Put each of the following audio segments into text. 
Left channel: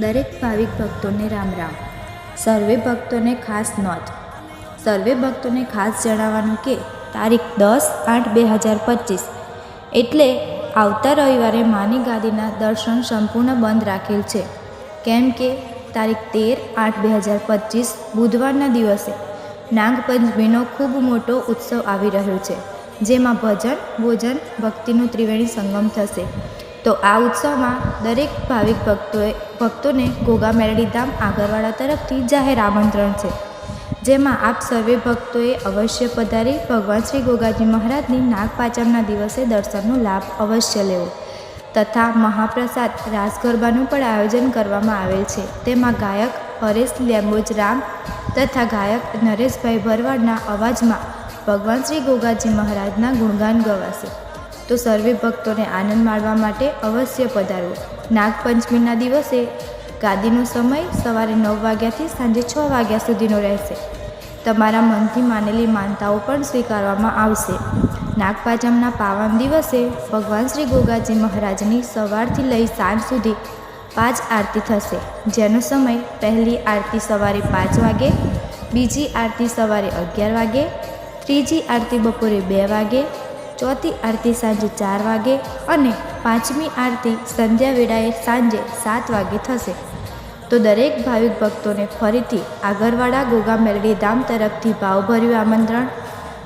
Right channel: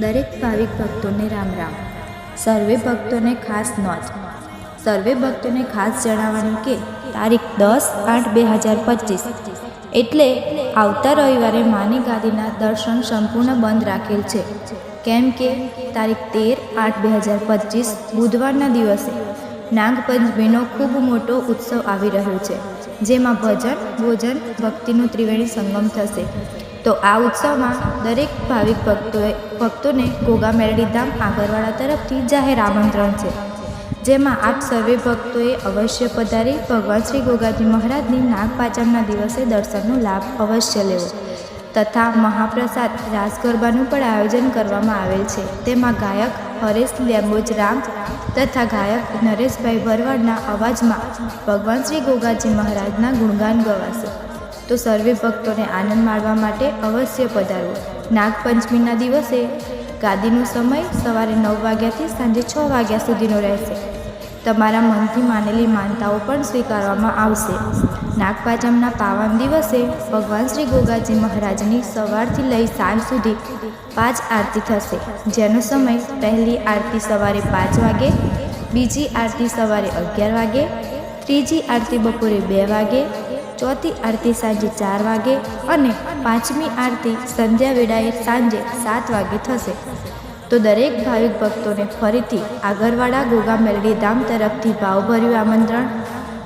દરેક ભાવિક ભક્તોને રામ રામ. સર્વે ભક્તોને ખાસ નોંધ. સર્વે ભક્તોને ખાસ જણાવવાનું કે તારીખ 10/8/2025 એટલે આવતા રવિવારે માની ગાદીના દર્શન સંપૂર્ણ બંધ રાખેલ છે. કેમ કે તારીખ 13/8/2025 બુધવારના દિવસે નાગપંચમીનો ખૂબ મોટો ઉત્સવ આવી રહ્યો છે, જેમાં ભજન, ભોજન, ભક્તિનું ત્રિવેણી સંગમ થશે. તો આ ઉત્સવમાં દરેક ભાવિક ભક્તોને ઘોઘા મેલડી ધામ આગરવાડા તરફથી જાહેર આમંત્રણ છે, જેમાં આપ સર્વે ભક્તોએ અવશ્ય પધારી ભગવાન શ્રી ગોગાજી મહારાજની નાગપાંચમના દિવસે દર્શનનો લાભ અવશ્ય લેવો. તથા મહાપ્રસાદ રાસ ગરબાનું પણ આયોજન કરવામાં આવેલ છે. તેમાં ગાયક હરેશ લેમ્બોજ રામ તથા ગાયક નરેશભાઈ ભરવાડના અવાજમાં ભગવાન શ્રી ગોગાજી મહારાજના ગુણગાન ગવાશે. તો સર્વે ભક્તોને આનંદ માણવા માટે અવશ્ય પધારવો. નાગપંચમીના દિવસે ગાદીનો સમય સવારે 9 વાગ્યાથી સાંજે 6 વાગ્યા સુધીનો રહેશે. તમારા મનથી માનેલી માનતાઓ પણ સ્વીકારવામાં આવશે. નાગપાંચમના પાવન દિવસે ભગવાન શ્રી ગોગાજી મહારાજની સવારથી લઈ સાંજ સુધી 5 આરતી થશે, જેનો સમય પહેલી આરતી સવારે 5 વાગે, બીજી આરતી સવારે 11 વાગે, ત્રીજી આરતી બપોરે 2 વાગે, ચોથી આરતી સાંજે 4 વાગે અને પાંચમી આરતી સંધ્યા વેળાએ સાંજે 7 વાગે થશે. તો દરેક ભાવિક ભક્તોને ફરીથી આગરવાડા ઘોઘા મેલડી ધામ તરફથી ભાવભર્યું આમંત્રણ.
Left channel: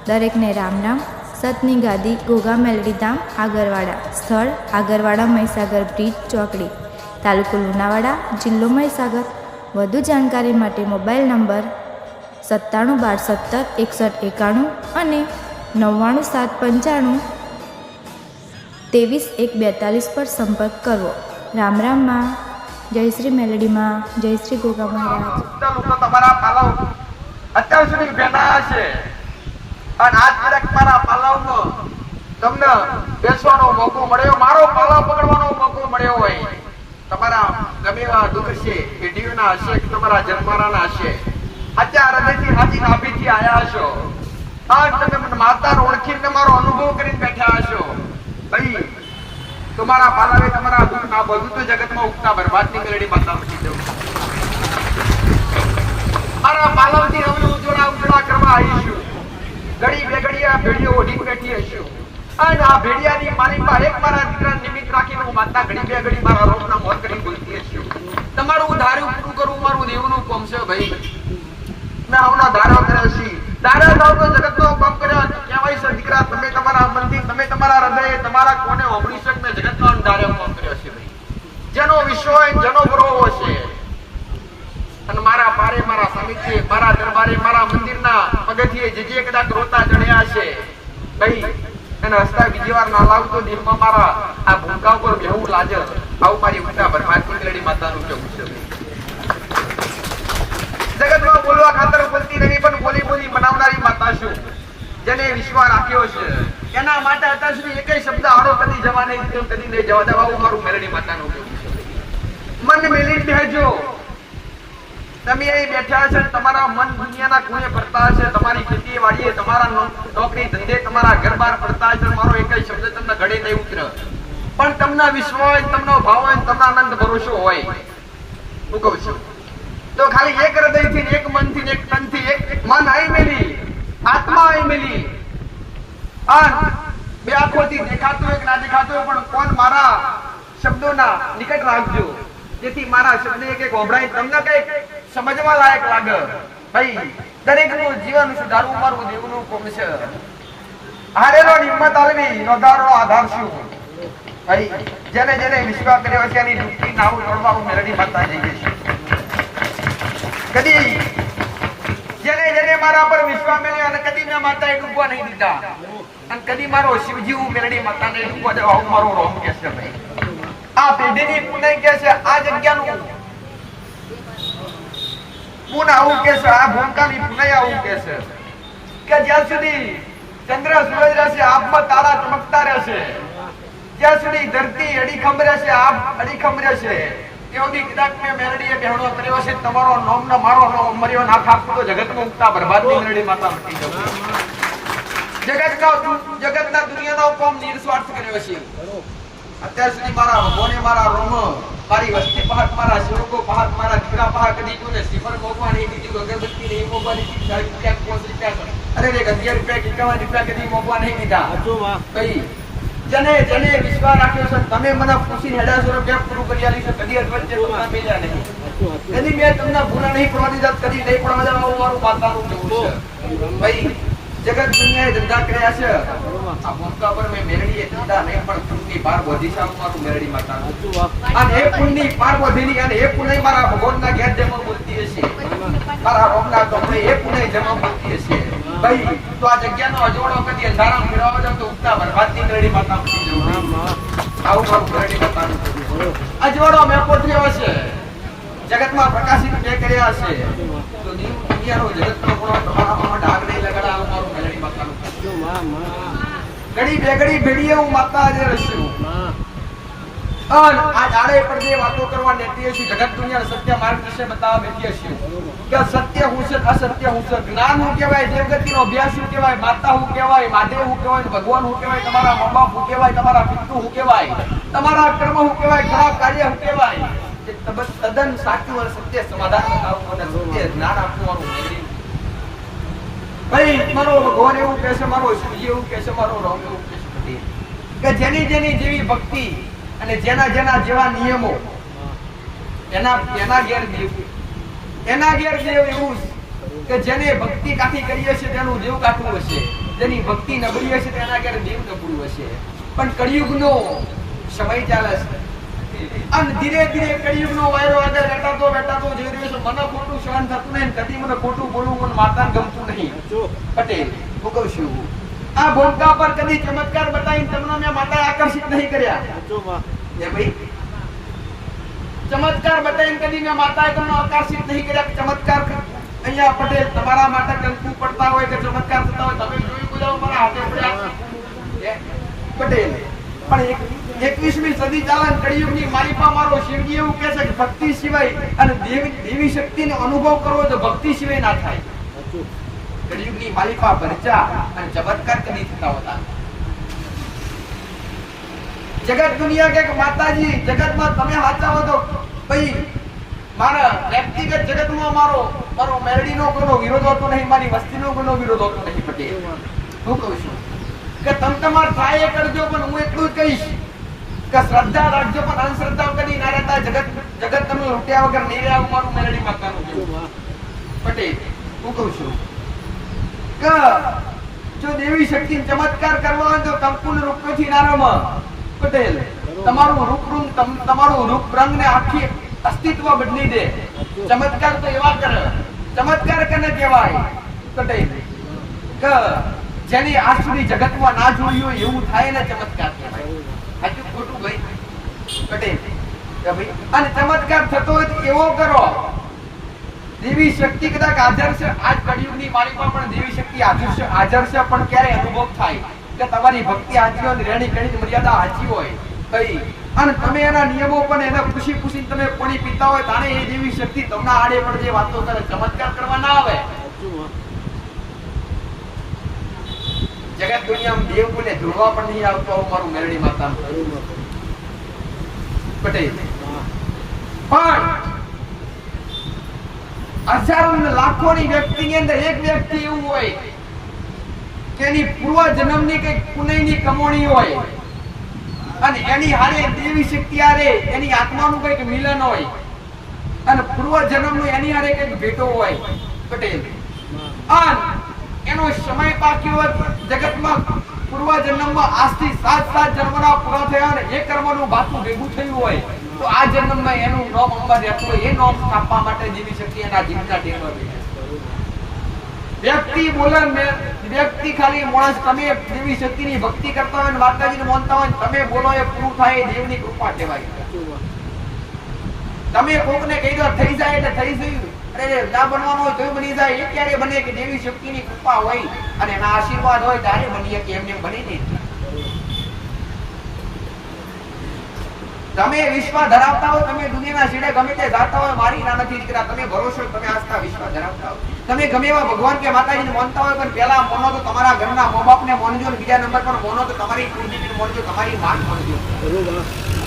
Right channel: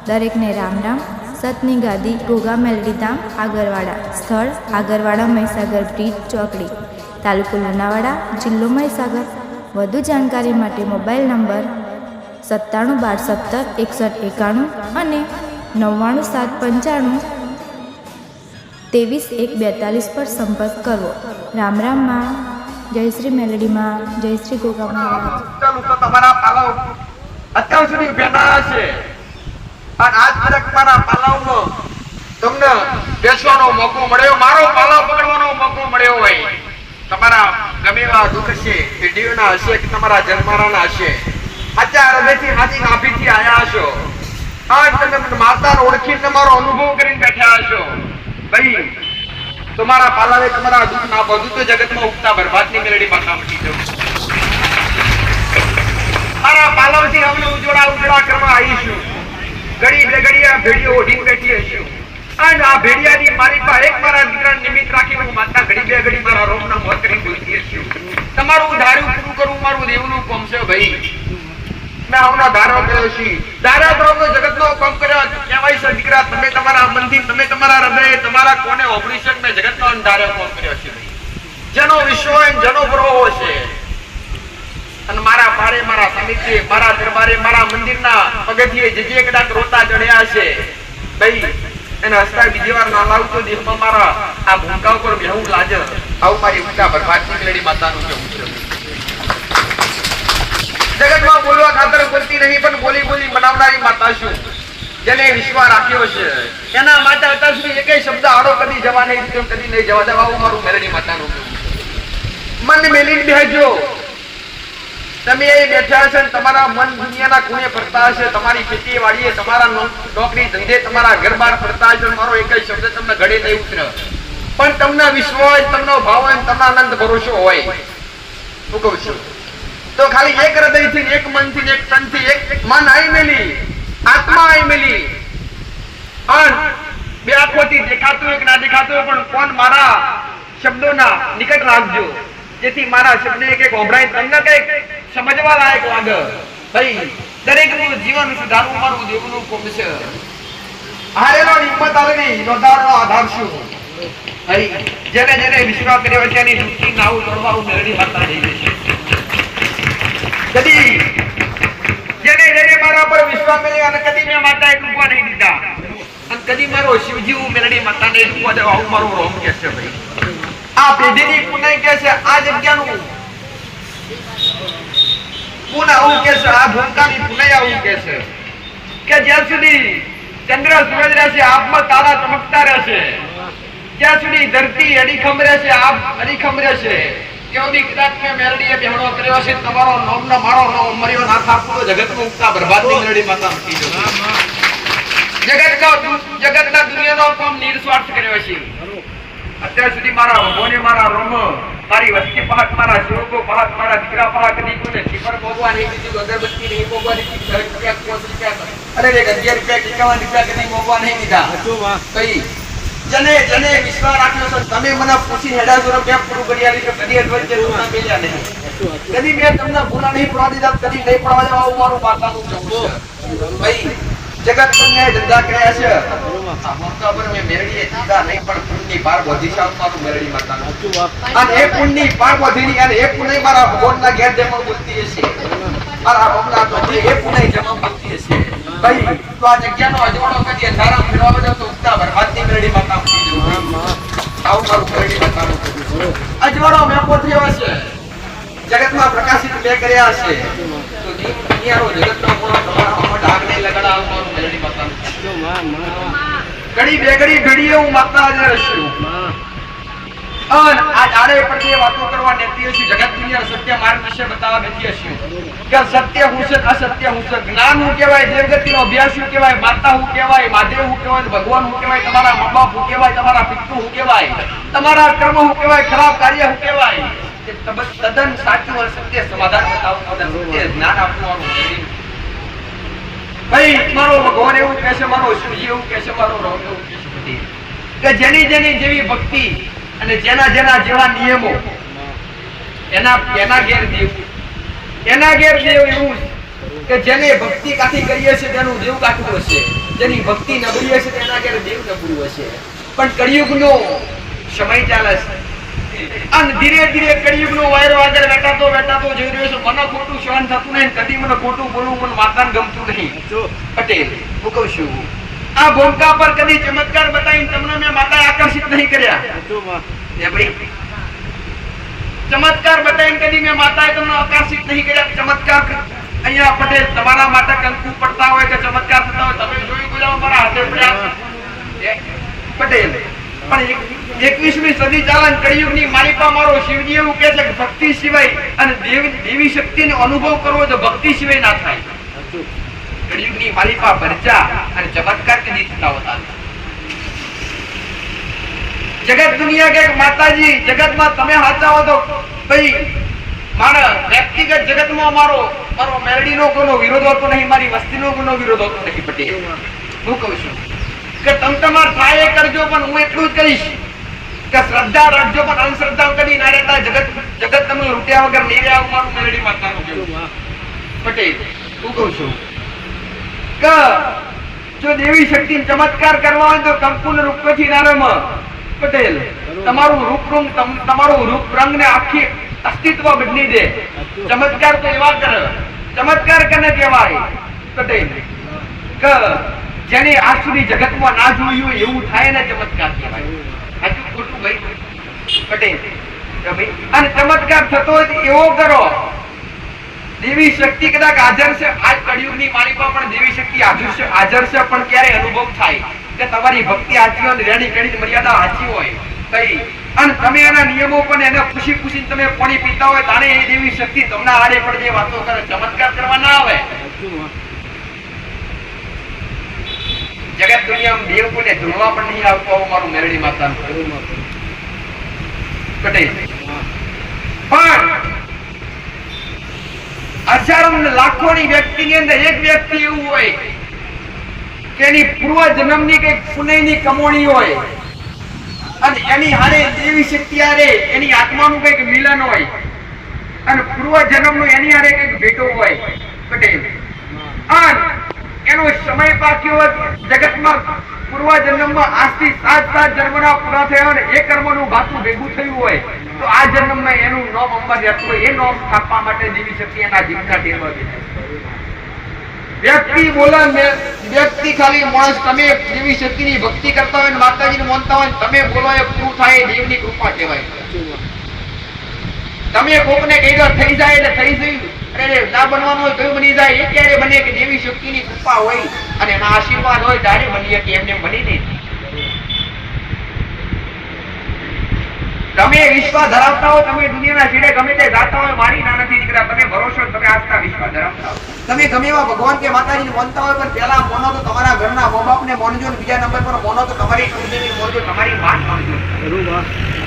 દરેકને રામ રામ. સતની ગાદી ઘોઘા મેલડી ધામ આગરવાડા. સ્થળ આગરવાડા મહીસાગર બ્રિજ ચોકડી, તાલુકો લુણાવાડા, જિલ્લો મહીસાગર. વધુ જાણકારી માટે મોબાઈલ નંબર 9712176191 અને 9975532142 પર સંપર્ક કરવો. રામ રામમાં. જય શ્રી મેલડીમાં. જય શ્રી ગોગા મહારાજ. તમારા પાલવ અત્યાર સુધી બેઠા છે અને આજ તક મારા પાલવનો તમને બેસવાનો મોકો મળ્યો, મારો પાલવ પકડવાનો મોકો મળ્યો હોય. તમારા ગમે એવા દુઃખ છે, પેઢીઓના હશે કે તમારા જન્મારાના હશે, અત્યારે હૃદયથી હાથી નાભીથી આયા હશો. આજ તમે માતાને ઓળખીને તમારો અનુભવ કરીને બેઠા હશો. ભાઈ તમારા પાલવે તમારા દુઃખ ના બધું તો જગતમાં ઉગતા બરબાદની મેલડી માતા મટી જવું. મારા પાલવથી અમે ઉજવડા કરવા આવીશું. ઘડી બે ઘડી આ ભેડીઓ ઓઢીને બેઠી હશું અને આ ભેડિયાની મારી પાસે એક મારા દીકરાને નિમિત્ત રાખીને હું માતા ઘડી બે ઘડી મારા રોગના મોત કરીને બોલતી હશું. તમારું ધાર્યું પૂરું કરવું મારું દેવનું કામ છે. ભાઈ મેં આવનો ધારો કર્યો છે, ધારા તો જગતનો કામ કર્યો કહેવાય છે. દીકરા તમે તમારા મનથી, તમે તમારા હૃદય, તમારા કોને ઓગળી શકે મેં જગતનો ધાર્યો કામ કર્યો છે. ભાઈ જેનો વિશ્વ હોય, જેનો ગ્રહો છે અને મારા પારે, મારા સાનિધ્ય, મારા દરબારે, મારા મંદિરના પગથિયે જે કદાચ રોતા ચડ્યા છે, ભાઈ એને હસતા બીજી વાર ના લાવતો દેહમાં મારા આ ભૂમકા ઉપર બેહવું લાગે. આવું મારી ઉઠા ભરભાટની મેલડી માતાનું કેવું છે. જગતમાં બોલવા ખાતર બોલતી નહીં, પણ બોલી બોલી બનાવનારી માતા છું, જેને વિશ્વાસ રાખ્યો છે. એના માટે અત્યાર સુધી એકેય શબ્દ આડો કદી જવા નહીં, તેમ કદી નહીં જવા દેવા. આવું મારું મેલડી માતાનું કેવું છે. મન મેલીને બેહજો. તમે એ બેઠા છે, તમારા મન દુનિયાના ખૂણે ફરતા હશે, તમારી ખેતી વાડીએ, તમારા નોકરી ધંધે, તમારા ઘર બહાર ફરતા હશે. મારો એકેય શબ્દ તમને ગળે નહીં ઉતરે, પણ તમને વિશ્વાસ, તમને ભાવ હોય, તમને આનંદ ભરોસો હોય. હું કહું છું તો ખાલી એક હૃદયથી, એક મનથી, એક તનથી, એક મન આઈ મેલી, આત્મા આઈ મેલી અને બે આંખોથી દેખાતું હોય કે ના દેખાતું હોય, પણ કોણ મારા શબ્દોના નિકટ રાખજો, જેથી મારા શબ્દ એક ઓભળાય, તમને કઈક સમજવા લાયક લાગે. ભાઈ દરેકનું જીવન સુધારવું મારું દેવનું કામ છે. હારેલો નિમત આલવી, નોંધારનો આધાર શું? ભાઈ જેને જેને વિશ્વાસ કર્યો છે એની દુઃખી નાવું લડવા મેલડી માતા જઈ છે. કદી જેને જેને મારા પર વિશ્વાસ કર્યો અને કદી મેં માતાએ ડૂબવા નહીં દીધા અને કદી મારો શિવજી મેલડી માતાને ડૂબવા દેવા, આવું મારું રોમ કે છે. ભાઈ આ પેઢીની પુનઃ કે છે, આ જગ્યાનું પુનઃ આવું કે છે, આ ભૂમકાની પુનઃ આવું કે છે કે જ્યાં સુધી ચંદ્ર સૂરજ રહેશે, આબમાં તારા ચમકતા રહેશે, જ્યાં સુધી ધરતી અડીખમ રહેશે, આપ અડીખમ રહેશે, કેવડી કદાચ મેં મેલડીએ બેહણો કર્યો છે. તમારો નામનો મારો નામ મર્યો ના થાકતો જગતનું ઉગતા બરબાદની મેલડી માતા મટી જશે. જગતના દુનિયાનો કોમ નિસ્વાર્થ કર્યો છે. અત્યાર સુધી મારા ભગવાને મારા રોમ મારી વસ્તી પહાડ, મારા સેવકો પહાડ, મારા દીકરા પહાડ, કદી કોઈને સિફર ભોગવા નહીં દીધું, અગરબત્તી નહીં ભોગવાની, 40 રૂપિયા, 50 રૂપિયા, અરે 11 રૂપિયા, 51 રૂપિયા કદી ભોગવા નહીં દીધા. કઈ જને જને વિશ્વાસ રાખ્યો છે, તમે મને પૂછી હેડા જોરો બે પૂરું કરી આલી છે, કદી અડવચ્ચે તમને મેલ્યા નહીં, કદી મેં તમને ભૂલા નહીં પડવા દીધા, કદી નહીં પડવા દેવા, આવું મારું માતાનું કહેવું છે. ભાઈ જગત દુનિયાએ ધંધા કર્યા છે, આ મોકા પર મેં મેરડીએ દીધા નહીં, પણ પુણ્યની પાર વધી છે મારું મેરડી માતાનું. અને એ પુણ્યની પાર વધીની, અને એ પુણ્ય મારા ભગવાનના ઘેર જેમાં બોલતી હશે, મારા ભગવાનના તો એ પુણ્ય જેમાં બોલતી હશે. ભાઈ તો આ જગ્યાનો અજવાળો કદી અંધારામ ફેરવા જાવ તો ઉગતા બરબાદની મેરડી માતા મૂકી જવું. આવું મારું મેરડી માતાનું અજવાળો મેં પોઠ્યો છે, જગતમાં પ્રકાશિત બે કર્યા છે, તો દુનિયાનો જગતનો પણ તમારામાં ડાઘ નહીં લગાડા, આવું મારું મેરડી માતાનું. ઘડી બે ઘડી ઘડીએ હું માતા હાજર રહીશું. અને આ જાડે પર જે વાતો કરવા નેતી હશે, જગત દુનિયા સત્ય માર્ગ વિશે બતાવવા બેઠી હશે કે સત્ય હું છે, અસત્ય હું છે, જ્ઞાન હું કહેવાય, દેવગતિનો અભ્યાસ હું કહેવાય, માતા હું કહેવાય, મહાદેવ હું કહેવાય, ભગવાન હું કહેવાય, તમારા મા બાપ હું કહેવાય, તમારા પિતૃ હું કહેવાય, તમારા કર્મ હું કહેવાય, ખરાબ કાર્ય હું કહેવાય. તદ્દન સાચું અને સત્ય સમાધાન બતાવવું, સત્ય જ્ઞાન આપવાનું. ભાઈ મારો ભગવાન એવું કહે છે, મારો શિવજી એવું કહે છે, મારો રામ એવું કહે છે કે જેની જેની જેવી ભક્તિ અને જેના જેના જેવા નિયમો એના ઘેર દેવ, એના ઘેર દેવ એવું કે જેને ભક્તિ કાઠી કરી હશે તેનું દેવ કાઠું હશે, જેની ભક્તિ નબળી હશે તેના ઘેર દેવ નબળું હશે. પણ કળિયુગનો સમય ચાલે છે, અને ધીરે ધીરે કળિયુગનો વાયરો આગળ વેટાતો જઈ રહ્યો છે. મને ખોટું સહન થતું નહીં, કદી મને ખોટું બોલવું મને માતાને ગમતું નહીં. પટેલ હું કહું છું, આ ભોંકા પર કદી ચમત્કાર બતાવીને તમને મેં માતાએ આકર્ષિત નહીં કર્યા. એ ભાઈ ચમત્કાર બતાવીને કદી મેં માતાએ તમને આકર્ષિત નહીં કર્યા. ચમત્કાર અહીંયા પટેલ તમારા માટે કંકુ પડતા હોય કે ચમત્કાર થતા હોય, તમે જોઈ બોલાવો મારા હાથે પડ્યા પટેલ. પણ 21મી સદી ચાલે, કળિયુગની માલિકા મારો શિવજી એવું કહે છે કે ભક્તિ સિવાય અને દેવી શક્તિનો અનુભવ કરવો તો ભક્તિ સિવાય ના થાય. કળિયુગની માલિકા ભરચા અને ચમત્કાર કદી થતા હોતા. જગત દુનિયા કે માતાજી જગતમાં તમે હાચા હો તો ભાઈ મારા વ્યક્તિગત જગતમાં મારો મેરડીનો કોઈનો વિરોધ હોતો નહીં, મારી વસ્તીનો કોઈનો વિરોધ હોતો નહીં. પટેલ હું કહું છું કે તમે તમાર ટ્રાય કરજો, પણ હું એટલું જ કહીશ કે શ્રદ્ધા રાખજો, પણ અંધશ્રદ્ધા કદી ના રહેતા. જગત તમે લૂંટ્યા વગર નહીં રહ્યા, મારું મેરડી માતાનું કહેવું. પટેલ હું કહું છું કે જો દેવી શક્તિ ચમત્કાર કરવા હોય તો કંકુલ રૂપથી ના રમ. પટેલ તમારું રૂપ રંગ ને આખી અસ્તિત્વ બદલી દે. ચમત્કાર તો એવા કરે, ચમત્કાર કને કહેવાય પટેલ કે જેને આજ સુધી જગતમાં ના જોયું હોય એવું થાય ને ચમત્કાર કહેવાય. સાચું ખોટું ભાઈ પટેલ? અને ચમત્કાર થતો હોય એવો કરો. દેવી શક્તિ કદાચ હાજર છે, આજ કળિયુગની માલિકા પણ દેવી શક્તિ હાજર છે, પણ ક્યારે અનુભવ થાય કે તમારી ભક્તિ સાચી હોય, રેણી કેણી મર્યાદા સાચી હોય કઈ, અને તમે એના નિયમો પણ એને ખુશી તમે પાણી પીતા હોય, તારે એ દેવી શક્તિ તમને આડે પણ જે વાતો કરે, ચમત્કાર કરવા ના આવે. જગત દુનિયામાં દેવ કોને ધૂળવા પણ નહીં આવતો, મારું મેરડી માતાનું પટેલ. પણ હજારો લાખોની વ્યક્તિની અંદર એક વ્યક્તિ એવું હોય કે એની પૂર્વ જન્મની કઈક પુણ્યની કમોણી હોય, અને એની હારે દેવી શક્તિ હારે એની આત્માનું કઈક મિલન હોય, અને પૂર્વ જન્મનું એની હારે કઈક ભેટો હોય. પટેલ અને એનો સમય પાક્યો જગતમાં પૂર્વ જન્મમાં આજથી 7 જન્મના પૂરા થયા અને એ કર્મનું ભાતું ભેગું થયું હોય તો આ જન્મમાં એનું નામ અંબર રહેતું હોય, એ નામ સ્થાપવા માટે દેવી શક્તિ એના જીવના ટેરવા દે. વ્યક્તિ બોલે વ્યક્તિ ખાલી માણસ, તમે દેવી શક્તિની ભક્તિ કરતા હોય, માતાજીને માનતા હોય, તમે બોલો એ પૂરું થાય, એ દેવની કૃપા કહેવાય. તમે કોકને કહી દો થઈ જાય એટલે થઈ ગયું, અરે ના બનવાનું હોય તો બની જાય. એ ક્યારે બને કે દેવી શક્તિની કૃપા હોય અને એના આશીર્વાદ હોય ત્યારે બની કે એમને બની નહીં. તમે વિશ્વાસ ધરાવતા હો, તમે દુનિયાના છેડે ગમે તે જાતા હોય, મારી ના નથી દીકરા, તમે ભરોસો, તમે આસ્થા વિશ્વાસ ધરાવતા હો, તમે ગમે એવા ભગવાન કે માતાજીને માનતા હોય, પણ પહેલા મોનો તો તમારા ઘરના મા બાપને માનજો, બીજા નંબર પર મોનો તો તમારી કુળદેવીને માનજો, તમારી માત માનજો.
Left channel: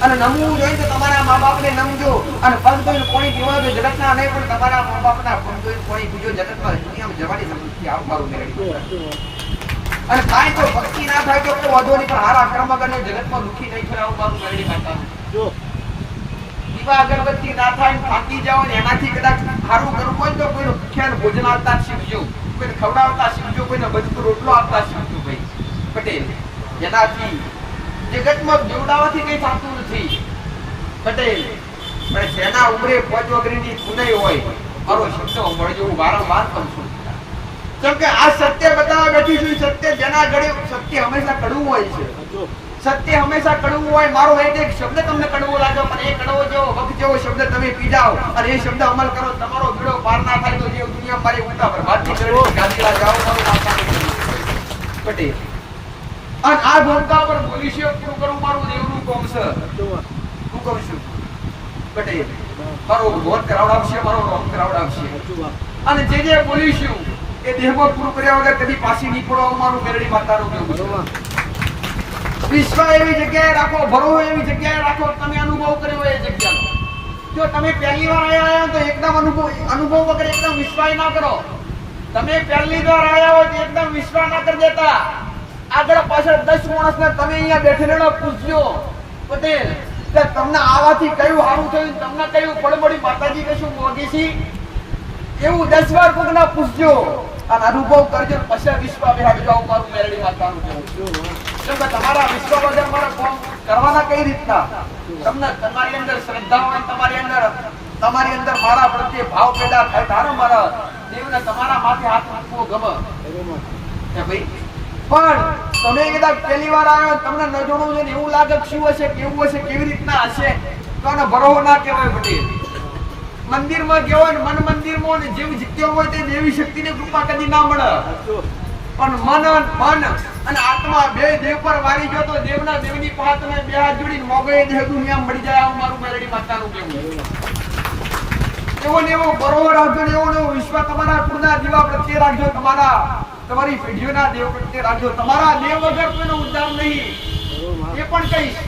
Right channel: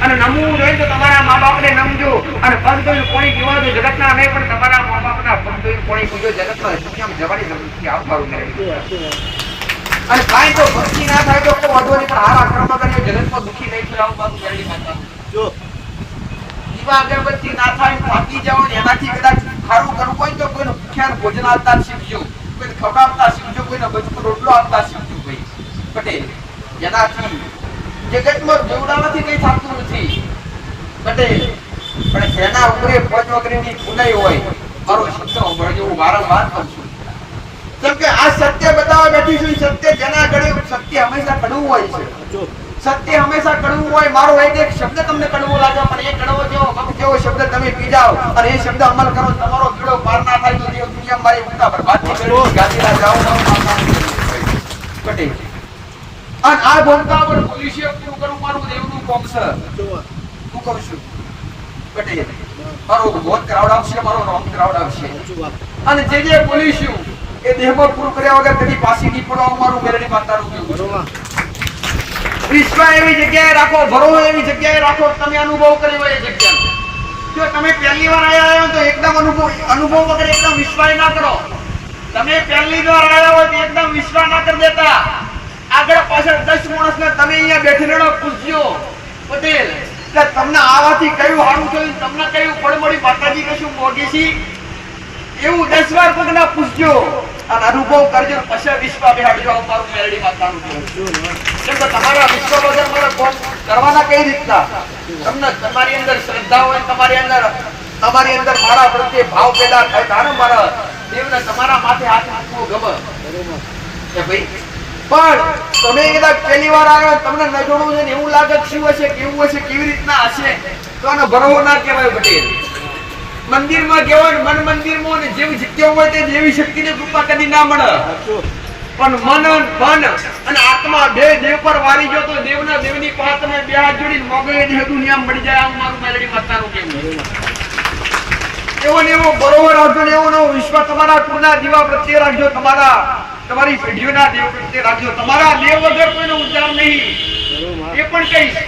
અને નમવું જોઈએ તો તમારા મા બાપને નમજો, અને પગ ધોઈને કોણી પીવા તો જગતના નહીં, પણ તમારા મા બાપના પગ ધોઈને કોણી પીજો. જગતમાં દુનિયામાં જવાની જરૂર નથી. આવવાનું નહીં. અને કાંઈ તો ભક્તિ ના થાય તો કોઈ વાંધો નહીં, પણ હારા કર્મ કરીને જગતમાં દુઃખી નહીં થાય. આવવાનું મેરડી માતાનું દીવા અગરબત્તી ના થાય, થાકી જાઓ ને એનાથી કદાચ સારું કરવું હોય તો કોઈને ભૂખ્યાને ભોજન આપતા શીખજો, કોઈને ખવડાવતા શીખજો, કોઈને બચકો રોટલો આપતા શીખજો. ભાઈ પટેલ, એનાથી જગતમાં જોડાવાથી કઈ થતું નથી પટેલ. પણ જેના ઉમરે પંચ વગરની પુનાઈ હોય, મારો શબ્દ મળજો, હું વારંવાર કહું છું. કેમ કે આ સત્ય બતાવવા બેઠી છું. સત્ય જેના ગળે, સત્ય હંમેશા કડવું હોય છે. સત્ય હંમેશા કડવું હોય. મારો એક શબ્દ તમને કડવો લાગે, પણ એ કડવો જેવો વખત જેવો શબ્દ તમે પી જાઓ અને એ શબ્દ અમલ કરો, તમારો બીડો પાર ના થાય તો જે દુનિયા મારી ઉલટા બરબાદી કરી ગાદીલા જાઓ પટેલ. અને આ બોલતા પર પોલીસે પૂરું કરું, મારું દેવનું કોમ છે. હું કહું છું પટેલ, મારો ભોત કરાવડાવશે, મારો રોમ કરાવડાવશે. અને જે બોલીશું એ દેહમાં પૂરું કર્યા વગર કદી પાછી નહીં પડવા. મારું મેરડી માતાનું કેવું છે. વિશ્વ એવી જગ્યાએ રાખો, ભરોસો એવી જગ્યાએ રાખો, તમે અનુભવ કર્યો એ જગ્યાનો. જો તમે પહેલી વાર આયા તો એકદમ અનુભવ વગર એકદમ વિશ્વાસ ના કરો. તમે પહેલી વાર આયા હોય તો એકદમ વિશ્વાસ ના કરી દેતા. આગળ પાછળ 10 માણસને તમે અહીંયા બેઠેલો પૂછજો પટેલ કે તમને આવાથી કયું સારું થયું, તમને કયું ફળમળી માતાજી કશું મોગી છે, એવું 10 વાર કોકને પૂછજો અને અનુભવ કરજો. પછી વિશ્વાસ બેહાડજો. મારું મેરડી માતાનું કહું. કેમ કે તમારા વિશ્વાસ વગર મને કોમ કરવાના કઈ રીતના? તમને તમારી અંદર શ્રદ્ધા હોય, તમારી અંદર મારા પ્રત્યે ભાવ પેદા થાય, તારો મારા દેવને તમારા માથે હાથ મૂકવો ગમે કે ભાઈ. પણ તમે કદાચ પહેલી વાર આવ્યો, તમને ન જોડવું છે ને એવું લાગે શું હશે, કેવું હશે, કેવી રીતના હશે, તો આનો ભરોસો ના કહેવાય પટેલ. મંદિરમાં કહેવાય, મન મંદિરમાં ને જેવી જગ્યા હોય તે દેવી શક્તિની કૃપા કદી ના મળે. પણ મન અને આત્મા બે દેવ પર વારી જો તો દેવના દેવની પાસે તમે બે હાથ જોડીને મોગો એ દેહ દુનિયા મળી જાય. આવું મારું મેરડી માતાનું કહેવું. એવો ને એવો બરોબર રાખજો ને એવો નવો વિશ્વાસ તમારા કુળના દીવા પ્રત્યે રાખજો, તમારી પેઢીઓના દેવ પ્રત્યે રાખજો. તમારા દેવ વગર કોઈનો ઉદ્ધાર નહીં. એ પણ કહીશ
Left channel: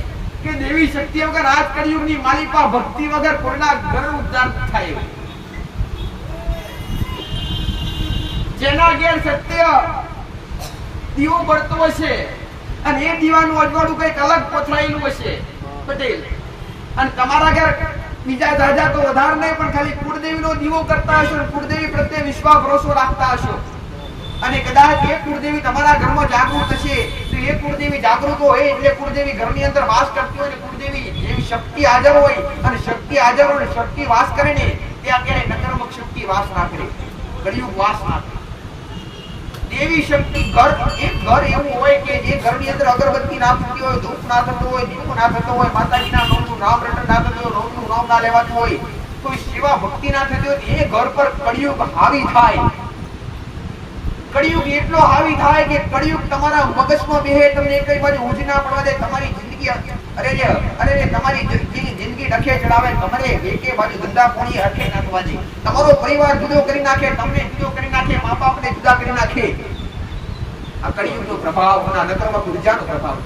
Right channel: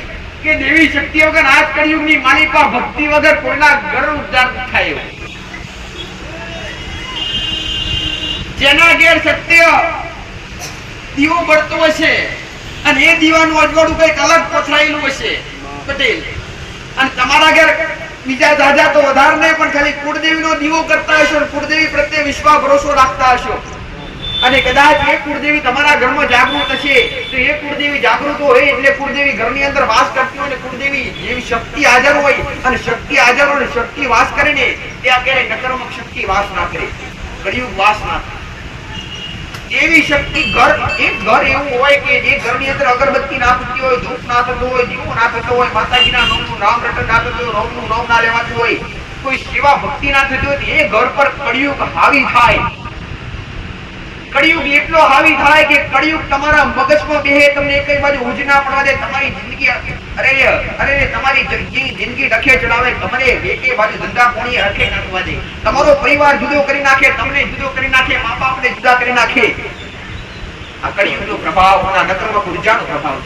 કે દેવી શક્તિ વગર આજ કળિયુગની માલિકા ભક્તિ વગર કોઈના ઘર ઉદ્ધાર થાય એવું. જેના ઘેર સત્ય દીવો બળતો હશે અને એ દીવાનું અજવાળું કઈક અલગ પોથરાયેલું હશે પટેલ, અને તમારા ઘેર બીજા દાદા તો વધારે નહીં પણ ખાલી કુળદેવીનો દીવો કરતા હશો, કુળદેવી પ્રત્યે વિશ્વાસ ભરોસો રાખતા હશો, અને કદાચ એ કુળદેવી તમારા ઘરમાં જાગૃત હશે તો એ કુળદેવી જાગૃત હોય એટલે કુળદેવી ઘરની અંદર વાસ કરતી હોય ને કુળદેવી જેવી શક્તિ હાજર હોય અને શક્તિ હાજર હોય ને શક્તિ વાસ કરે ને ત્યાં ક્યારેય નકારાત્મક શક્તિ વાસ ના કરે, કળિયુગ વાસ ના કરે. એવી શક્તિ એક ઘર એવું હોય કે જે ઘરની અંદર અગરબત્તી ના થતી હોય, ધૂપ ના થતો હોય, દીવો ના થતો હોય, માતાજીના નામનું નામ રટન ના થતું હોય, રોમનું નામ ના લેવાતું હોય, કોઈ સેવા ભક્તિ ના થતી હોય, એ ઘર પર કળિયુગ હાવી થાય. કળિયુગ એટલો હાવી થાય કે કળિયુગ તમારા મગજમાં બેહે, તમને એક બાજુ ઊંઘ ના પડવા દે, તમારી જિંદગી અરે તમારી જિંદગી ડખે ચડાવે, તમને એકે બાજુ ધંધા પોણી હરખે નાખવા દે, તમારો પરિવાર જુદો કરી નાખે, તમને જુદો કરી નાખે, મા બાપને જુદા કરી નાખે. આ કળિયુગનો પ્રભાવ અને નકારાત્મક ઉર્જાનો પ્રભાવ.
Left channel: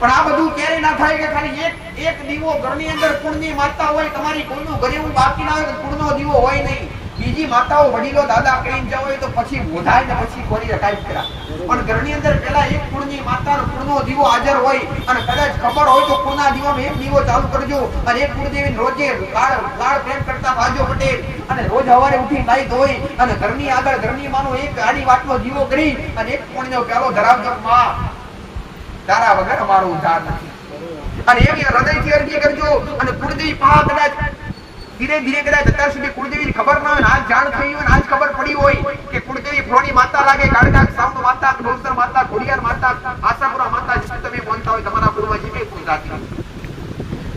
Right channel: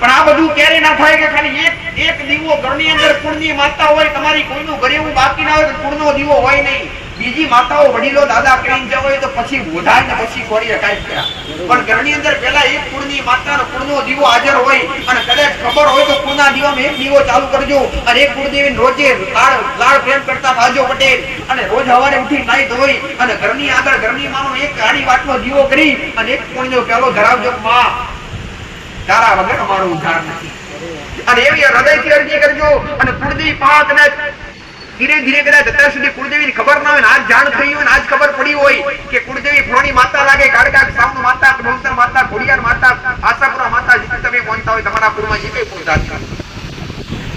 પણ આ બધું ક્યારે ના થાય કે ખાલી એક દીવો ઘરની અંદર કુળની માતા હોય, તમારી કોઈનું ઘરે એવું બાકી ના હોય તો કુળનો દીવો હોય નહીં. બીજી માતાઓ વડીલો દાદા કરીને જવો હોય તો પછી બોધાય ને પછી કોરી કાઈ કર્યા, પણ ઘરની અંદર પહેલા એક કુળની માતાનો કુળનો દીવો હાજર હોય અને કદાચ ખબર હોય તો કુળના દીવામાં એક દીવો ચાલુ કરજો અને એક કુળદેવીને રોજે લાડ પ્રેમ કરતા થાજો પટેલ, અને રોજ સવારે ઉઠી નાઈ ધોઈ અને ઘરની આગળ ઘરની માનો એક આડી વાતનો દીવો કરી અને એક કુળનો પ્યાલો ધરાવજો. માં તારા વગર અમારો ઉદ્ધાર નથી. અને એવી હૃદયથી અરજી કરજો. અને કુળદેવી પા કદાચ ધીરે ધીરે કદાચ અત્યાર સુધી કુળદેવીની ખબર ના હોય, આજ જાણ થઈ હોય, આજ ખબર પડી હોય કે કુળદેવી ફ્રોની માતા લાગે, કાળકા સાઉન્ડ માતા, ડોલતર માતા, ખોડિયાર માતા, આશાપુરા માતા, તમે કોણતા હોય તમારા કુળમાં જે કઈ કુળ જાત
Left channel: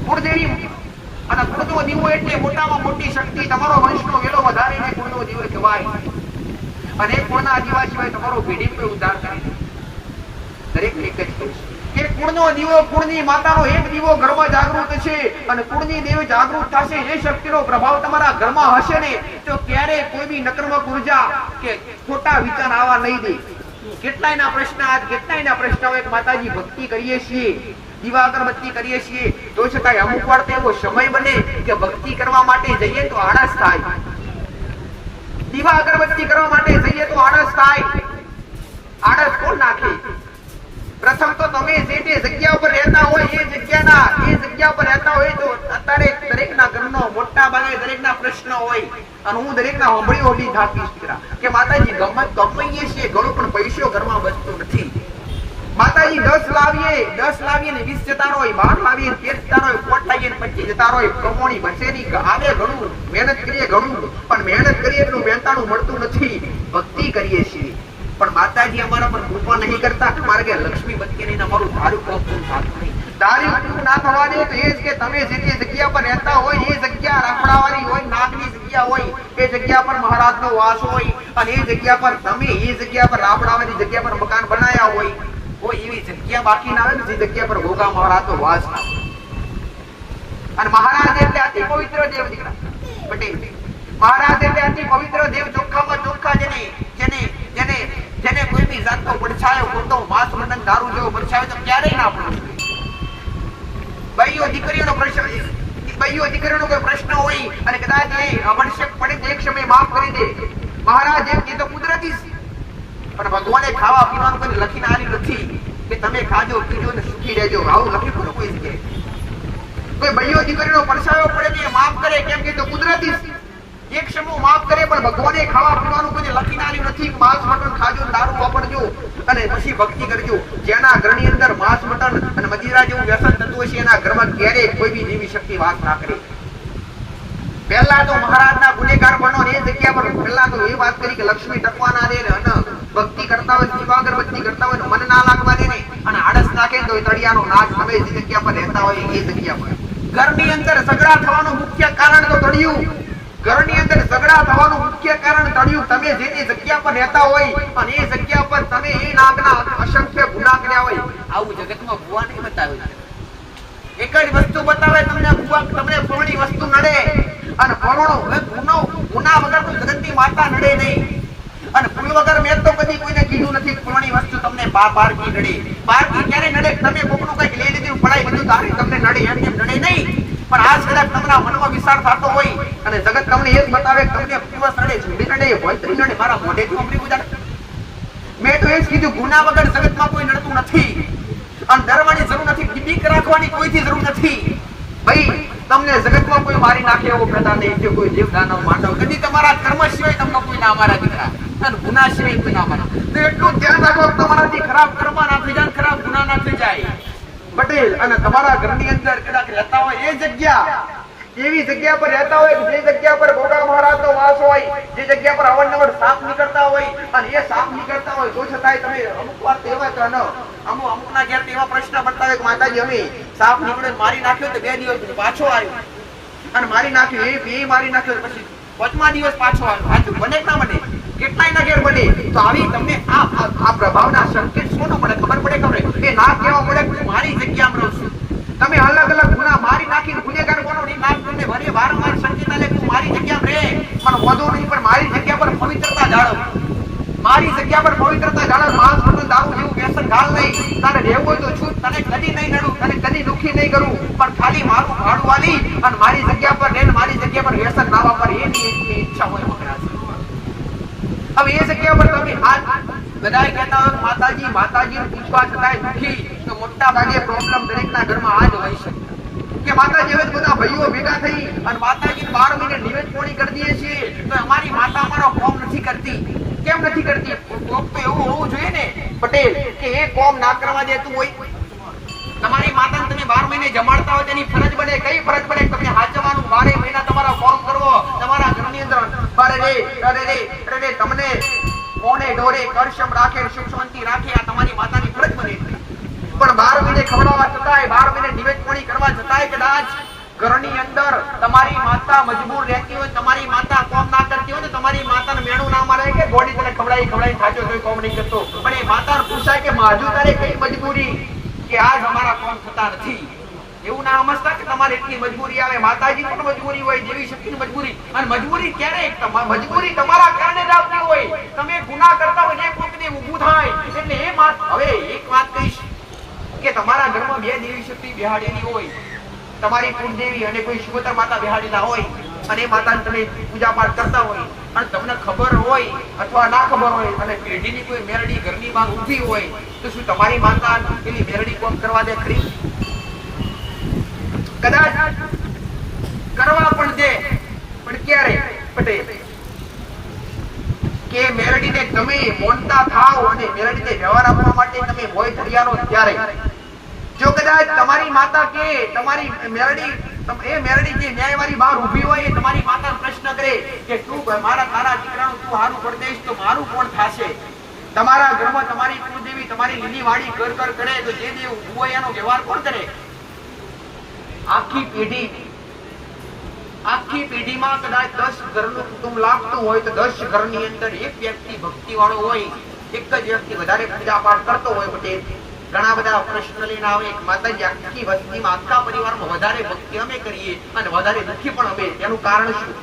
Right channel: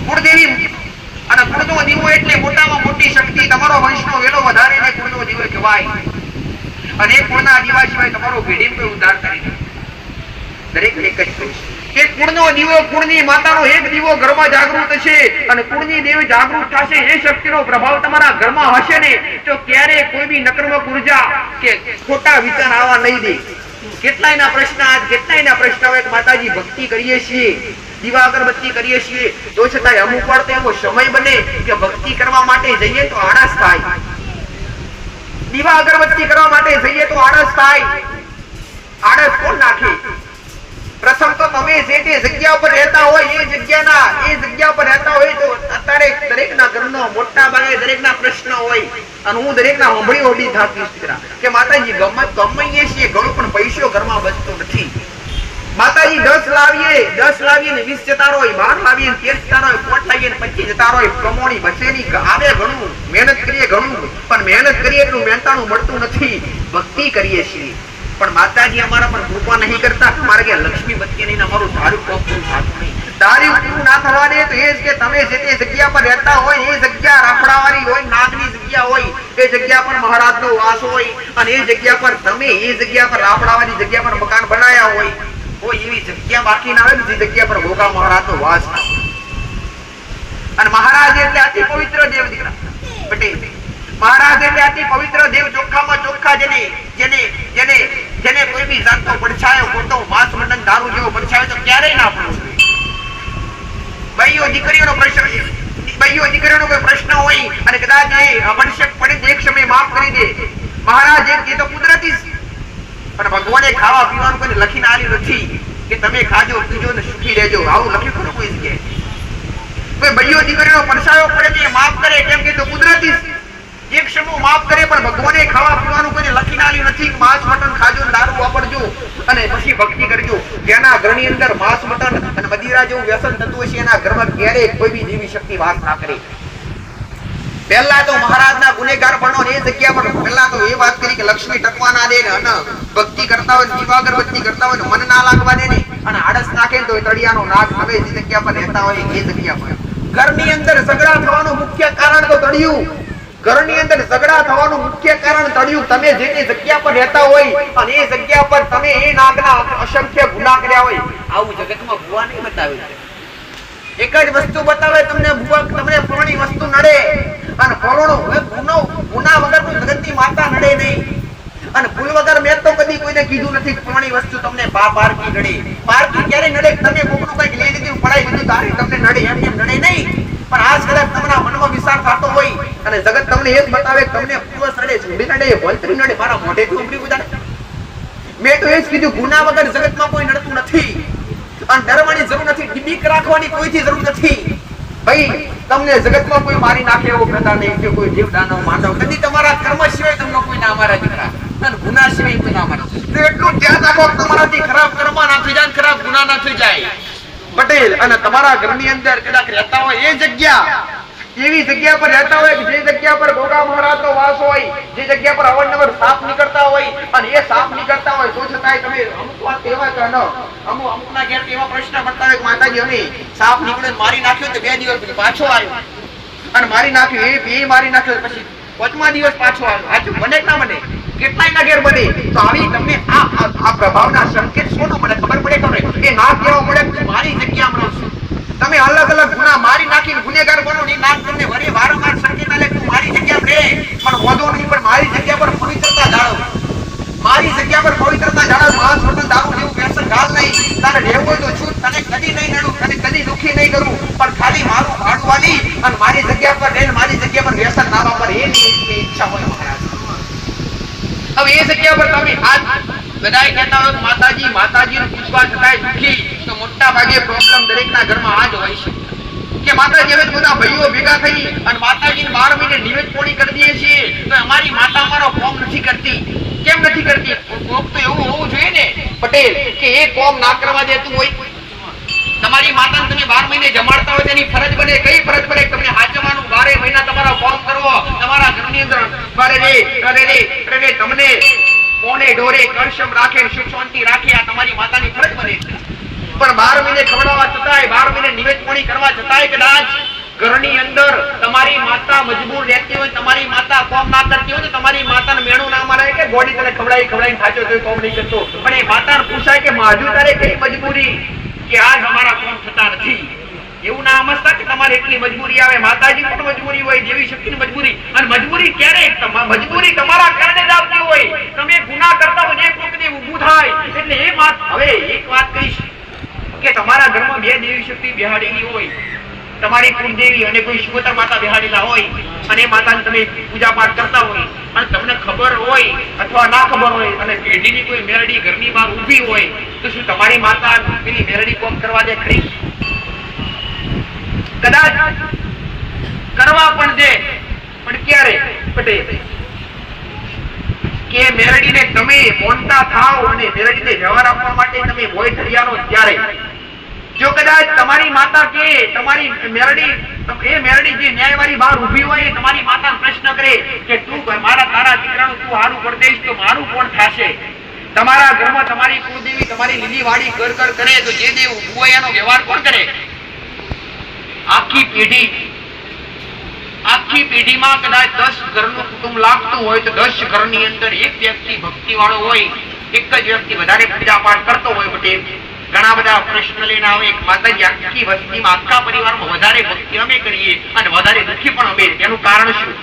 કુળદેવી અને કુળનો દીવો એટલે મોટામાં મોટી શક્તિ. તમારો વંશનો વેલો વધારે ને કુળનો દીવો કહેવાય. અને એ કુળના દીવા સિવાય તમારો પેઢી પર ઉદ્ધાર કરી દરેક એક જ કહીશ કે કુળનો દીવો, કુળની માતાનો એક દીવો ઘરમાં જાગૃત છે અને કુળની દેવી જાગૃત થશે, એ શક્તિનો પ્રભાવ તમારા ઘરમાં હશે ને તો ક્યારે કોઈ બી નકારાત્મક ઉર્જા કે ખોટા વિચાર આવવા નહીં દે. કેટલાયના પ્રશ્ન હોય કે માતાજી ભક્તિ કરીએ છીએ દીવા અગરબત્તી કરીએ છીએ તો છતાંય અમુક વાર તો એવો સમય બને કે ભક્તિ કરવા માટે જઈએ તો આળસ થાય. દીવા અગરબત્તી કરવા માટે જઈએ તો આળસ થાય. આળસ કોણ નાખે? પ્રથમ તો તમે જે જગ્યા પર રહેતા હોય એ જગ્યા પર રહેતા હોય તો અત્યારે દરેકના ઘરનો મોટા ભાગે દરેકના પ્રશ્ન હોય અને હું દરેકના હોંભળી હોડી થાકી કે માતાજી ગમે છીએ ઘણું પણ પૈસો ઘરમાં બચતો નથી. માતાજી 10 લાવીએ ને 20 જતા હોય, 12 લાવીએ ને 13 જતા હોય, 5 લાવીએ ને 25 જતા હોય, પ્રમોણી બચેની આવે ઘણું, મહેનત કરીએ ઘણું, પણ મહેનત કરીએ એટલું મહેનતાણું મળતું નથી. ભક્તિ કરીએ છીએ પણ માતાજી અમારા પર કૃપા નહીં કરતા. તમારે કે લક્ષ્મી બચી નહીં, અમારું ધાર્યું પૂરું થતું નહીં. ધાર્યું પૂરું ના થવા દે તો એ જ કે તમે જે જગ્યા પર રહેતા હોય એ જગ્યા રાફડાવાળી હોય, નાગની જગ્યા હોય, એ જગ્યા પર મહારાજનો વાસ હોય અને એ જગ્યા પર તમે એ જગ્યા પર રાફડાવાળી જગ્યા પર મકાન બનાયા હોય એવી જગ્યા બાકી ના આવે ને જે જગ્યા પર ભોગા મહારાજનો વાસ ના હોય. અને મહારાજ એટલે અતિ પવિત્ર દેવ દીકરા પટેલ. મહારાજ એટલે અતિ પવિત્ર દેવ, ચોખ્ખામાં ચોખ્ખા, જેને કોઈ બી જાતનો પડછાયો ખોટો માંસ મટન દારૂ જેવો પડછાયો તો ક્યારેય ના પડે. ભાઈઓ દીકરીઓનો કોઈ પ્રશ્ન હોય અને કદાચ એ આવશ્યક પડે એક સમય માફ કરી દે. મહારાજ એ તો કુદરતી છે પણ ભગવાને ખાવા પીવાનું કોઈ લખીને આપ્યું નથી કે તમે ખાજો પીજો ને સુખી રહેજો. આવું લખ્યું ખરું કોઈ જગ્યાએ? કોઈ ભાઈઓ દીકરીનો પડછાયો પડે તો માફ કરે, કેમ કે તો કુદરતી છે. એક સમૂહ માફ કરે પણ ભગવાને ખાવા પીવાનું કોઈ લખીને આપ્યું નથી. માંસ મટન ખાજો, દારૂ વાપરજો અને પછી ભક્તિ કરજો. જેના ઘરની અંદર માંસ મટન અને મદિરા જેવું વ્યસન થતું હશે એના ઘરમાં ક્યારેય કોઈ બી દેવી શક્તિ વાસ ના કરે. પહેલા તો મહારાજના ગુનેગાર બનો ને એ જગ્યા પર પહેલા તો એ વાત કરી કે લક્ષ્મી ટકવા ના દે ને ભક્તિ કરતા હોય, દીવા અગરબત્તી કરતા હોય ને મન ના લાગવા દે ને અને આળસ નાખે તો તળિયાનો નાક તમે જે જગ્યા પર રહેતા હોય એ જગ્યા પર. ઘરની અંદર ઝઘડા થવાનું મુખ્ય કારણ તો તળિયું. ઘરની અંદર ઝઘડા થવાનું મુખ્ય કારણ તળિયું. તમે જે જગ્યા પર રહેતા હોય અને એ જગ્યા પર તમે એ નાગના અસંખ્ય ગુના કર્યા હોય. આવું જગતમાં ભુવા નહીં બતાવે. એક જ વસ્તુ બતાવે તમને ભુવા, તમને ફળની વસ્તુ નડે અને ફળનો ગુના વગર કોઈ જગતની માતા નડે નહીં. અને ભૂલ વગર મેં તો કદી કોઈને કીધું નથી ફળની વસ્તુ તમને પારકી નડે. પારકી ક્યારે નડે? તમે કોકનું કઈક લઈ લીધું પડાઈ બધું તારી તમને નડે, એમ નડે નહીં. પણ આજ કદાચ તમારા મનમાં વિચાર થતો હોય અને જગત તમને એ જ બતાવે કે તમને પૂર્વસ નડે, ચૂંડી નડે, ભોંતરી નડે, મારા મોઢેથી ઉમરી ગુજારે. મેં તો એ જ કીધું ગુના વગર જગતમાં કોઈ નડતું નથી અને ડરવાની જરૂર નથી, બીક રાખવાની કોઈથી જરૂર નથી. ભાઈ તમને જગતમાં કોઈ મારી નાખે એવો પ્રકાર નહીં કે કોઈ દેવ દાનવ માનવ કદી તમારા કર્મ સિવાય તમને કોઈ ના મારા દીકરા અને ગુના સિવાય કોઈ ના મારે. તો એટલું ધ્યાન રાખો તમારાથી ખરાબ કર્મ ના થઈ જાય, ખરાબ ગુના ના થઈ જાય. પટેલ અને તમારા ઘરની અંદર કદાચ રહેતા હોય એ જગ્યા એવી જગ્યા પર રહેતા હોય જે જગ્યા પર ગોગા મહારાજનો વાસ હોય, જે જગ્યા પર અવારનવાર સાપ નીકળતા હોય અને એ સાપ નીકળતા હોય તો છતાંય તમે અમુક વાત કહેવાય કે ન અમુકના ઘેર એવા પ્રશ્ન પડતા હોય કે માતાજી અમે સાપ નીકળ્યો મારી નાખ્યો તો 2 દિવસ પછી પાછો આવ્યો અને મારી નાખ્યો એ મારી નાખ્યો પછી 5મા દિવસ પાછો આવ્યો. સાચું બને ના બને? કેટલાય ના ઘેર બને. તો આવી તમને આ પ્રભાવના સંકેત શોનો પડે ખબર પડે? એ ના કહેવા પડે મારી જગ્યામાં રહું છું. તમે અલગ અલગ ગુના મારી નાખીને ગુનેગાર બનો ને નામ તમને વારંવાર સંકેત આલે કે મારી જગ્યામાં રહે પણ વધુ નહીં, પણ મારી જગ્યા પર પવિત્રતા જાળવ. મારી જગ્યા પર પવિત્રતા જાળવ. માંસ મટન દારૂ જેવું વ્યસન ગાળ નહીં. તને રહેવું હોય તો છૂટ, તને કદી નહીં નડું, તને કદી દુખી નહીં કરું, પણ ખાલી મારું ભાડું વાલી અને મારી જગ્યા પર રહીને મારી જગ્યા પર વ્યસન ના વાપર એની ઈચ્છા હોય મહારાજ. હવે એ જગ્યા પર તમે હાથ બધાય કહેતા હોય માતાજીને પૂછવા છતાંય દુખી તો મોટા ભાગે પ્રોબ્લેમ દરેકના ઘરમાં આ જ હોય છે કે માતાજી હવે બધા ભાઈઓ ભેગા થઈ અને માતાજીને 12 મહિને નિવેદ પોણી કરી દઈએ છીએ તો અમારી માતા અમારો કોમ નથી કરતી. કેમ નથી કરતી? કોમ તો એવું હોવું જોઈએ ને પટેલ કે એ કોમ ના કરવા દેતું હોય. તમારી માતાને તમે 12 મહિને જમાડતા હોય તેની ફરજ બને. કઈ ફરજ બને? તમને હાચવાનું 12 મહિના તમારા કોમ કરવો, તમારા ઘરની અંદર રે તમને કોને ઢોરે કરશમ રાખે, સુખ શાંતિ રાખે, આ તમારી માતાની ફરજ બને. પણ 12 મહિને ખવડાવવા છતાંય 12 મહિને નિવેદ પોણી કરવા છતાંય કદાચ ઘરની અંદર તમારી માતા મજબૂર રહેતી હોય, તમારી માતા કોમ ના કરતી હોય તો તમારી માતાને મેણું ના મારે કે ગોડી તને ખવડાવી ખાચો તો કોમ નહીં કરતો. પણ એ માતાને પૂછાય કે માજુ તારે કઈ મજબૂરી કે આજ અમારા કોમ થતા નથી? એવું ના સમજતા કે તમારે એટલી મજબૂરી આવે. માતાજી પણ મજબૂરી હોય, દેવી શક્તિની મજબૂરી. અને મજબૂરી ક્યારે? મજબૂરી તમારા કારણે જ આવતી હોય. તમે ગુના કરતા હોય એક વખતે ઊભું થાય એટલે એ વાત. હવે એક વાત કહીશ કે તમારા ઘરમાં બે દેવી શક્તિ બેહાડેલી હોય, તમારી કુળદેવી અને કોઈ શિવોતર માતા બેહાડેલા હોય, અને માતાની તમે પૂજા પાઠ કરતા હોય, અને તમને ખબર હોય અથવા ના ખબર હોય, અને પેઢીની કોઈ મેરડી ઘરની બહાર ઊભી હોય, તો શું તમારી માતા પેલી મેરડી કોમ કરવા દે ખરી? કદાચ કરવા પણ દે, પણ ક્યારે પટેલ કે મેરડીને તમે મોનતા થાઓ અને મેરડીને વ્યવહાર આપવા માટે તમે ભોય ધર્યાનો ત્યારે. જો કદાચ તમારી માતા કે તમારી મેરડી એ મેરડી જે ન્યાયવાળી બહાર ઊભી હોય એ તમારી માતાને પ્રશ્ન કરે કે તું મારા તારા દીકરાનું તું હારું કરી દઈશ તો મારું કોણ થાશે? તમારા ઘરમાં તમારી કુળદેવી તમારી લીલી વાડી કર કરે તો જે દેવ ઊભું હોય એનો વ્યવહાર કોણ કરે? આખી પેઢીમાં કદાચ 10 ઘરનું કુટુંબ લાગતું હોય તો 10 ઘરની અંદર એક વ્યક્તિ ભક્તિ વાળો હોય, એક જ વ્યક્તિ વધારે પૂજા પાઠ કરતો હોય. પટેલ ઘણા બધા પ્રશ્ન લઈને આવે, માતાજી આખી વસ્તીમાં આખા પરિવારમાં વધારે ભક્તિ અમે કરીએ અને વધારે દુઃખી પણ અમે. એનું કારણ શું?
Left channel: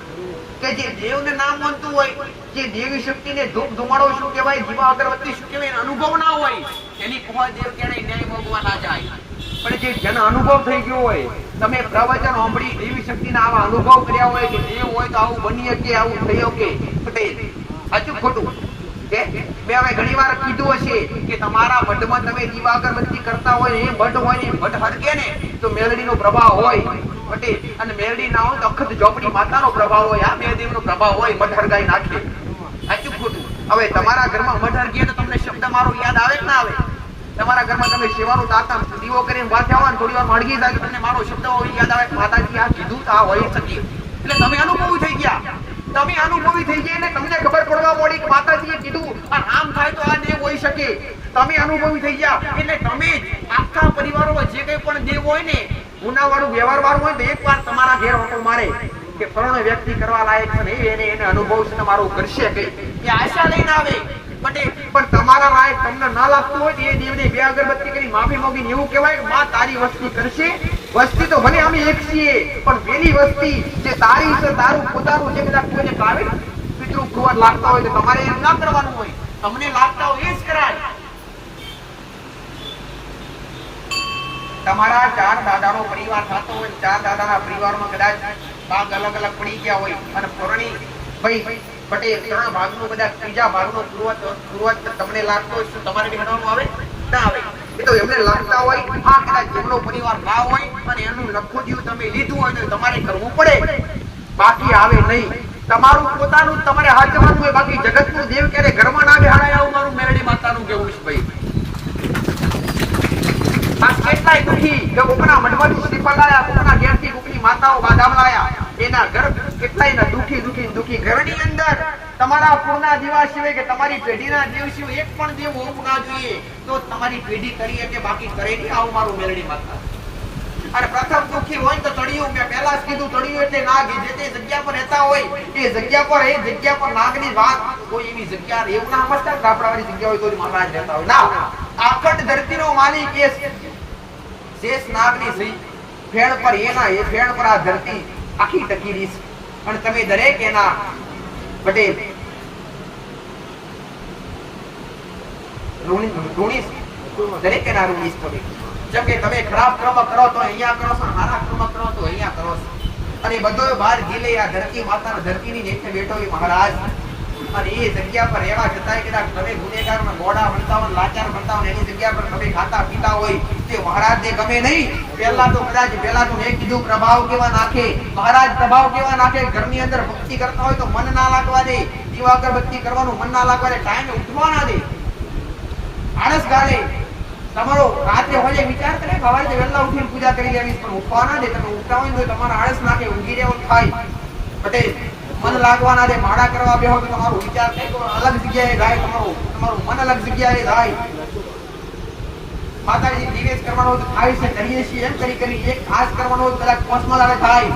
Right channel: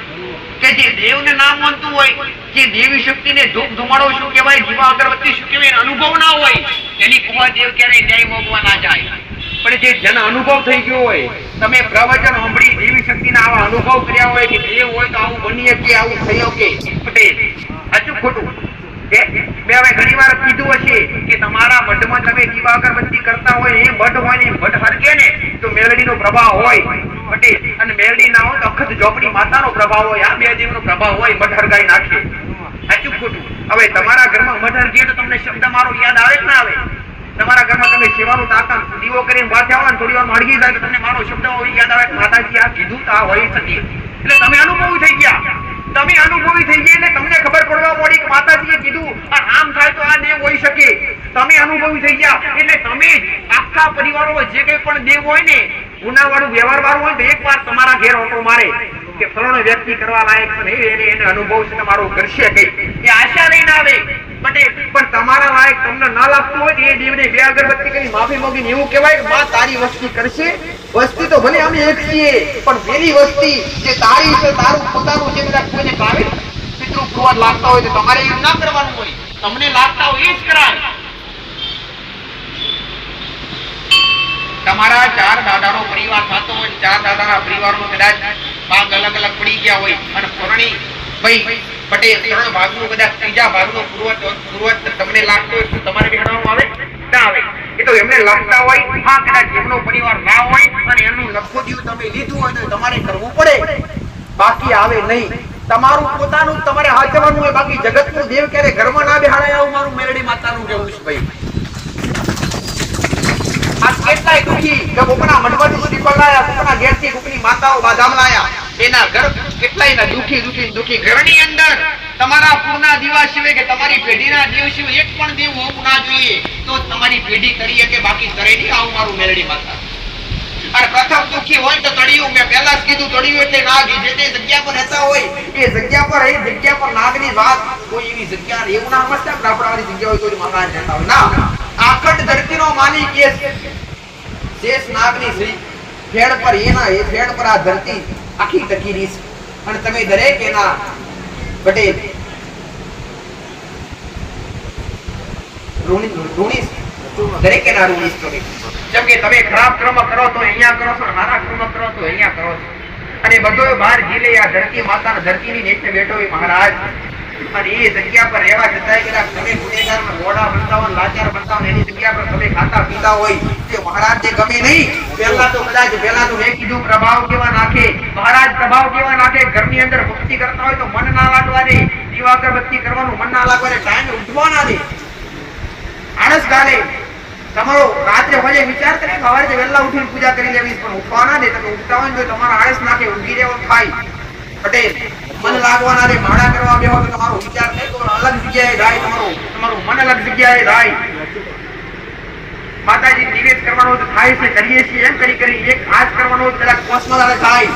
કે જે દેવને નામ માનતું હોય, જે દેવી શક્તિને ધૂપ ધુમાડો શું કહેવાય, દીવા અગરબત્તી શું કહેવાય, અનુભવ ના હોય, એની પોહા દેવ ક્યારેય ન્યાય મોગવા ના જાય. પણ જે જન અનુભવ થઈ ગયો હોય, તમે પ્રવચન સાંભળી દેવી શક્તિના આવા અનુભવ કર્યા હોય કે દેવ હોય તો આવું બની શકે, આવું થઈ શકે. પટેલ સાચું ખોટું? મેં હવે ઘણી વાર કીધું હશે કે તમારા મઢમાં તમે દીવા અગરબત્તી કરતા હોય, એ મઢ હોય ને મઢ હરકે ને તો મેલડીનો પ્રભાવ હોય. પટેલ અને મેલડી ના હોય તો અખત ઝોપડી માતાનો પ્રભાવ હોય, આ બે દેવનો પ્રભાવ હોય, મઢ હરગાઈ નાખે. સાચું ખોટું? હવે તમારા ઘરમાં મઢ હરગે તો તમને શબ્દ મારો યાદ આવે કે ના આવે? તમારા ઘરમાં તમે સેવાનું તાકામ દીવો કરીને બાથે આવો ને થોડી વાર હળગી જાય તો તમને મારો શબ્દ યાદ આવે કે માતાજી આ કીધું તો આ હોય હતી. એટલે તમે અનુભવી થઈ ગયા, તમે અનુભવી થઈ ગયા એટલે તમને ખબર પડવા મળી કે માતાજીએ કીધું આ આમ થાય તો આ દેવ હોઈ શકે. તમે અનુભવી થઈ ગયા એટલે તમે આખા પરિવારોમાં જે કંઈ પણ દેવ હોય ને, ગુનાવાળું વ્યવહાર વાળું હોય તો એકવાર તમારા ઘેર ઓટો મારે કે ફલાણો વ્યક્તિ કરવા લાયક છે, એને અનુભવ છે તમારો કરશે કે એ આશા લઈને આવે. પણ તમારા લાયક તમને ના લાગતું હોય તો એ દેવને બે અગરબત્તી કરી માફી માંગીને એવું કહેવાય કે માં તારી વસ્તી કરશે. વસ્તી તો ભલે અમે એક છીએ, પણ પેલી વસ્તી જે તારી છે, તારું પોતાનું જે બધા કોઈને કાવે પિતૃ પુરવાર લાગતા હોય તો તમારે એમ ના કરવાનું હોય, તમને લાગતા હોય એ જ કરાય. તમારા 4 દાદાનો પરિવાર થતો હોય, 4 દાદાના પરિવારમાં કદાચ ભાગ અલગ અલગ પડી ગયા હોય અને પરણી ભાઈ પટેલ 3 ભાગનું કદાચ ત્રીજા ભાગનો પૂર્વજ તમને લાગતો હોય, શું તમારે બેહાડવાનું આવે? ના આવે. એ તો એમને લાગતા હોય, હા કદાચ એમનો પરિવાર ના હોય અને એનું લખોદિયું તમે લીધું હોય તો તમારે કરવું પડે, બાકી આવે નહીં. તમારું પોતાનું તમારે હાચવાનું હોય, બાકી જગતનું દેવ ક્યારે ઘરમાં ના બેહાડાય આવું મારું મેરડી માતાનું કહેવું છે ભાઈ. કેટલાય દુખી કોકના મઢમાંથી શ્રીફળ લાયા, કોકના ઘેરથી કોકની માતાઓ બાદામ લાયા, એના ઘર કેટલાયના દુખી ઘરની અંદર તમારા પૂરના દીવા સિવાય કે તમારી પેઢીના દેવ સિવાય એક પણ દેવ હોવું ના જોઈએ, તો તમારી પેઢી કરી શકે, બાકી કરે નહીં. આવું મારું મેરડી માતા. અને પ્રથમ દુખી હોય તો તળિયું, મેં પહેલા જ કીધું તળિયું એટલે નાગ. જે તે જગ્યા પર રહેતા હોય એ જગ્યા પર નાગની વાત કોઈ એવી જગ્યા એવું ના સમજતા કે આપણાવાળી જગ્યા હોય કોઈ મહારાજ રહેતા હોય ના. આખટ ધરતીનો માલિક એ શેષ નાગની શ્રી ફેડ પર એના એ ફેડ પર આ ધરતી આખી ટકી રહી છે. અને તમે દરેક એના પટેલ ઋણીશ, દરેક એના ઋણીશ તમે. જેમ કે તમે ખરાબ કર્મ કરો તો અહીંયા કરો છો, સારા કર્મ કરો તો અહીંયા કરો છો, અને બધો બહાર જીલે આ ધરતી માતાના ધરતીની નેચે બેઠો એ મહારાજ. અને એ જગ્યા પર રહેવા છતાંય કદાચ તમે ગુનેગાર ને ગોડા બનતા હોય, લાચાર બનતા હોય, એની જગ્યા પર તમે ખાતા પીતા હોય તે મહારાજને ગમે નહીં. પહેલા તો મેં કીધું પ્રભાવ કેવા નાખે મહારાજ, પ્રભાવ કેવા નાખે. ઘરની અંદર ભક્તિ કરતા હોય તો મન ના લાગવા દે, દીવા અગરબત્તી કરવાનું મન ના લાગવા દે, ટાઈમે ઉઠવા ના દે, આળસ ગાલે. તમારો રાત્રે હોય વિચાર કરે સવારે વહેલા ઉઠીને પૂજા કરી લેવી, પણ ઉઠવા ના દે. તમે ઉઠતા હોય તો તમારા આળસ નાખે, ઊંઘી રહેવાનું થાય. પટેલ મન લાગવાના રે માળા કરવા બેહો તો તમારો વિચાર નહીં, તો અલગ જગ્યાએ જાય, તમારું મન અલગ જગ્યાએ જાય. માતાજી નિવેદ કરવાનો તો થાય છે, કરીએ છીએ એમ કરી એક હાથ કરવાનો કદાચ પોસમાં થાય,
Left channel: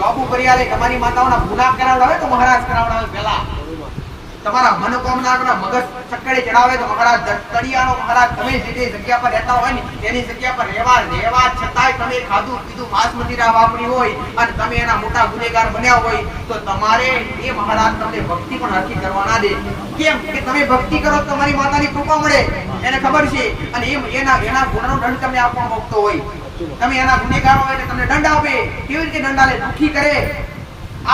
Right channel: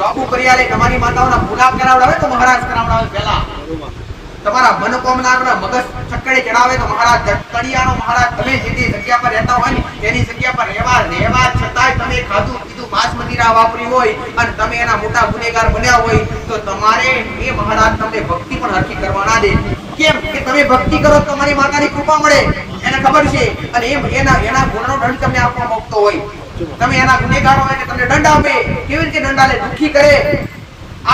લોબુ કરી આલે. તમારી માતાઓના ગુલાબ કરાવડાવે તો મહારાજ કરાવડાવે પહેલા. તમારા મનોકામના આગળ મગજ ચક્કરે ચડાવે તો મહારાજ તળિયાનો મહારાજ તમે જે તે જગ્યા પર રહેતા હોય ને તેની જગ્યા પર રહેવા છતાંય તમે ખાધું પીધું માંસ મદિરા વાપરી હોય અને તમે એના મોટા ગુનેગાર બન્યા હોય તો તમારે એ મહારાજ તમને ભક્તિ પણ હરખી કરવા ના દે. કેમ કે તમે ભક્તિ કરો તો તમારી માતાની કૃપા મળે, એને ખબર છે. અને એના ગુનાનો દંડ તમને આપવા માંગતો હોય, તમે એના ગુનેગારો હોય એટલે તમને દંડ આપે. કેવી રીતે દંડ આલે? દુખી કરે,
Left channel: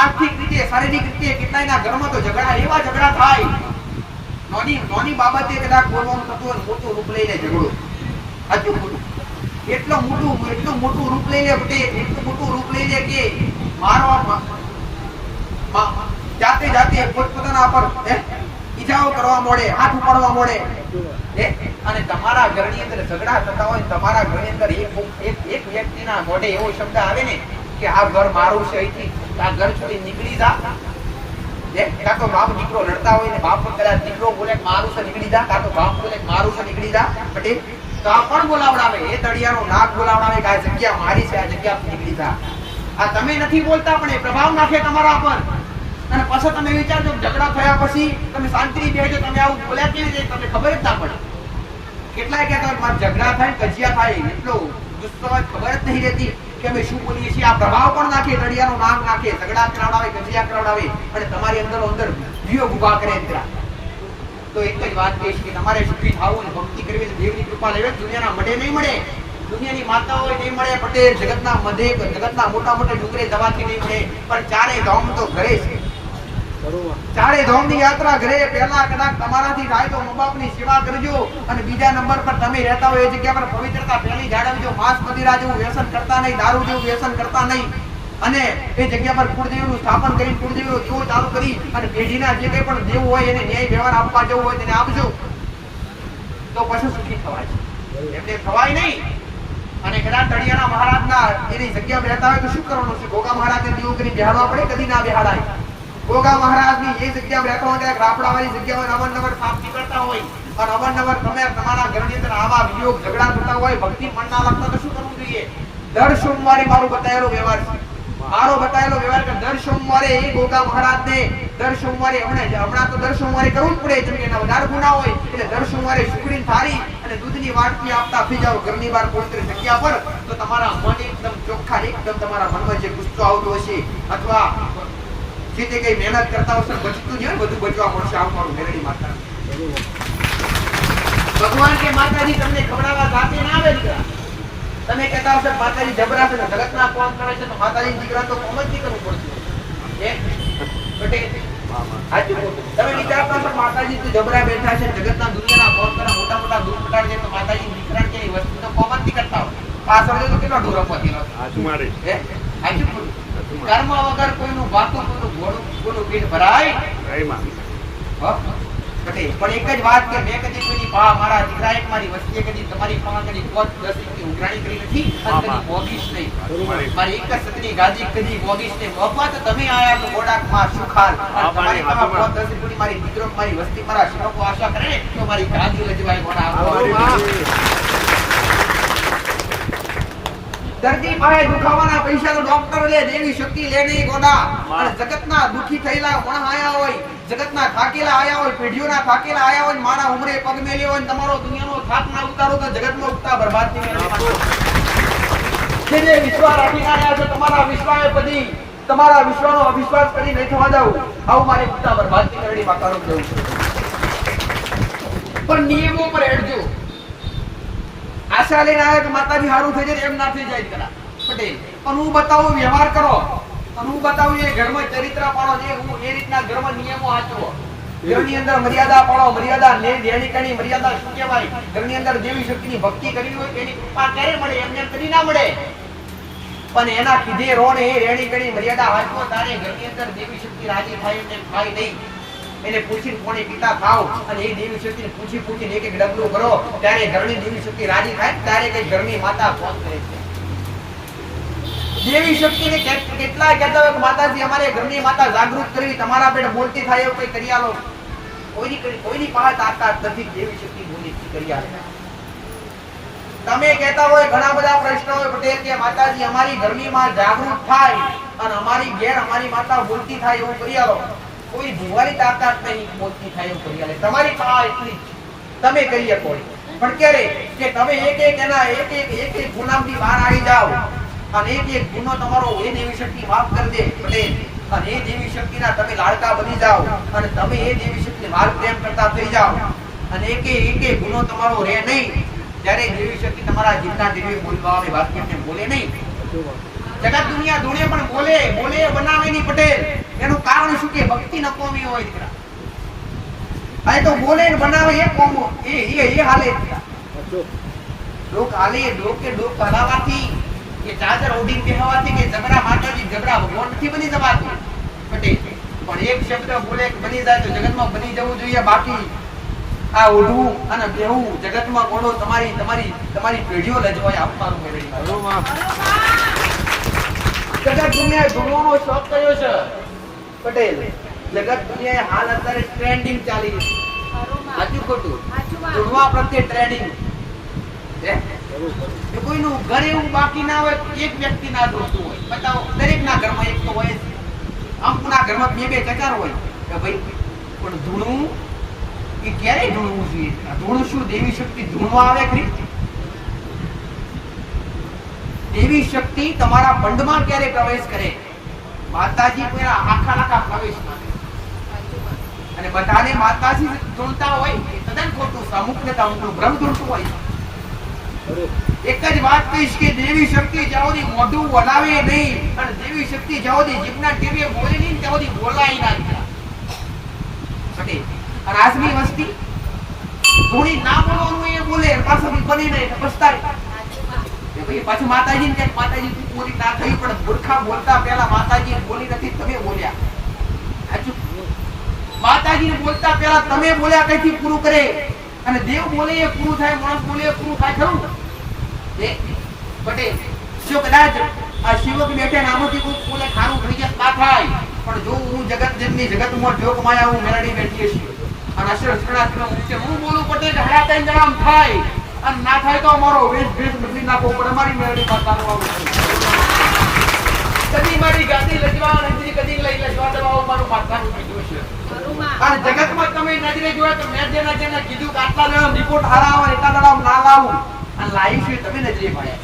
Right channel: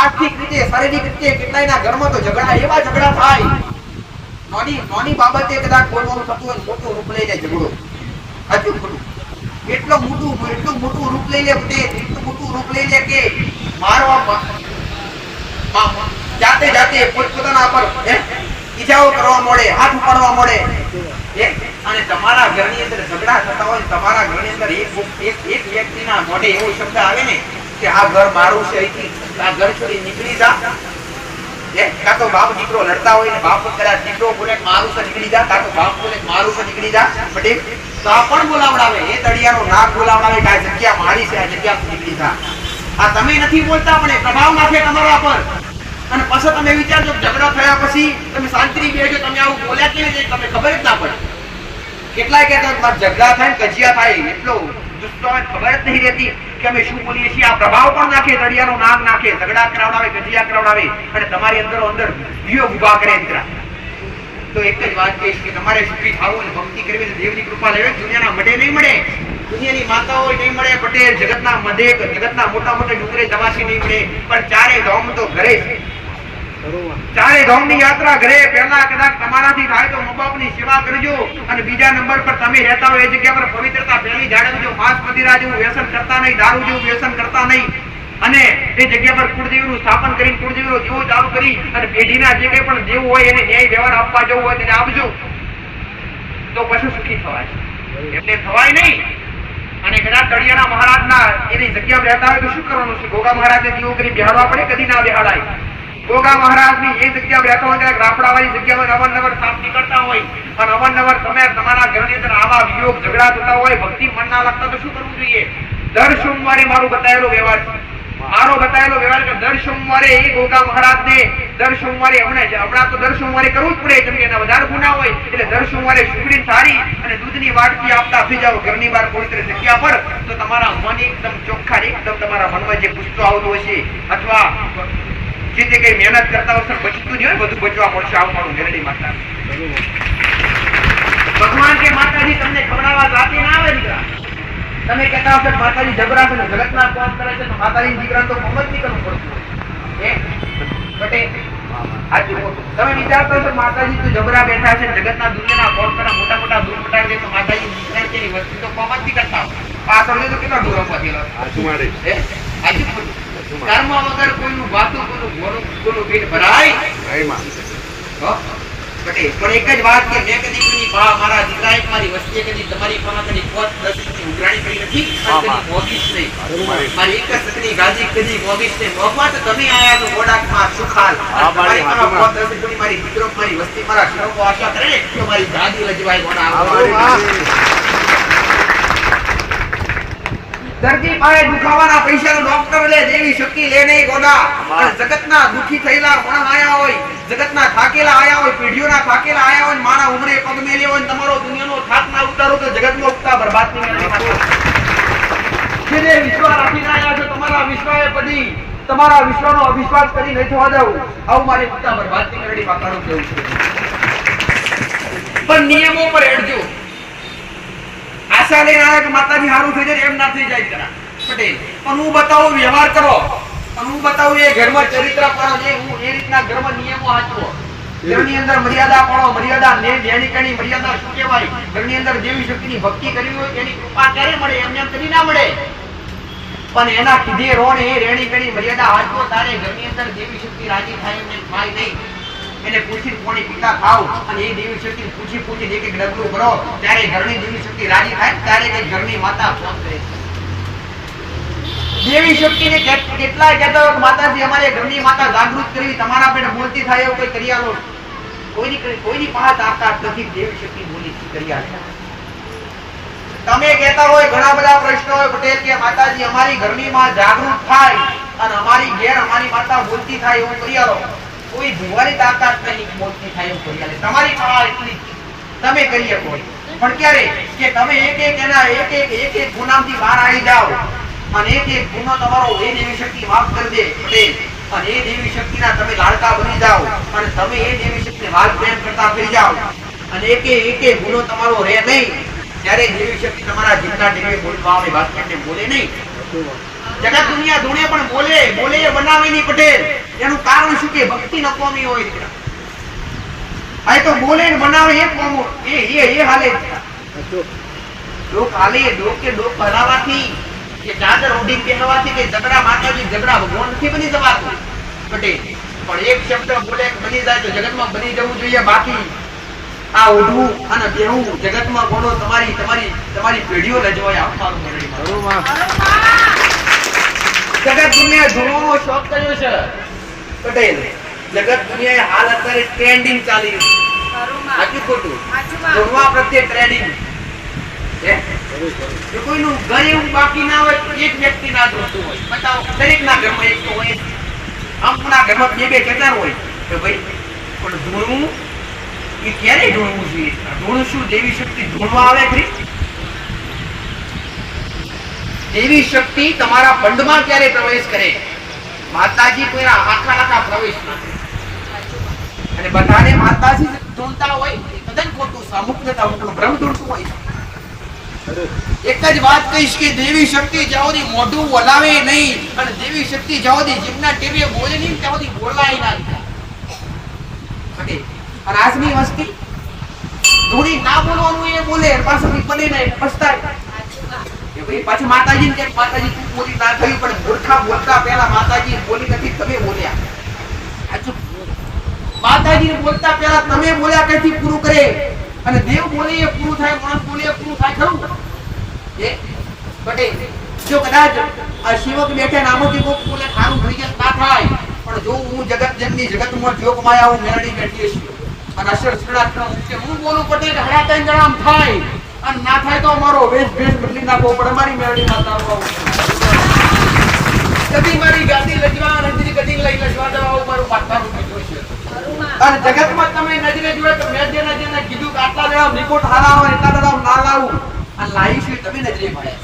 આર્થિક રીતે, શારીરિક રીતે. કેટલાયના ઘરમાં તો એવા ઝઘડા થાય, નાની બાબતે કદાચ બોલવાનું થતું હોય, મોટું રૂપ લઈને ઝઘડો. સાચું ખોટું? એટલું મોટું રૂપ લઈ લે, એટલું મોટું રૂપ લઈ લે કે મારવા જાતે પોતાના પર ઈજાઓ કરવા મળે, હાથ ઉપાડવા મળે. અને તમારા ઘરની અંદર ઝઘડા થતા હોય, તમારા ઘરની અંદર એક વ્યક્તિના મોઢે એવો શબ્દ આવે ને કે આ ઘર મારું છે, આ ઘર છોડી નીકળી જા. કાં તો બાપ દીકરો લડતા હોય ને બાપ કદાચ દીકરો બોલે મારું છે નીકળી જા, કાં તો બાપ બોલે મારું છે નીકળી જા, તો આ પણ બોલાવડાવે, એ તળિયાનો નાક બોલાવડાવે કે આ જગ્યા મારી છે, આ જગ્યા નીકળી જા. આ તમે નથી બોલતા પણ એ પ્રભાવ નાખે તમારા પર. અને પછી તમે વિચારજો ઝઘડા થયા પછી તમે શાંતિથી બેઠો, તમે આવું બોલ્યા કેવી રીતે તમને ખબર જ ના પડે. કેટલાય કહેતા ઝઘડા થાય કજિયા થાય એટલો ગુસ્સો ખબર જ નહીં રહેતી કે અમે શું બોલીએ છીએ. આ પ્રભાવ પણ નાખે, તળિયાનો નાક નાખે, ઝઘડા કરાવડાવે, કજિયા કરાવડાવે અને તમારી અંદરો અંદર વિયોગ ઉભા કરે. તો એક જ વાત કહીશ કે તમારે સુખી થવું અને ભક્તિ કરવી તો દેવની કૃપા લેવી. દુનિયાના મઢે નહીં મળે, દુનિયાની માતાઓ નહીં મળે, પટેલ જગતના મધે, જગતના મોટા મોટા ડુંગરે દવાસી નહીં મળે, પણ ચારે ધામ તો ઘરે છે. ચારે ધામની યાત્રા ઘરે. પહેલા કદાચ તમારાથી થાય તો મા બાપની સેવા કરજો, અને બીજા નંબર પર તમે રહેતા હોય એ જગ્યા પર પવિત્રતા પહેલી જાળવજો. માંસ મદિરા જેવું વ્યસન કરતા નહીં, દારૂ જેવું વ્યસન કરતા નહીં, અને એ જગ્યા પર કુળદેવીનું સ્થાપન કરી, કુળદેવીનો દીવો ચાલુ કરી અને પેઢીના જે કંઈ પણ દેવું હોય એને ન્યાય વ્યવહાર આપવા જવું હોય તેને આપજો, તો પછી સુખી થવાય. એમને થવાય નહીં. અને કદાચ તળિયાના મહારાજના એની જગ્યામાં રહેતા હોય તો શું કરવાનું છે? ગોગા મહારાજને દીવો કરી બેહાડવા પડે? કદી ના બેહાડાય. ગોગા મહારાજની એ જગ્યામાં રહેતા હોય, કદાચ રાફડાવાળી જગ્યામાં અવારનવાર સાપ નીકળતા હોય અને અવારનવાર તમે તમારા ઘરની અંદર આવા વિયોગ ઝઘડા થતા હોય, ભક્તિ મન ના લાગતા તો શું કરવું જોઈએ? દર સોમવારે મારું બતાવેલો વ્યવહાર છે, મારો બતાવેલો વ્યવહાર કે દર સોમવારે એ ગોગા મહારાજને દર સોમવારે હમણાં તો દર સોમવારે કરવું જ પડે, કેમ કે એના વધારે ગુના હોય. એટલે દર સોમવારે સુગડી થાળી અને દૂધની વાટકી આપતા થઈ જાવ ઘરની બહાર પવિત્ર જગ્યા પર, તો તમારા મન એકદમ ચોખ્ખા, એકદમ તમારા મનમાં જે ગુસ્સો આવતો હશે અથવા જે તે કઈ મહેનત કરતા હશે બચતું નહીં હોય, બધું બચવા મળશે. આવું મારું મેલડી માતા. ભગવાન કે માતાજી તમને ખવડાવવા જાતે ના આવે દીકરા. તમે કહેતા હશો માતાજી જબરા છે, જગતના કોણ કરે છે, તો માતાજી દીકરા તો કોમ જ નહીં કરવું પડશે. તમે વિચારતા હશો માતાજી તો જબરા બેઠા છે, જગતના દુનિયાના કોણ કરે, મોટા મોટા દૂર પટાડી દે, તો માતાજી દીકરા કે વસ્તુ તો કોમ જ નહીં કરતા હોય. પાછળ તો કેટલા દૂર પહોંચેલો કર્મ વગર કોઈનું વાતું, કોઈનું પેટ ભરાય. પણ એક જ વાત કે મેં કદી કોઈની મારા દીકરા એક મારી વસ્તીએ કદી તમારી પાસે કદી પોત દસની ઉઘરાણી કરી નથી અને કદી મોગીશ નહીં. મારી એક જ સકની ગાજી કદી મોગીશ નહીં. મોગવા તો તમે આયા તો ગોડાકમાં સુખાલ, અને તમારી પાસે પોત દસની મારી દીકરો મારી વસ્તી મારા શ્રમો આશા કરે તો મારી ગાજી લજવાય ગોડા. દર્દી પાસે દુખાવાના પૈસાનો ડોક્ટર લે, દેવી શક્તિ લે નહીં ગોડા. અને જગતના દુખી થયેલા પણ આયા હોય, જગતના થાકેલા આયા હોય, પેઢીઓના થાકેલા આયા હોય, મારા ઉમરે પગ મેલ્યો હોય, તમારો દુનિયાનો થાક ના ઉતારો તો જગતનો ઉગતા બરબાદ નહીં કરે. જે વિશ્વાસ રાખીને આયા છો, તમારા વિશ્વાસે પડી, તમારા વિશ્વાનો અવિશ્વાસ કરી નહીં થવા દઉં. આવું મારે ઉગતા બરબાદ નહીં કરે પાકાનું કેવું છે. પણ નિયમો પર હેડજો. આશા લઈને આવ્યા કે માતાજી હારું થઈ જાય, એમ ના થઈ જાય જરા પટેલ. પણ હું બતાવું વ્યવહાર કરો, અને હું બતાવું એ ઘરમાં ચરિત્ર પાડો, જે હું એ રીતના ઘરમાં નિયમો હાચવો. ઘરની અંદર મર્યાદા પાડો, મર્યાદા નેણિકાની મર્યાદા શું કહેવાય? ઘરની અંદર દેવી શક્તિની ભક્તિ કરવી હોય તેની કૃપા ક્યારે મળે? એમને કદી ના મળે. પણ એના કીધે રો ને એ રેણીકણી મર્યાદા હાચવો, તારે ઘરની અંદર દેવી શક્તિ રાજી થાય એમ થાય નહીં. એને પૂછી કોણી પિતા થાવ અને એ દેવી શક્તિ પૂછી એક એક ડગલું ભરો, ત્યારે ઘરની દેવી શક્તિ રાજી થાય, ત્યારે કઈ ઘરની માતા ફોન કરે છે. દેવી શક્તિને કેટલાય કહેતા હોય કે માતાજી અમારે ઘરની માતા જાગૃત કરવી, તમારા પેટ બોલતી થાય એવું કોઈ કરી આલો. કોઈની પાસે તાકાત નથી દેવી શક્તિ બોલી કરી આલે. તમે કહેતા હોય ઘણા બધા પ્રશ્નો હોય પટેલ કે માતાજી અમારી ઘરની માં જાગૃત થાય અને અમારી ઘેર અમારી માતા બોલતી થાય એવું કરી આલો. કોઈ ભુવાની તાકાત નહીં મોતની થાય એવું કરી આલે. તમારી પાસે એટલી તમે કરી શકો. પણ ક્યારે કે તમે એક એક ગુનામથી બહાર આવી જાઓ અને એક ગુનો તમારો એ દેવી શક્તિ માફ કરી દે પટેલ, અને એ દેવી શક્તિના તમે લાડકા બની જાઓ અને તમે એ દેવી શક્તિને વાલ પ્રેમ કરતા થઈ જાઓ અને એક ગુનો તમારો રહે નહીં, ત્યારે દેવી શક્તિ તમારા જીતના ટીવી બોલવા આવે વાક્યને બોલે નહીં. જગત દુનિયા ધૂણે પણ બોલે એ બનાવે નહીં પટેલ. એનું કારણ શું કે ભક્તિ ન કોમી હોય દીકરા. આ તો બોલે ને બનાવે એ કોમ એ હાલે લોક હાલે ડોક હલાવાથી કે ચાદર ઓઢી કહેવાથી કે જબરા માતાજી જબરા ભગવાન નથી બની જવાતું પટેલ. પણ એક શબ્દ બોલે બની જાય તો જગતમાં બની જવું જોઈએ. બાકી આ ઓઢવું અને બેહવું જગતમાં બોલો તમારી પેઢીઓ લજવાય આપવાનું મેળવીમાં. જગત દુનિયા ધૂણવાનો શોખ કર્યો છે પટેલ. જગત દુનિયાએ હાલ અત્યારે ટ્રેન્ડિંગ ચાલી રહ્યું છે. સાચું ખોટું? ધૂણવા પ્રત્યે ટ્રેન્ડિંગ જો કોઈનું ઘર એવું બાકી ના હોય એક વ્યક્તિ ના ધૂણતું હોય. બતાવો દરેકના ઘરમાં એક તો હોય. અમુકના ઘરમાં બે કેટલા હોય કે ભાઈ પણ ધૂણવું એ ક્યારે ધૂણવું જોઈએ? ધૂણ શું દેવી શક્તિ ધૂણવા આવે ખરી? દેવી શક્તિ તમારા બંધમાં ક્યારે પ્રવેશ કરે? માતાજી કોઈના આખા પ્રવેશ ના કરે. અને બધાને માતાજી ધૂણતા હોય એ તદ્દન ખોટું. અમુકને અમુકનું ભ્રમ ધૂણતું હોય. એક જ વાત કહીશ કે દેવી શક્તિ જ્યાં સુધી મોઢું વલાવે નહીં અને દેવી શક્તિ જ્યાં સુધી જીભના ટેવીએ બોલે નહીં ત્યાં સુધી બોલાય ના દીકરા. અને આજની વસ્તી ધૂણી ના બોલવાનું એ બોલે પાછળ બને નહીં પછતાય કે ભાઈ પાછું માતાજીને કે માતાજી તું બોલી ના થયું, પણ મૂર્ખા બોલતા પહેલા માતાજી બોલી નથી, તમે બોલ્યા. સાચું? માતાજીને બોલતા પહેલા તમે બોલ્યા કઈથી પૂરું કરે? અને દેવ બોલે એ પૂરું થાય, માણસ બોલે એ પૂરું થાય ખરું? પટેલ જો કદાચ આ શિવક બેઠે નામથી કોઈ બોલે ખારું થઈ જાય ના થાય, પણ જો હું જગત જેમની જગતમાં જોગ માયા હું મેળડી બેઠીએ છીએ અને અસર સડાત્મક મુક્તિ હું બોલું પટેલ હડા ત્રણ જણામ થાય અને ના થાય તો મારો વેશ બદલી નાખવો પડે. મારી મેળડી માતાનો કદી મારી ગાદી લજવા નથી, કદી લઈ લજવા દેવા મારું માતાનું કીધું છે. અને જગતમાં તમે નજરે જોયે તો મેં જેના કીધું કે આટલા જણા રિપોર્ટ હારા આવે એટલા જણા ના લાવું અને લાવી છે તમે નજરે પડ્યા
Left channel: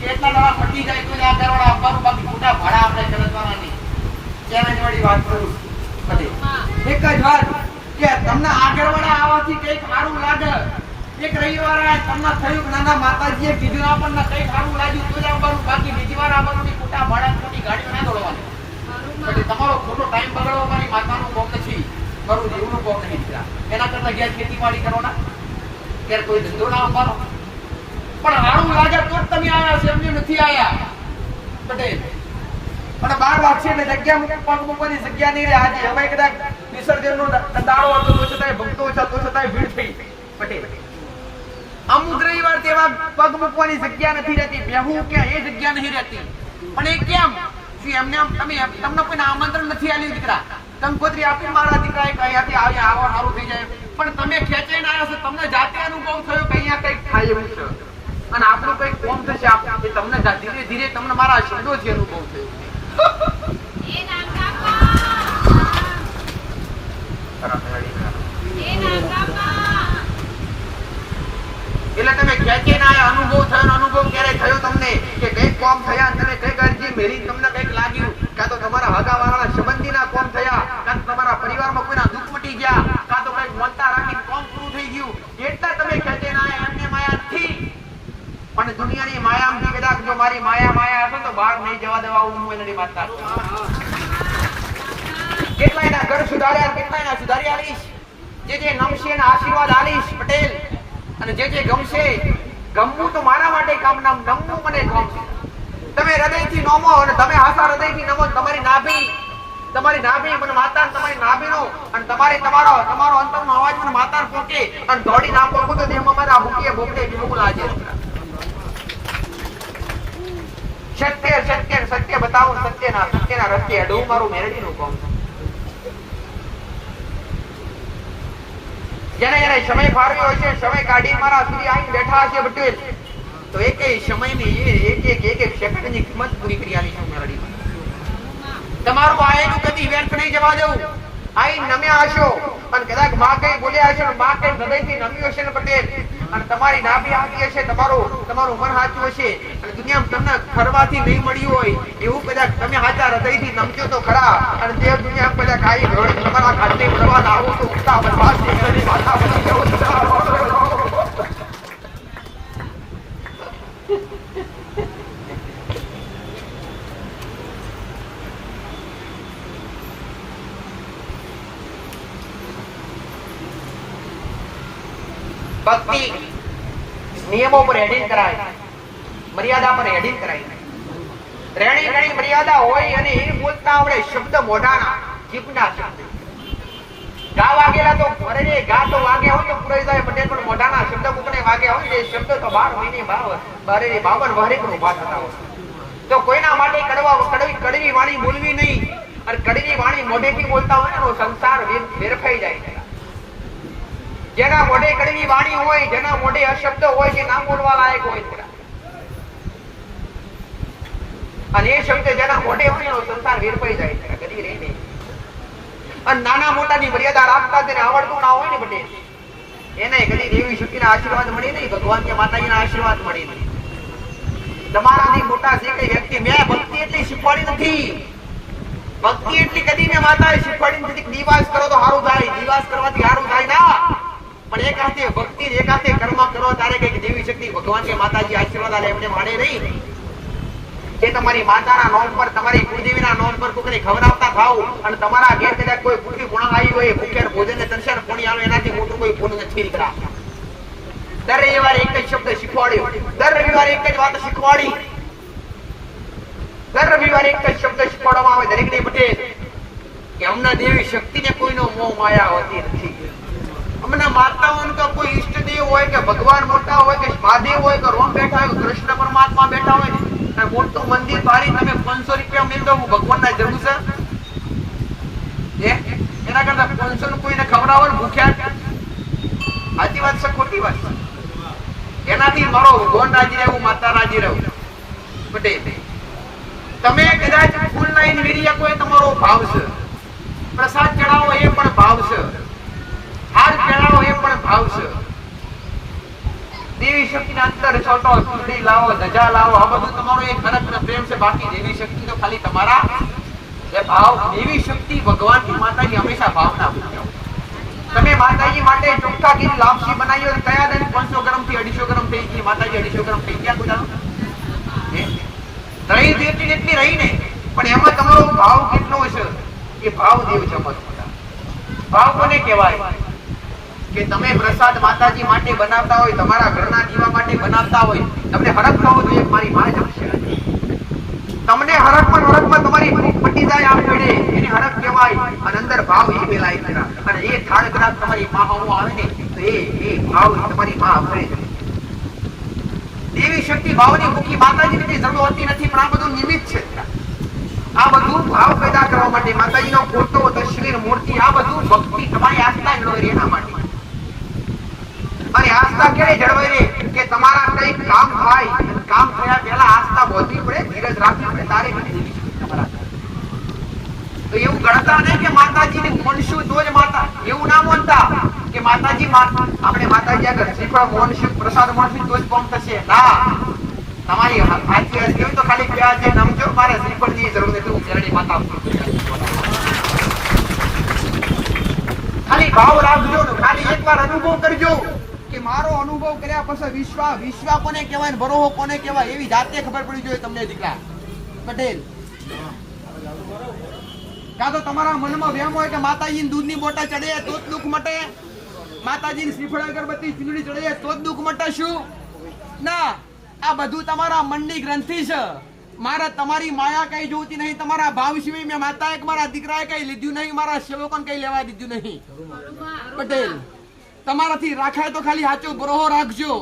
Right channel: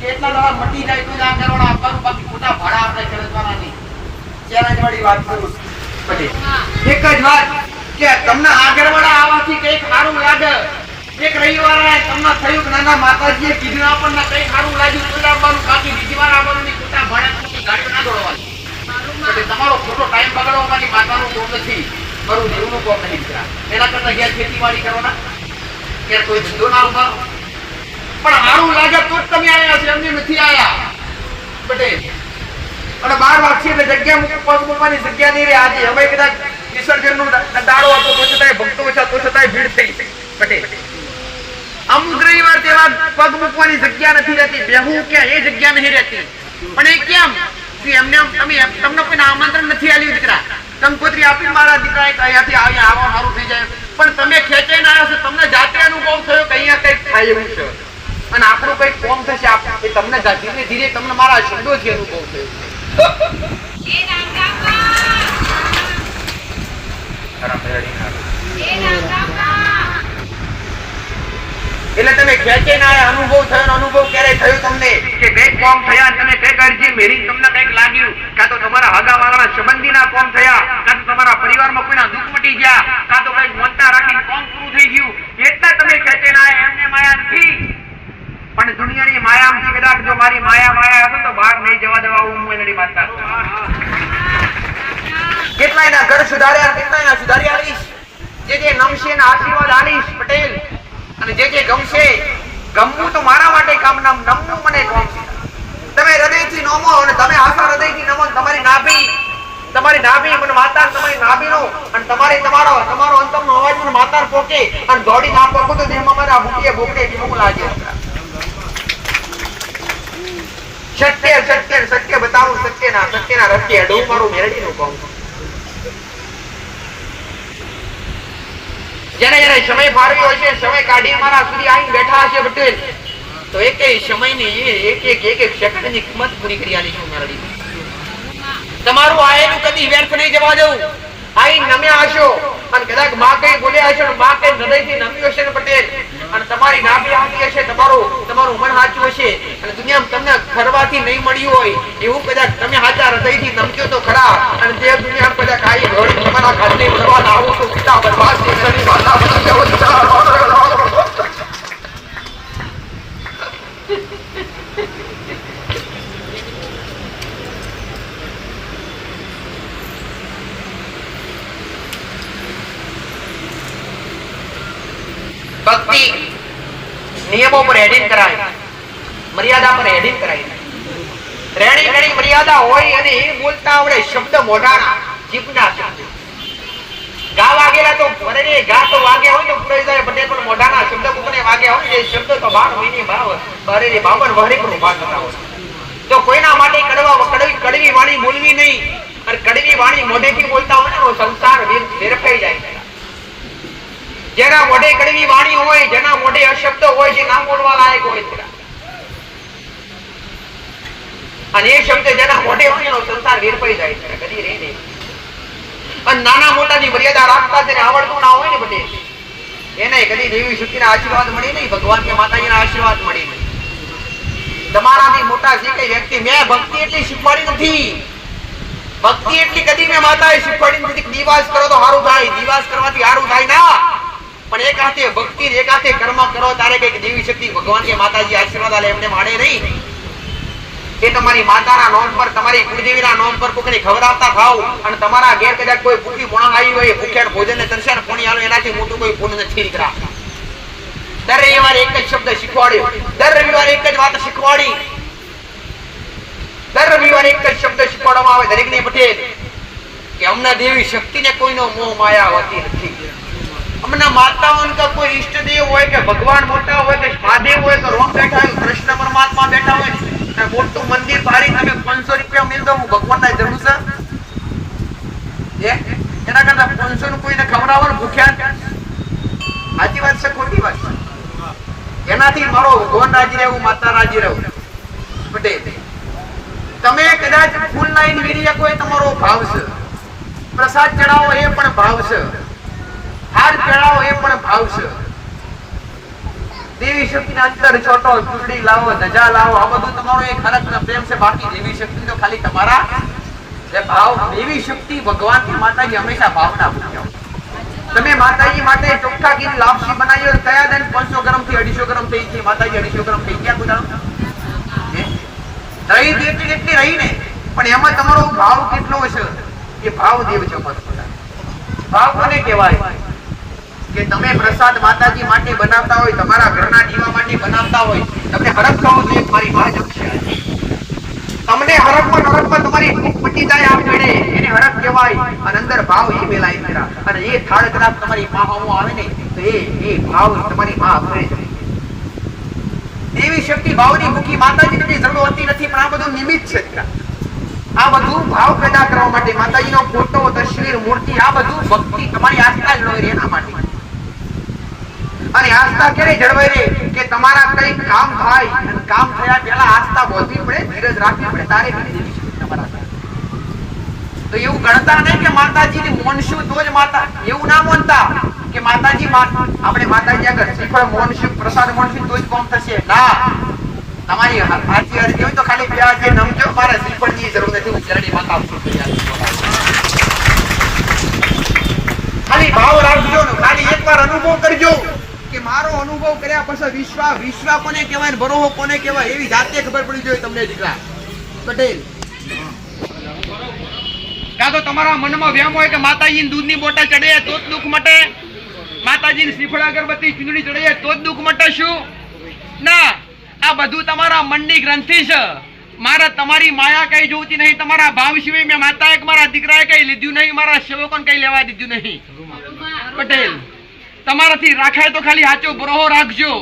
કેટલા જણા મટી જાય તો આ કરોડા આપવાનું, બાકી ખોટા ભાડા આપણે ચલાવવાના નહીં. ચેલેન્જ વાળી વાત કરું પટેલ. એક જ વાત કે તમને આગળવાળા આવાથી કઈક સારું લાગે. એક રવિવારે તમને થયું કે નાના માતાજીએ કીધું આપણને કઈક સારું લાગ્યું તો આવવાનું, બાકી બીજી વાર આવવાનું નહીં. ખોટા ભાડા ગાડીઓ ના દોડવાની. તમારો ખોટો ટાઈમ બગાડવાની માતાનું કોમ નથી, મારું જીવનું કોમ નહીં. એના કરતા ઘેર ખેતીવાડી કરો ના, ઘેર કોઈ ધંધો ના ઉભારો. પણ સારું લાગે તો જ તમે આયા છો, એમને નથી આયા પટેલ. અને 12 વાગશે એટલે જગ્યા પગ મૂકવાની જગ્યા નહીં રહે. આજે હવે કદાચ વિસર્જનનો દાડો હતો તો છતાંય ભક્તો છે તો છતાંય ભીડ થઈ પટેલ. અમુક રવિવાર તેવા પગ મૂકવાની જગ્યા નથી રહેતી, બેહું ક્યાં એ જગ્યા નહીં રહેતી. પણ એ કેમ? એમને તમને કોઈ આમંત્રણ નથી આલ્યું દીકરા. કંકોત્રી આપી મારા દીકરા અહીંયાથી આવ્યા આવો સારું થઈ જાય, પણ તમે ખેંચાઈને આવ્યા છો, તમને જાતે અનુભવ થયો કે અહીંયા કઈક થાય એવું છે અને આપણું કઈક કોમ થશે. એ તમને ધીરે ધીરે તમને મારા શબ્દોથી અનુભવ થયો. એટલે તમે ખેંચાઈને આવ્યા, અનુભવ થયો. અનુભવ ક્યારે થયો તમને કે કઈક કોમ થયા, તમે કઈક અરજી મેરી તમને કઈક લાગ્યું, કાં તો તમારા હગાવાળાના સંબંધીના કોમ થયા, કાં તો તમારા પરિવારમાં કોઈના દુઃખ મટી ગયા, કાં તો કઈક મોટા રાખીને કોમ પૂરું થઈ ગયું, એટલા તમે ખેંચાઈને આવ્યા. એમને માયા નથી, પણ દુનિયાની માયામાંથી કદાચ જો મારી માયા હશે તો બહાર નહીં જવા દેવા હું એની માતા. કેટલાયના ઘર સુધાર્યા, કેટલાયના સુધારી આલીશ. જે નમશે એના આશીર્વાદ આલીશ પટેલ. અને જે ગમશે, ગમવું તો મારા માટે કામ, નમવું મને ગમશે. તમે હૃદયથી નમો અને તમે આશા હૃદયથી નમો. તમારી નાભી મને માતા, તમારી નાભીનો અને તમારો અંતરનો અવાજ મને માતા પોકે અને દોડી ના પોકો તો દેહમાં મારા ભૂકીએ ભોગડે વિમુખ લાગે. સત્ય બતાવું, સત્યના રસ્તે અડવું મારું મેરડીનું કામ. જેને સમય ફાળવ્યો હોય છે, સમય કાઢી મારા સુધી આવીને બેઠા હશે પટેલ, તો એક સમયની એક સેકન્ડની કિંમત પૂરી કરી આલી છું મેરડી. તમારું આયેલું કદી કદી વ્યર્થ નહીં જવા દઉં. આઈ નમ્યા હશો અને કદાચ માં કઈ બોલ્યા હશો, માં કઈ હૃદયથી નમ્યું હશે ને પટેલ, અને તમારી નાભી હાથી હશે, તમારું મન સાચું હશે, અને દુનિયામાં તમને ખરવાથી નહીં મળ્યું હોય એવું કદાચ તમે સાચા હૃદયથી નમજો તો ખરા, અને તે દુનિયામાં કદાચ કાઈ ઘડી તમારા ઘરની બરબાદ આવો તો પિતા બરબાદ છે, ઘરની માતા ભક્તિ નિયમો પર હેડિંગ કરાય, મર્યાદા પર હેડિંગ કરાય. રેણી ઘણી મર્યાદા હોય અને એ બોલતા આવડે શબ્દ મોઢાના જીભના શબ્દ. ગા વાગેલા તો અરે ગા તો વાગ્યા હોય તો પૂરાઈ જાય, પટેલ પણ મોઢાના શબ્દ કોને વાગ્યા હોય એ શબ્દ તો 12 મહિને 52 વહરી પર ઉભા થતા હોય. તો કોઈના માટે કડવી વાણી બોલવી નહીં, અને કડવી વાણી મોઢેથી બોલતા હોય ને સંસાર વેરફાઈ જાય. જેના મોઢે કડવી વાણી હોય, જેના મોઢે અશબ્દ હોય છે, ના બોલવા લાયક હોય, અને એ શબ્દ જેના મોઢે હોય એનો સંસાર વેરપાઈ જાય છે, કદી રહી નહીં. અને નાના મોટાની મર્યાદા રાખતા તેને આવડતું ના હોય ને બટે, એને કદી દેવી શક્તિના આશીર્વાદ મળી નહીં, ભગવાન કે માતાજીના આશીર્વાદ મળી નહીં. તમારાથી મોટા જે કઈ વ્યક્તિ, મેં ભક્તિ એટલી શીખવાડી નથી, ભક્તિ એટલી કદી મેં માતાએ શીખવાડી નથી કે દિવાસ કરો તો સારું થાય, દિવાસ કરવાથી સારું થાય ના, પણ એક હાથે ભક્તિ એક હાથે કર્મ કરો તારે કઈક દેવી શક્તિ ભગવાન કે માતાજી આશીર્વાદ આલે એમને માડે નહીં. એ તમારી માતાના નામ પર, તમારી કુળદેવીના નામ પર કોઈને ખવડાવતા ખાવ, અને તમારા ઘેર કદાચ કોઈ ભૂખી પૂણા આવી હોય, ભૂખ્યા ભોજન ને તરસ્યા પાણી આલો, એનાથી મોટું કોઈ પુણ્ય નથી દીકરા. દર રવિવારે એક જ શબ્દ શીખવાડ્યો, દર રવિવારે એક જ વાત શીખવાડી, દર રવિવારે એક જ શબ્દ શીખવાડવામાં આવે દરેકને પટેલ કે અમને દેવી શક્તિને કોઈનો મોહ માયા હોતી નથી. અમને માતાઓને કે કોઈ ઈષ્ટદેવ હોય કે ભગવાન મોટા હોય કે મહાદેવ હોય કે રોમ બેઠા હોય, કૃષ્ણ પરમાત્મા બેઠા હોય, મોટું મંદિર ભારી તમે 500 રૂપિયા મિલ દો, હું ભગવાનના જરૂર છે એના કરતા 500 નું કોઈને ખવડાવો ને ભૂખ્યા, સાચી વાત છે ખોટી વાત છે? એનાથી મારો ભગવાન રાજી રહેવું, માતા રાજી રહેવું. પટેલ તમે કદાચ ફૂલ લાઈન વેરી શકો એ તમારો ભાવ છે, પ્રસાદ ચડાવો એ પણ ભાવ છે, હાર ચડાવો એ પણ ભાવ છે. દેવી શક્તિના અંતર છોટો ચૂંટણી લાવો, ધજા લાવો, આ બધું તમારો એક હરખ અને પ્રેમ છે. બાકી દેવી શક્તિ તો ખાલી તમારા જે ભાવ, દેવી શક્તિ ભગવાન ની માતાજી હંમેશા ભાવના પૂછો. તમે માતાજી માટે ચોખ્ખા ઘી લાપસી બનાવી હોય, કયા દિન 500 ગ્રામ થી 250 ગ્રામ થઈ ગઈ, માતાજી 250 ગ્રામ થઈ ગયા ગુજારો રહી જેટલી રહી ને, પણ એમાં તમારો ભાવ કેટલો હશે એ ભાવ દેવ ચમત્કાર. ભાવ કોને કહેવાય કે તમે પ્રસાદ માતાજી માટે બનાવતા હોય, તમારા ઘરના દીવા માટે બનાવતા હોય, તમને હરખ થવું જોઈએ મારી માં જ છે. તમને હરખમાં તમારી ભૂખ પટી જાય આ ઘડે, એને હરખ કહેવાય. અને અંદર ભાવ એ મેલાય છે, અને એ થાળ કદાચ તમારી માં હોવું આવે ને તો એ ભાવ તમારી માં ભરે છે. દેવી શક્તિ ભાવની ભૂખી માતાજીને કઈ જરૂર હોતી નથી, પણ આ બધું નિમિત્ત છે. આ બધું ભાવ પેદા કરવા માટે, માતાજીનો ફોટો, તસવીર, મૂર્તિ, આ બધું ભક્તિ તમારી આસ્થા જળવાઈ એના માટે. અને આસ્થા ક્યારે જળવાઈ રહે કે તમારા કઈ કામ થાય, અને કામ થયા પહેલા આસ્થા બોધવી પડે, ધીરજ રાખવી પડે, તારે તમારા. તો એવું ગણતા નહીં કે માતાજીને મોનશું તો જ માતા, એવું ના માનતા કે માતાજી આપણે માતાજી આગળ શ્રીફળ મોનશું, પ્રસાદ મોનશું તો જ કામ થશે. ના, તમારી હાથી અરજી હોય તો ખાલી પ્યાજ નમજો, મારે શ્રીફળની જરૂર નથી, હું જરણી માતા છું. ખાલી ભાવ રાખજો ને, ખાલી એકવાર અનુભવ કરજો કે મારો અનુભવ કર્યા પછી વિશ્વા કોને કહેવાય ને બરોહો કોને કહેવાય એવી જાતે ખબર પડી જોઈએ તમને દીકરા પટેલ. કાં તો તમારા મનમાં વહેમ હોય કે માતાજીની દૂધની બોટલ ચડે તો જ દુઃખ મટે, માતાજીની શ્રીફળ અગરબત્તી ચૂંદડી ચડે તો જ દુઃખ મટે. શું ના, આ બધું તમારા મનની ગ્રંથિ છે. મારા તમારી માયા કઈ જોતી નહીં, તમારા ભાવ સિવાય મેં માતાએ મારા દીકરાએ કઈ લીધું નહીં, મારા સેવકોને કઈ લેવા દીધું નહીં. પટેલ તમારાથી રાખાય તો ખાલી સાચો બરોહો રાખજો,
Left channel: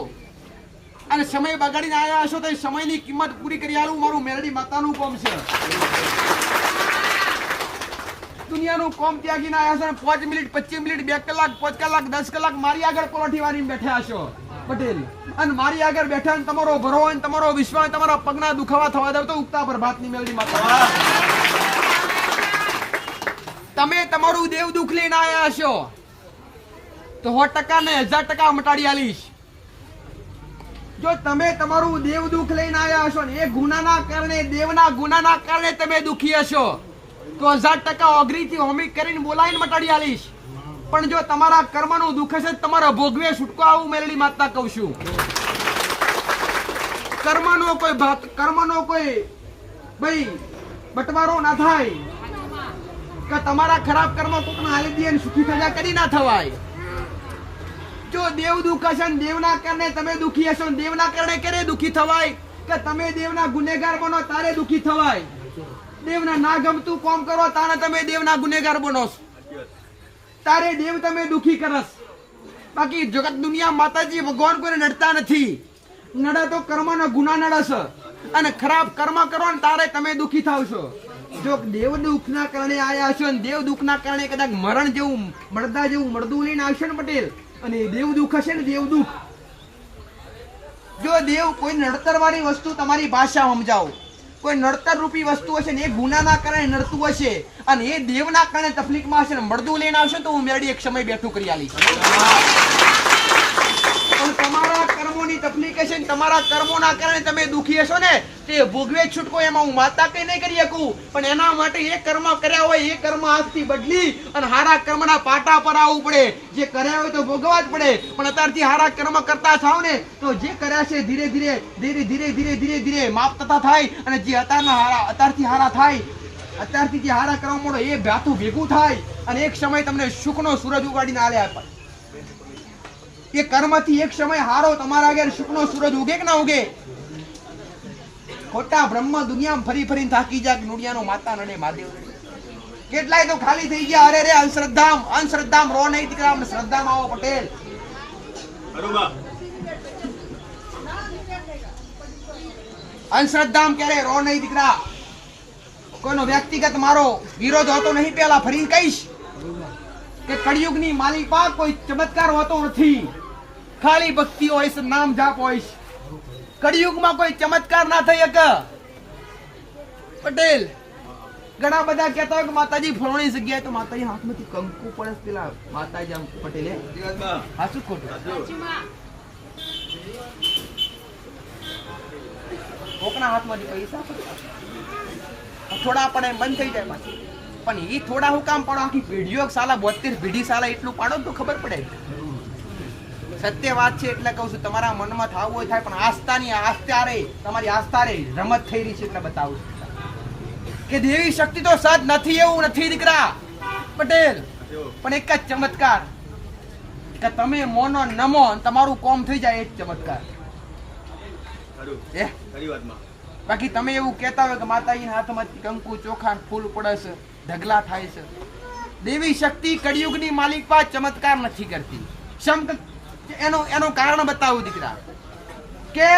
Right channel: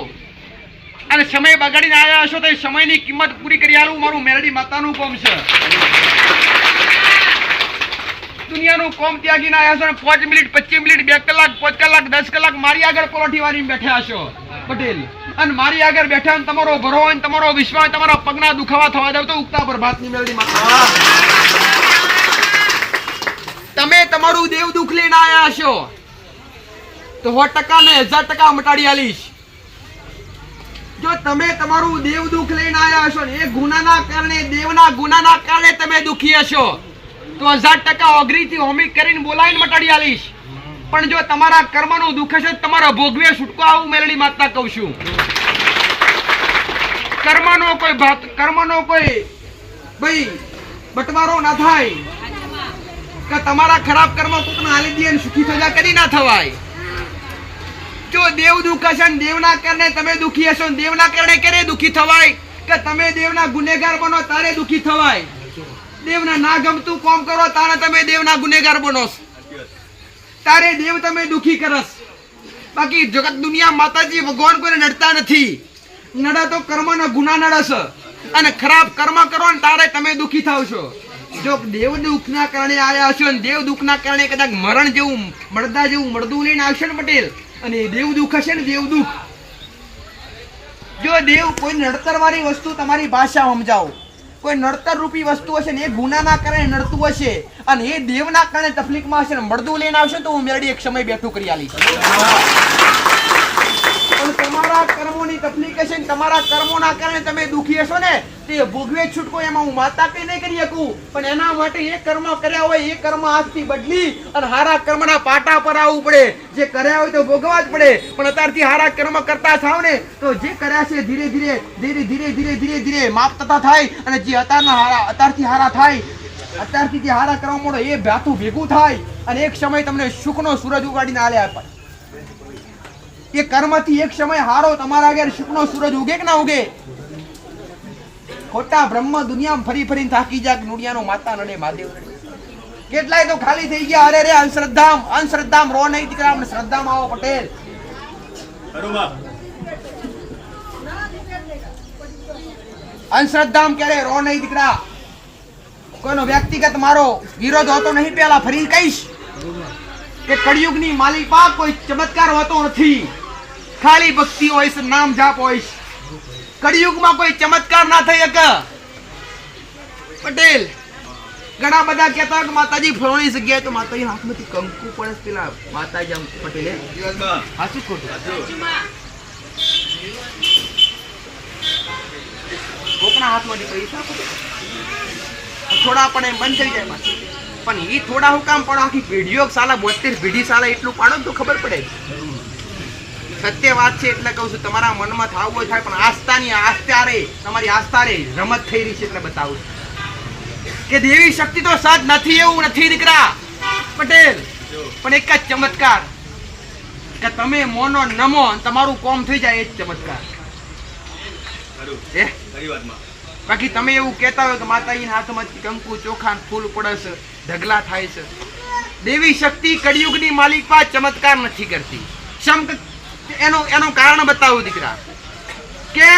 અને સમય બગાડીને આવ્યા હશો તો એ સમયની કિંમત પૂરી કરી આલું મારું મેરડી માતાનું કોમ છે. દુનિયાનું કોમ ત્યાગીને આવ્યા છો, 5 મિનિટ 25 મિનિટ 2 કલાક 5 કલાક 10 કલાક મારી આગળ પરોઠી વાળીને બેઠા છો પટેલ, અને મારી આગળ બેઠા તમારો ભરો હોય, તમારો વિશ્વાસ, તમારા પગના દુખાવા થવા દઉં તો ઉગતા પ્રભાતની મેરડી માતા. તમારું દેવ દુઃખ લઈને આયા હશો તો 100% ને 1000% મટાડી આલીશ. જો તમે તમારું દેવ દુઃખ લઈને આયા હશો ને એ ગુનાના કારણે, દેવના ગુનાના કારણે તમે દુખી હશો તો 1000% ઓગરીથી હોમી કરીને બોલાવીને મટાડી આલીશ. પણ જો તમારા કર્મનું દુઃખ હશે તો તમારા ભોગવે છૂટકો આવું મેલડી માતા કહું છું. કર્મનો કોઈ ભાઈ બટવારો ના થાય કે તમારા ખરાબ કર્મ કોકના હાલી દે ને સુખી સજા કરી ના થવાય. જો દેવ દુઃખ હશે ને દેવના કારણે તમે દુખી હશો ને દેવના કારણે ક્યારે દુખી થવાય કે તમે દેવના ગુનેગાર બનો તારે દુખી થવાય. દેવના ના ગમતું કામ કરો તારે તમે દેવના ગુનેગાર બનો તારે દેવ તમે દુખી કરસ. બાકી જગત દુનિયા માતાજી ભગવાન કોઈને નડતા નથી. નડે તો કર્મના ગુના નડસ અને ખરાબ કર્મ કરો ને તારે તમે દુખી થાવ છો. જો દેવ દુઃખના કારણે આયા હશો ને દેવ દુઃખના કારણે કદાચ મરણ જેવું મળદા જેવું મળદું લઈને આવશે ને પટેલ, અને દેવ દુઃખ હશે ને દેવ દુઃખ. જો દેવ કોઈ નડતર વાળી વસ્તુ તમારી ભાષા સમજાવો, કોઈ નડતર રૂપી વસ્તુ હશે ને એ ગુનાના કારણે નડતું હશે અને એ દેવના કારણે તકલીફમાં હશે ને મળદું લઈને આવશે તો હું મેરડી એક સમય બેઠું કરી આલીશ. તમારા કર્મોની તકલીફ હશે ને તમારા કર્મોના કારણે તમે દુખી હશો ને તે ભોગવે છૂટકો એમાં હું માતા કઈ નહીં કરી શકું. પણ એના માટે એ કર્મ કર્યા હોય એ કર્મ આજથી બદલી અને હારા કર્મના પાટા પર આવવું પડે. જે કર્યા હોય તો ભોગવા જ પડે. પણ અત્યારથી હારા કર્મ કરતા થાવ ને તો જે કર્યા છે ધીરે ધીરે માપ થતા થાય અને જે અત્યારથી હારા થાય, અત્યારથી જે હારા કરવા મળે એ ભાતું ભેગું થાય અને એક સમય તમને સુખનો સૂરજ ઉગાડીને આલે અપાય. એ કર્મથી એક સમય હારો તમારા આગળ સુખનો સૂરજ ઉગે કે ના ઉગે? ખોટા બ્રહ્મ દુનિયામાં ફરી ફરીને થાકી જાય. નુડિયાનો માતા નડે મહાદેવ નડે. કેટલાય તો ખાલી થઈ ગયા. અરે રે અંધશ્રદ્ધામ રો નહીં દીકરા, આપણે શ્રદ્ધામાં આવો પટેલ. અંધશ્રદ્ધામ ક્યારે રો નહીં દીકરા. કોઈનો વ્યક્તિગત મારો વિરોધ હોતો નહીં. પેલા ફરી કહીશ કે કળિયુગની માલિકા કોઈ ચમત્કાર હોતો નથી. ખાલી ભક્તિ હોય છે, નામ જાપ હોય છે. કળિયુગમાં કોઈ ચમત્કાર ના થઈ શકે પટેલ. ઘણા બધા કહેતા હોય કે માતાજી ફલાણી જગ્યાએ તો માતાજી હાથમાંથી કંકુ પડે પેલા માતાજી આમ પટેલે હાચું ખોટું કોકના હાથમાંથી પૈસા થોડા પણ એમ બંધ થઈ જાય પાછું. પણ એ થોડા હું કામ પાડો? આખી પેઢીઓ સાલા 72 પેઢી સાલા એટલું પાડો તો ખબર પડે. સત્ય વાત છે એટલે કહું છું. તમારા મનમાં થવું હોય થાય, પણ આસ્થા રે તમારી આસ્થા રે રમત થઈ રહી છે એટલે બતાવું કે દેવી શક્તિ તો સજ નથી એવું નથી દીકરા પટેલ. પણ એક જ ચમત્કાર કે તમે મોનો નમો તમારું કોમ થઈ જાય એ જ ચમત્કાર. બાકી તમે એવું કહેતા હોય કે માતાજીના હાથમાંથી કંકુ ચોખા ફૂલ પડે છે, ઢગલા થાય છે. દેવી શક્તિ કળિયુગની માલિકા ચમત્કાર નથી કરતી. એનું કારણ બતાવું દીકરા કે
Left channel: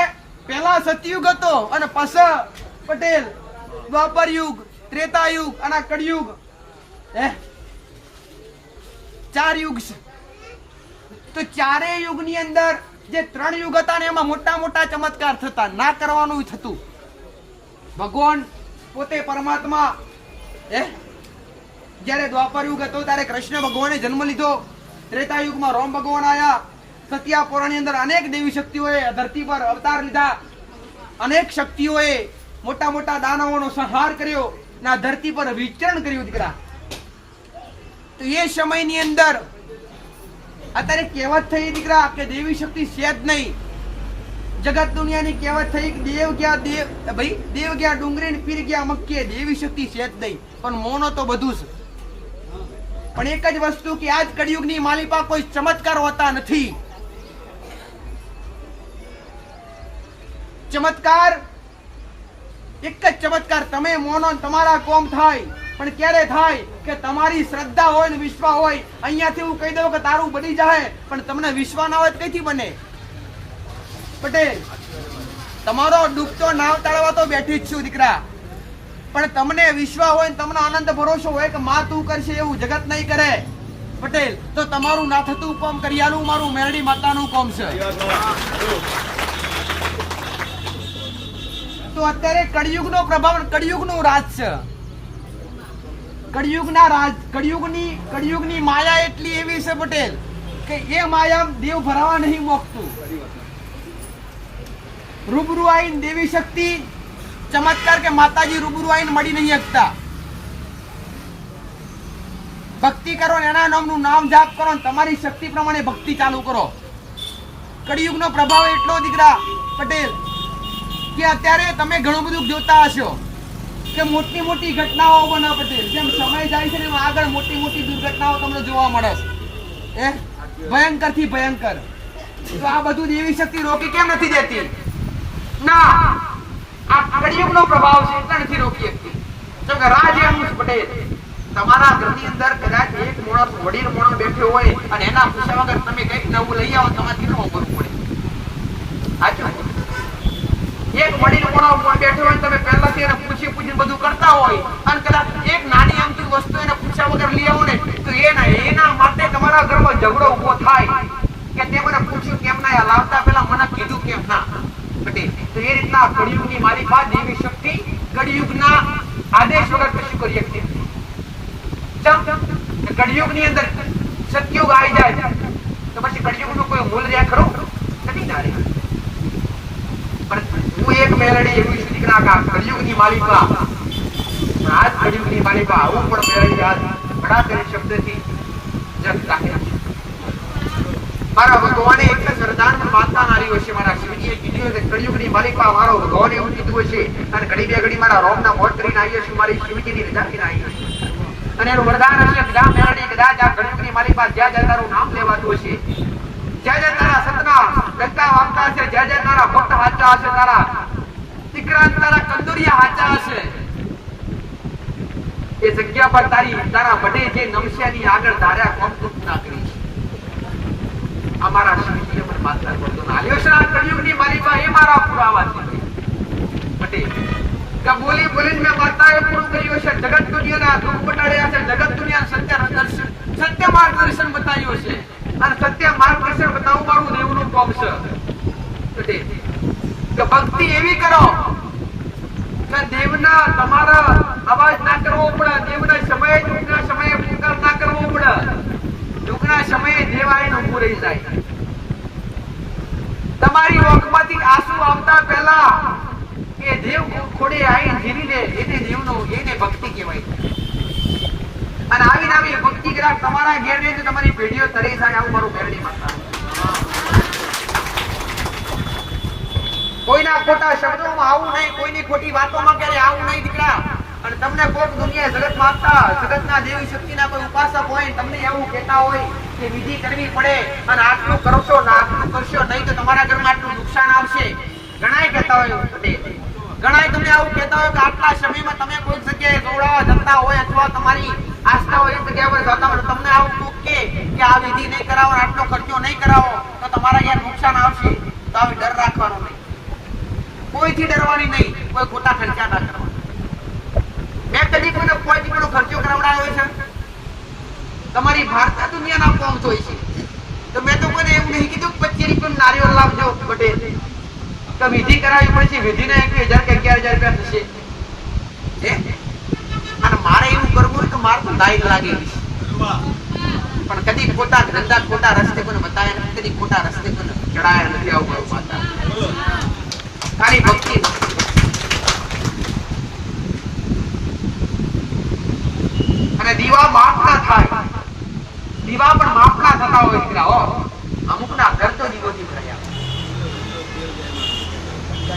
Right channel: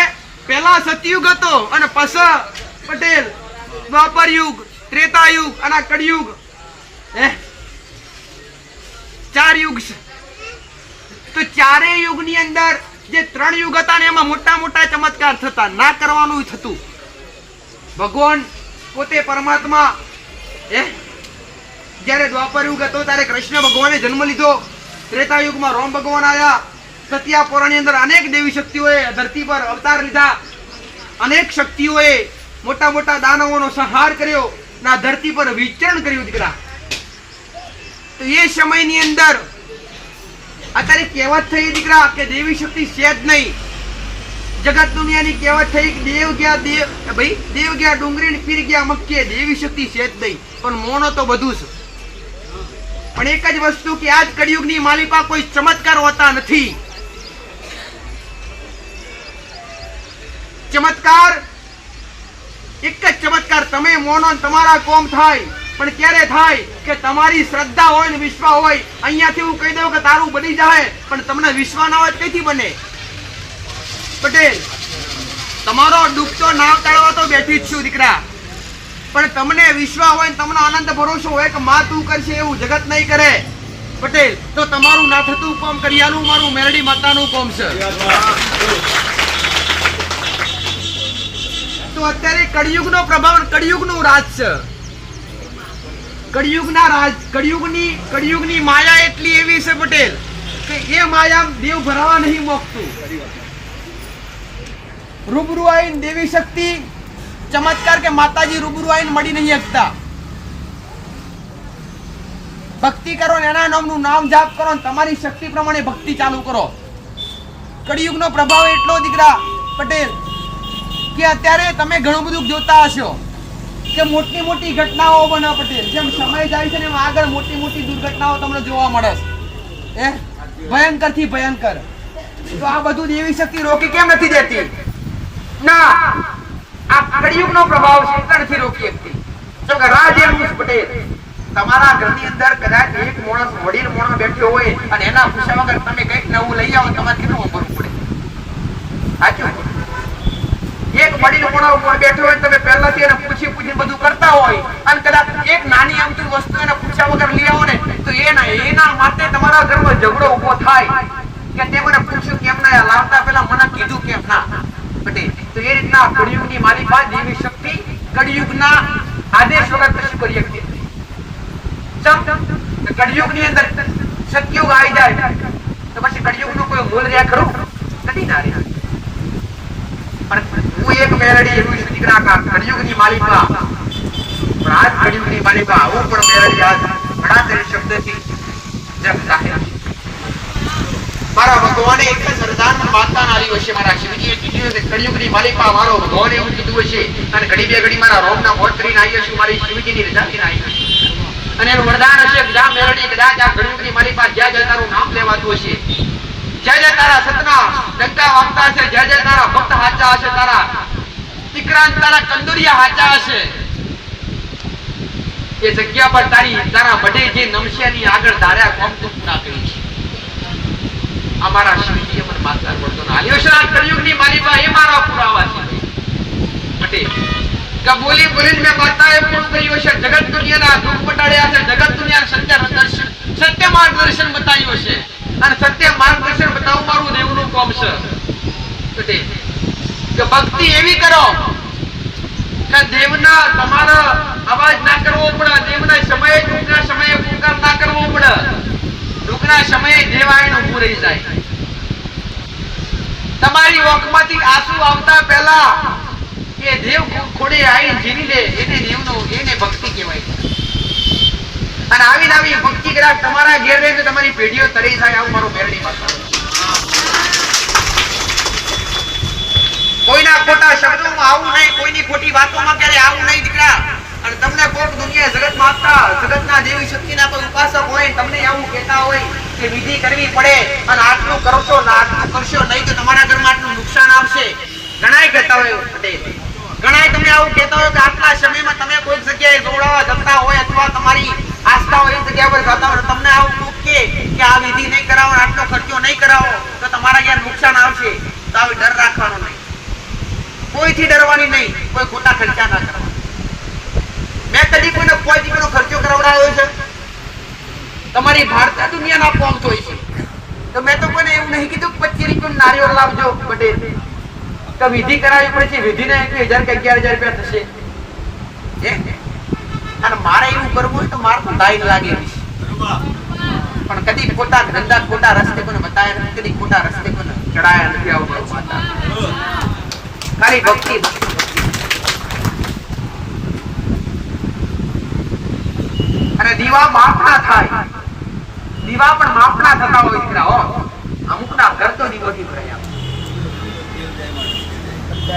પેલા સતયુગ હતો અને પછી પટેલ દ્વાપર યુગ, ત્રેતા યુગ અને કળિયુગ, 4 યુગ છે. તો 4 યુગની અંદર જે 3 યુગ હતા ને એમાં મોટા મોટા ચમત્કાર થતા, ના કરવાનું થતું. ભગવાન પોતે પરમાત્મા જયારે દ્વાપર યુગ હતો ત્યારે કૃષ્ણ ભગવાને જન્મ લીધો. ત્રેતા યુગમાં રામ ભગવાન આયા. સત્યાપોરાની અંદર અનેક દેવી શક્તિઓએ ધરતી પર અવતાર લીધા. અનેક શક્તિઓએ મોટા મોટા દાનવોનો સંહાર કર્યો, ના ધરતી પર વિચરણ કર્યું દીકરા. તો એ સમયની અંદર અત્યારે કહેવત થઈ દીકરા કે દેવી શક્તિ છે જ નહીં. જગત દુનિયાની કહેવત થઈ કે દેવ ગયા ડુંગરી ને પીર ગયા મક્કે. દેવી શક્તિ છે જ નહીં, પણ મોનો તો બધું છે. પણ એક જ વસ્તુ કે આજ કળિયુગની માલિકા કોઈ ચમત્કાર હોતા નથી. ચમત્કાર એક જ ચમત્કાર તમે મોનો તમારા કોમ થાય. પણ ક્યારે થાય કે તમારી શ્રદ્ધા હોય ને વિશ્વાસ હોય. અહીંયાથી હું કહી દઉં કે તારું બની જાય, પણ તમને વિશ્વાસ ના હોય કઈથી બને પટેલ? તમારો દુઃખ તો ના ટાળવા તો બેઠી જ છું દીકરા. પણ તમને વિશ્વાસ હોય ને તમને આનંદ ભરોસો હોય કે માં તું કરશે એવું જગત નહીં કરે પટેલ, તો તમારું ના થતું કોમ કરિયાનું મારું મેરડી માતાનું કોમ છે. તો અત્યારે કળિયુગનો પ્રભાવ, કળિયુગનું રાજ છે. કળિયુગની માયા એટલી એવી છે પટેલ કે એ માયા દેવ ભરાવા નહીં મોકતું. રૂબરૂ આવીને દેવી શક્તિ ચમત્કાર કે માતાજી રૂબરૂ આવીને મળી નહીં શકતા. ભક્તિ કરો ને એના નામનું નામ જાપ કરો ને તમારી શક્તિ પ્રમાણે ભક્તિ ચાલુ કરો. કળિયુગનો પ્રભાવ એટલો દીકરા પટેલ કે અત્યારે તમે ઘણું બધું જોતા હશો કે મોટી મોટી ઘટનાઓ બને પટેલ. જેમ સમય જાય છે ને એમ આગળ મોટી મોટી દુર્ઘટનાઓ તમને જોવા મળે છે. ભયંકર થી ભયંકર. તો આ બધું દેવી શક્તિ રોકી કેમ નથી દેતી? ના, આ કળિયુગનો પ્રભાવ છે એટલે નથી રોકી શકતી. જો કે રાજ એમ પટેલ તમારા ઘરની અંદર કદાચ એક માણસ વડીલ માણસ બેઠો હોય અને એના પૂછ્યા વગર તમે કંઈક નવું લઈ આવો તમારે કેટલું વાપરવું પડે? સાચું? એક વડીલ માણસ બેઠો હોય તમે પહેલાથી એને પૂછીને બધું કરતા હોય અને કદાચ એક નાની અમથી વસ્તુ એને પૂછ્યા વગર લઈ આવો ને તો એના માટે તમારા ઘરમાં ઝઘડો ઊભો થાય કે તે મને પૂછ્યું કેમ ના લાવતા પહેલા મને કીધું કેમ ના પટેલ. તો એ રીતના કળિયુગની માલિકા દેવી શક્તિ કળિયુગના આદેશ વગર કશું કરી શકતી. કળિયુગની અંદર સતયુગ આવી જાય તો પછી કળિયુગનું કોઈ મૂળ રહ્યા ખરું? નથી ના રહ્યા. પણ હું એક મેલડી એવું છું દીકરા કા કળિયુગની માલિકા. પણ આજ કળિયુગની માલિકા આવું પણ મેલડી આજ ઘણા તેરી શબ્દથી જગ જાહેર. મારા ભગવાને એક જ વરદાન માતા નારી હશે. મારા શિવજીએ કીધું કે કળિયુગની માલિકા મારો ભગવાન એવું કીધું હશે અને ઘડી બે ઘડી મારા રોમના મોત કરીને આવી હશે. મારી શિવજીની રજાથી આવી હશે અને એનું વરદાન હશે જ્યાં મેલડી કદાચ આ કળિયુગની માલિકા જ્યાં જ્યાં તારું નામ લેવાતું હશે, જ્યાં જ્યાં તારા સતના ડંકા વાગતા હશે, જ્યાં જ્યાં તારા ભક્ત હાચા હશે, તારા દીકરા તારા કંદોરિયા હાચા હશે, એ જગ્યા પર તારા બડે જે નમસ્યાની આગળ ધાર્યા કોમ તું પૂરા કરી છે. અમારા શિવજીએ મને માત્ર પડતો ના આલ્યો છે. આ કળિયુગની માલિકા એ મારા પુરાવા છે પટેલ. કે બોલી બોલીને મેં માતાએ પૂરું કર્યું છે. જગત દુનિયાના દુઃખ બટાડ્યા છે. જગત દુનિયાના સત્ય માર્ગદર્શન બતાવ્યું છે અને સત્ય માર્ગદર્શન બતાવવું મારું દેવનું કામ છે પટેલ. કે ભક્તિ એવી કરો કે દેવના તમારા અવાજ ના કરવો પડે. દેવના સમયે દુઃખના સમયે પુકાર ના કરવો પડે. દુઃખના સમયે દેવ આવીને ઊભું રહી જાય. તમારી ઓખમાંથી આંસુ આવતા પહેલા એ દેવ ખોડે આવીને જીવી લે એને ભક્તિ કહેવાય. અને આવી ભક્તિ કદાચ તમારા ઘેર રહે તો તમારી પેઢીઓ તરી થાય. આવું મારું મેરડી માતા. કોઈના ખોટા શબ્દોમાં આવું નહીં, કોઈની ખોટી વાતોમાં ક્યારે આવું નહીં દીકરા. અને તમને કોક દુનિયા જગત માતા જગતના દેવી શક્તિના કોઈ ઉપાસક હોય તમને આવું કહેતા હોય કે વિધિ કરવી પડે અને આટલું કરશો ને આટલું કરશો નહીં તો તમારા ઘરમાં આટલું નુકસાન આવશે. ઘણાય કહેતા હોય પટેલ, ઘણાય તમને આવું કહેતા હોય કે આટલા સમયમાં તમે કોઈ જગ્યાએ જોડાવા જતા હોય અથવા તમારી આસ્થા હોય એ જગ્યા પર જતા હોય તમને આવું કે આ વિધિ નહીં કરાવો, આટલો ખર્ચો નહીં કરાવો તો તમારા ઘેર નુકસાન આવશે. તો આવી ડર રાખવાનો નહીં, કોઈથી ડરવાની નહીં, કોઈ ખોટા ખર્ચા ના કરવા. મેં કદી કોઈને કોઈ દીકરીનો ખર્ચો કરાવડાવ્યો છે? તમારી ભારત દુનિયાના કોમ જોઈ છે તો મેં તો કોઈને એવું નહીં કીધું 25 રૂપિયા નારિયેળ લાવજો પટેલ. તો વિધિ કરાવી પછી વિધિને 1000 કે 11000 રૂપિયા થશે. અને મારે એવું કરવું હોય તો મારે તો લાઈન લાગેલી છે. પણ કદી ખોટા ધંધા ખોટા રસ્તે કોને બતાવ્યા નથી, કદી ખોટા રસ્તે કોને ચડાયા નથી. આવું મારું માતા ખાલી ભક્તિ. અને દીવા માપના થાય, દીવા પણ માપના થતા હોય છે. અમુકના ઘર તો દીવોથી ભરાયા.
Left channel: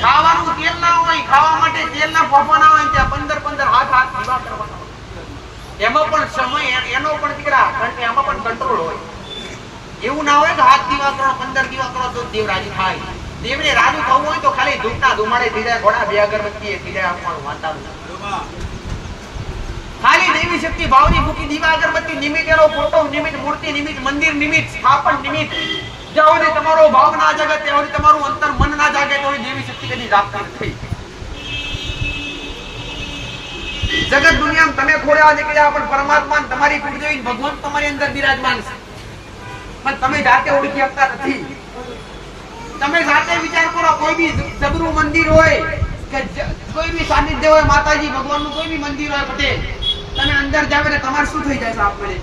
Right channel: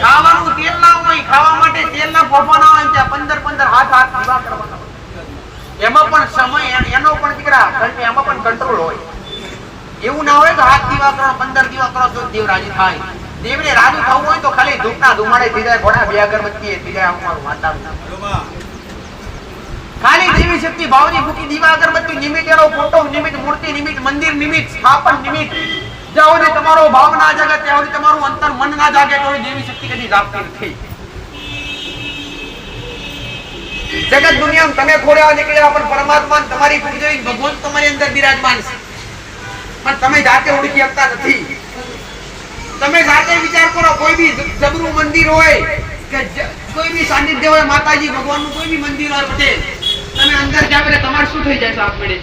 ખાવાનું તેલ ના હોય, ખાવા માટે તેલ ના ફોફા ના હોય, ત્યાં 15 હાથ દીવા કરવાના હોય. એમાં પણ સમય એનો પણ દીકરા એમાં પણ કંટ્રોલ હોય. એવું ના હોય કે હાથ દીવા કરો 15 દીવા કરો તો દેવ રાજી થાય. દેવને રાજી થવું હોય તો ખાલી ધૂપના ધુમાડે થઈ જાય, ઘોડા બે અગરબત્તી થઈ જાય. આવું મારું વાતાવરણ. ખાલી દેવી શક્તિ ભાવની ભૂકી દીવા અગરબત્તી નિમિત્ત, એનો ફોટો નિમિત્ત, મૂર્તિ નિમિત્ત, મંદિર નિમિત્ત, સ્થાપન નિમિત્ત, જ્યાં સુધી તમારો ભાવ ના જાગે ત્યાં સુધી તમારું અંતર મન ના જાગે તો દેવી શક્તિ કદી જાગતી નથી. જગત દુનિયામાં તમે ખોડ્યા નીકળ્યા પણ પરમાત્મા તમારી કુળદેવી ભગવાન તમારી અંદર બિરાજમાન છે. પણ તમે જાતે ઓળખી શકતા નથી. તમે જાતે વિચાર કરો, કોઈ બી જબરું મંદિર હોય કે કોઈ બી સાનિધ્ય હોય, માતાજી ભગવાનનું કોઈ બી મંદિર હોય પટેલ, તમે અંદર જાવ એટલે તમારે શું થઈ જાય છે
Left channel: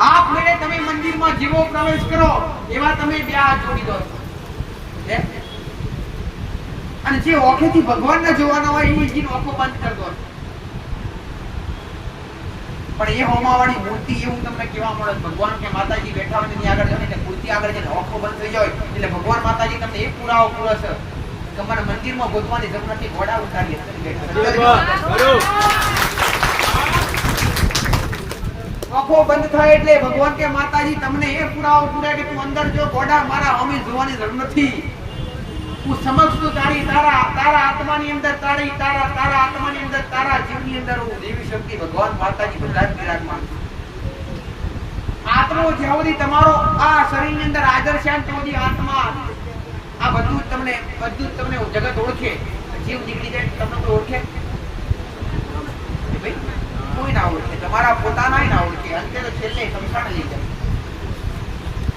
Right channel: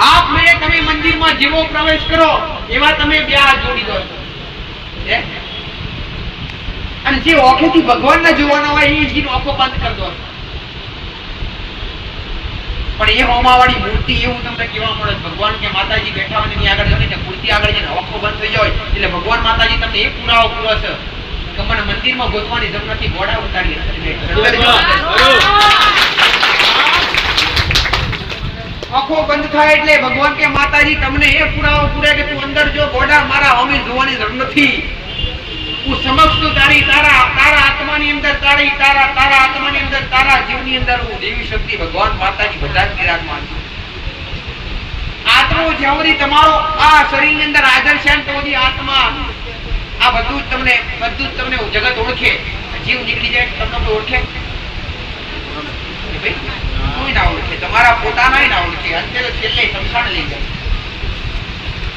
આપમેળે તમે મંદિરમાં જેવો પ્રવેશ કરો એવા તમે બે હાથ જોડી દો છો અને જે ઓખેથી ભગવાનને જોવાના હોય એ જીનો આંખો બંધ કરી દો પણ એ હોમાવાળી મૂર્તિ એવું તમને કેવા મળે ભગવાન કે માતાજી બેઠા હોય એની આગળ જઈને મૂર્તિ આગળ જઈને આંખો બંધ થઈ જાય એટલે ભગવાન માતાજી તમને એ પુરાવો પૂરો છે કે મને મંદિરમાં ગોતવાની જરૂર નથી ઘોડા ઉતારી આંખો બંધ થાય એટલે ભગવાન કે માતાજી તમને એ પુરાવો પૂરે કે તું અંદર જો ઘોડા મારા હોમી જોવાની જરૂર નથી હું સમક્ષ તું તારા આત્માની અંદર તારા આત્માની અંદર તારા જીવની અંદર હું દેવી શક્તિ ભગવાન માતાજી બધા જ વિરાજમાન છે આત્મો જ્યાં તમારો આ શરીરની અંદર હાજર છે તો બધી આત્મા આ બધું જ તમને જગત ઓળખે જીવ નીકળી જાય તમને કોઈ ઓળખે કોઈ ના ઓળખે તમારા પોતાના ના ઓળખે અંતે તો છેલ્લે સમસાણ લઈ જાય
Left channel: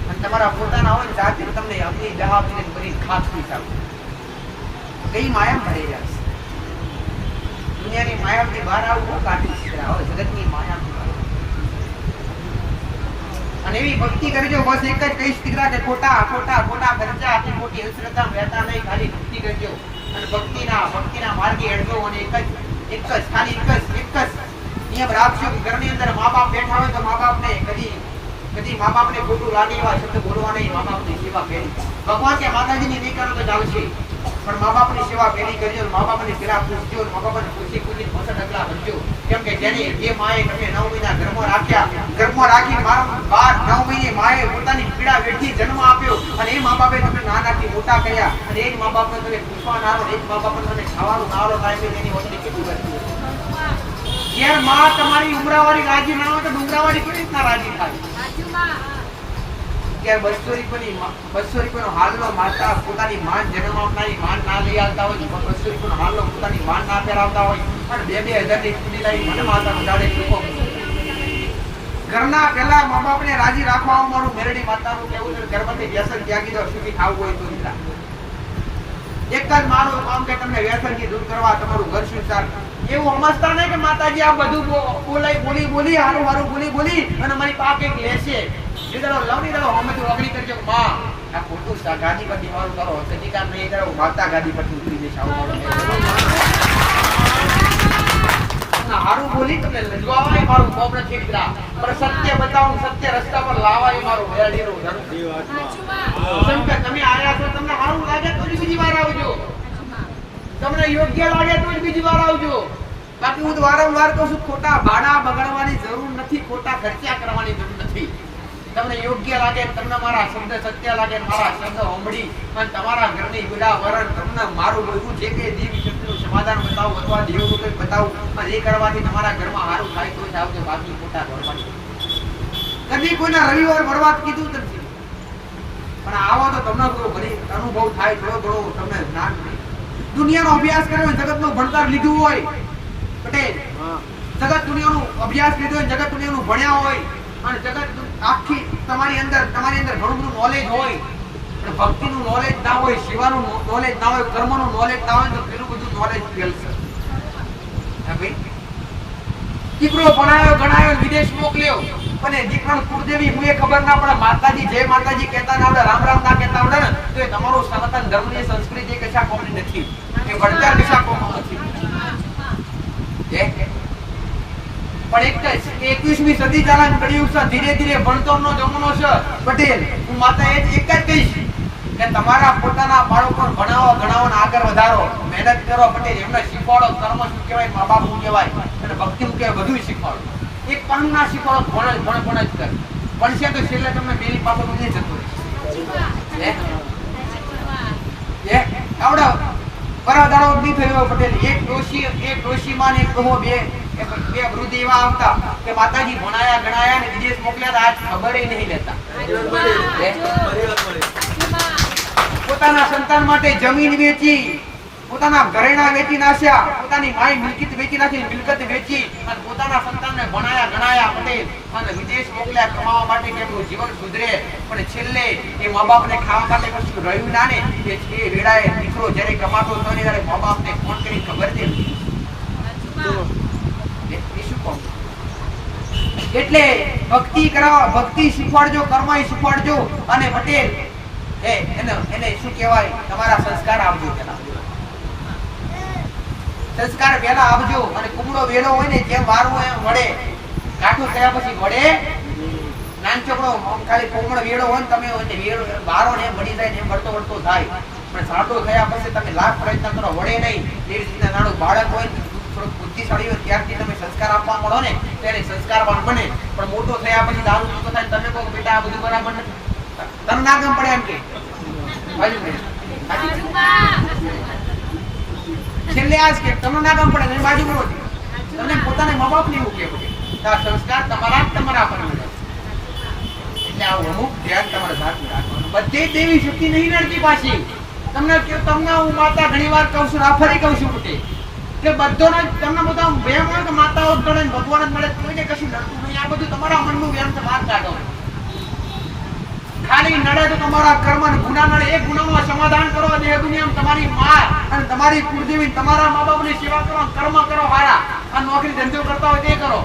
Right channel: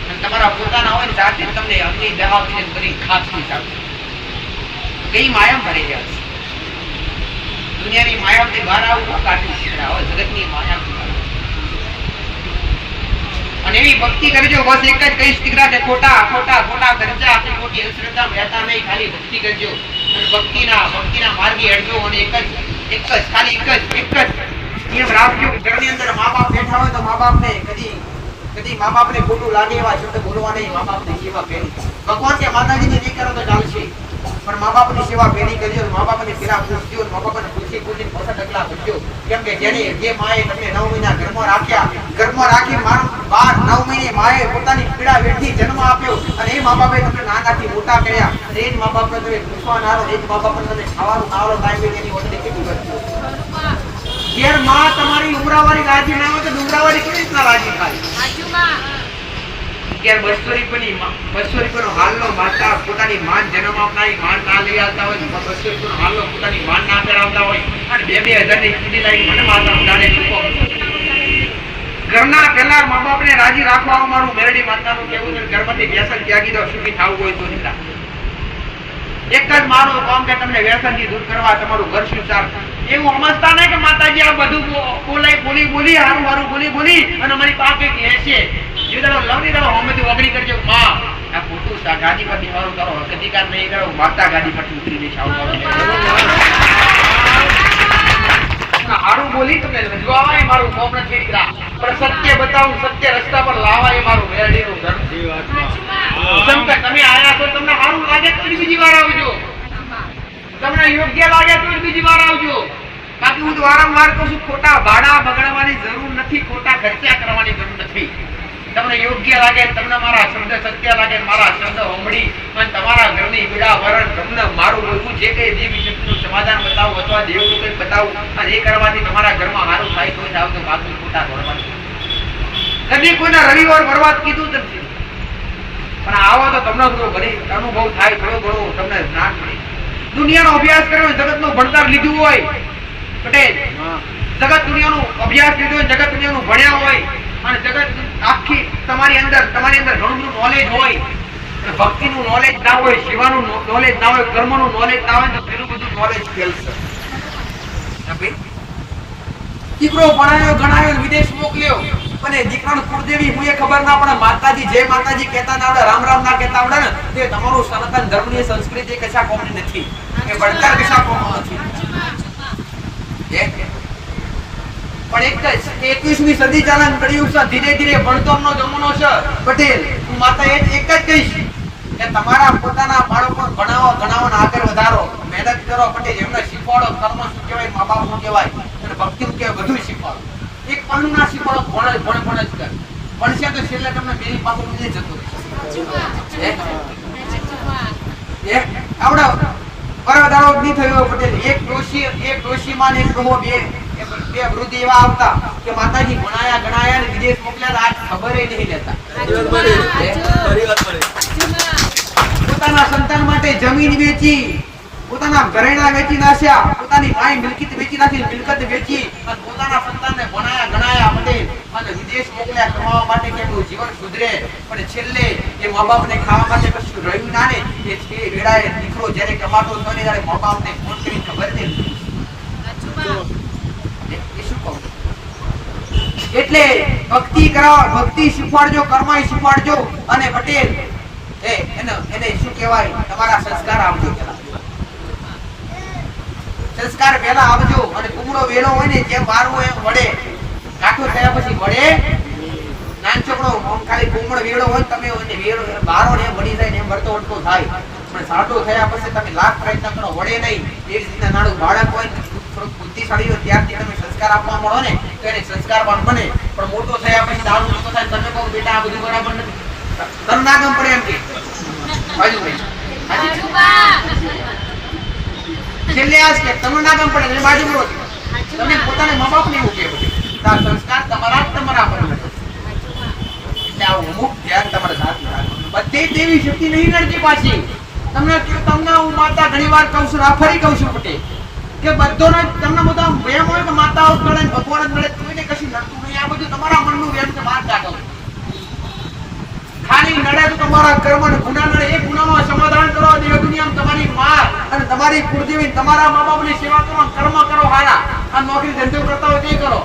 અને તમારા પોતાના હોય ને સાથે તમને અગ્નિ દહા કરી ખાસ થઈ જાવ કઈ માયામ ભરી જાય દુનિયાની માયામાંથી બહાર આવવું બહુ કાઠી છે જગતની માયામાંથી બહાર અને એવી ભક્તિ કરજો બસ એક જ કહીશ દીકરા કે ખોટા ખર્ચા આપણી મોટી અંધશ્રદ્ધા રહેતા નહીં ખાલી ભક્તિ કરજો અને ભક્તિના માર્ગે હેડજો અને એક જ નિયમ રાખજો કે ઘરની અંદર મા બાપ બેઠા હોય તો મા બાપને કદી મા બાપને ખોટું લાગે એવા શબ્દ બોલવા નહીં મા બાપની સેવા કરી ભગવાન કે માતાજીની નહીં કરો તો ચાલશે પણ મા બાપની સેવા પેલી કરજો મા બાપને પેલા પૂછજો મા બાપને પૂછી પાછા ટકલા ભરજો કેમ કે જે માએ તમને 9 મહિના ઘરમાં રાખી મારા 9 મહિને માએ પોતાની પીડા વેઠી જન્મ આપ્યો અને એ મા બાપે તમને નાનાથી મોટા કર્યા અને એ જ મા બાપને તમે પૂછવા ના આવો એ જ મા બાપને તમે ખાવાનું ના આવો ટાઈમે એની ઓટડી કેટલી કરતી ઘેર માં તમારી ઉમરાવાળી રાજી ના હોય તો ડુંગરાવાળી કેવી રીતના રાજી થાય કે 200 રૂપિયાનો હાલનો માતા પોતાની માન જન્મ આપનારી માન ના લઈ આવતા હોય 200 રૂપિયાનો હાલનો પોતાની માન ના પહેરાવતા હોય અને 2-2000 ની કીડી લાવી મને માતા ઉડાડે ચૂકો ઘરના પહેલા મા બાપને રાજી રાખવા મારું મેરડી માતાનું કહેવું છે ઘરમાંથી વ્યસન ત્યાગી દો સુખી થાવું હોય તો દીકરા એક જ મારું કામ કે તમને વ્યસનથી દૂર કરવા તમારું ઘર સુધાર એવું સમજતા નહીં કે માતાજી આ બધું બોલી હારું બોલી અને મારી પાસે લેશે જે દાડો લવની દાડો હમેથી ઓગળી કરજો માં આ ખોટું ગાદી પર દીવાનું કરો અધિકાર નહીં કરો માતા ગાદી પરથી ઉતરી જશે આવું હારું બોલી તમને લજવાવાય મારું કોમ નથી દીકરા પણ સત્ય બતાવું સત્ય રસ્તા પર લાવાય મારું મેરડીનું ઘર સમકે તમે આયા તો તમને હારું લાગે તો બીજી વાર આવજો તમને યોગ્ય લાગે તો બીજી વાર આવજો બાકી હું વારંવાર કહું છું ખોટા ભાડા બગાડવાની જરૂર નથી ખોટા ખર્ચા કરવાની જરૂર નથી તમને યોગ્ય લાગે તમને મારા શબ્દ સત્ય લાગે મારા શબ્દ હોંભળી અને તમારા ઘરની પીડા વરણ તમને મારું બોલવું જે કઈ દેવી શક્તિનું સમાધાન બતાવું અથવા દેવનું કંઈ બતાવું અને એ કરવાથી તમારા ઘરમાં સારું થાય તો જ આવતો બાકી ખોટા કરવાની કદી કોઈના રવિવાર બરબાદ કીધું નથી પણ આવો તો તમને થોડો અનુભવ થાય થોડો ઘણો તમને જ્ઞાન મળે દુનિયાનો અભ્યાસ કર્યો જગતનું ભણતર લીધું હોય પટેલ જગત દુનિયાનું અભ્યાસ લીધો હોય જગત દુનિયાનું ભણ્યા હોય અને જગત આખી તમારી અંદર ઘણું બધું નોલેજ હોય અને ભક્તિનું નોલેજ ના હોય સેવાનું નોલેજ ના હોય કર્મનું નોલેજ ના હોય તો પેલું બધું નોલેજ ફેલશે દીકરો ભણાયો વિદેશ મોકલ્યો અને દીકરાનું કુળદેવી હું એ ખબર ના પડે માતાજી જય માતાજી કહેતા ના આવડે રામ ના કહેતા આવડે ને તે તમારું સનાતન ધર્મની સંસ્કૃતિ કશા કોમની નથી એ ભણતર કશા કોમનું નથી પણ એક જ 21મી સદી ચાલન કળિયુગ છે ધીરે ધીરે ભણતરનો જમાનો છે પટેલ હું માતા એક જ કહીશ કે તમારા પોતાના બાળકો ભણાવો ને આગળ વધારો મહેનત કરો પટેલ એમને શીખવાડો કર્મ શું કહેવાય મા બાપ શું કહેવાય અને ભક્તિ શું કહેવાય બધું શીખવાડો એક પણ ના શીખવાડો ભણે જ કર ભણશે તો છેલ્લે તમને બેની પાછળ નથી જતો આવડો બરાબર નહીં થયો પટેલ એક ડોશી માં એક કહો બે વૃદ્ધ એવા આવતા કે માતાજી ભણાયા ગણાયા ને વિદેશ મોકલ્યા આજ ખબર નહીં લેતા પોતાના સંતાન માટે જમીન વેચી પોતાના ઘરેણા વેચી નાખ્યા પોતાની માય મિલકત વેચી નાખી મિલકત વેચી અને પોતાના સંતાનને ભણાયા ગણાયા પટેલ અને વિદેશ મોકલ્યા કમાવા માટે કેમનું જીવન સુધરે પણ છેલ્લે એ મા બાપને ખાવા માટે કશું રહ્યું ના ને એ વેળાએ દીકરો જ્યારે કમાતો હતો ને ત્યારે મા બાપને ફોન કરી ખબર દે શું કહો એટલે ભક્તિ કરો, ભક્તિ શીખવાડજો, કર્મ શીખવાડજો. અને પટેલ એને શું કહેવાય, તમારા સંસ્કાર આપજો. પેલા સંસ્કાર પહેલા આવજો. અને કુમળો વેલો હોય ને જેમ વારવું એમ વડે, કાઠો થયા પછી વડે. નાન છોકરો ખાલી કુમળો વેલો હોય તમે વેલો વારો ને એમ વડી જાય ને એમ વળતો વળતો થાય. પણ સાટો થયા પછી તમે લાખ પ્રયત્ન કરો, વડે નહીં. એ રીતના નાનું બાળક હોય, થોડું બુદ્ધિશાળી હોય, ત્યારથી તમે સંસ્કાર આપવા મળો ને તો એને સંસ્કારવાન બને. પણ મોટો થયા પછી દારૂ પીતો થાય, તમે કહો બેટા આ બધું બરાબર નથી, તને ના ગમ પડે એમ કે બાજુ છેલ્લે આજ કે તમને ના ગમ પડે બાજુ બોલો, તમને પોતાને મા બાપ ને એવું કે સંસ્કાર તમારા જ તમારા પર મળે. એટલે આવું અમુક ધ્યાન તમારે સાથે રાખવાનું. બધી દેવી શક્તિ નહીં નડતી પાછી. તમને હું માતા ઘણી વાર કહું છું, આ ફરી કહું છું પટેલ, કે બધોને તમને બધા વેમ હોય કે માતાઓ જ મળે, ભગવાન જ મળે, કોઈને કશું નડતું નહીં. આ બધું તમારા મનનું વેમ છે, બહાર કાઢો. ખાલી નડે તો તમારા કર્મ ને ગુના નડે, એ ગુનાનું સમાધાન કરો. દેહ દુનિયામાં તમારી માં અને તમારી કુળદેવી, તમારા મા બાપની સેવા કરો, કર્મ કરો હારા. આ નોકરી ધંધો કરતા હોય તે કરો.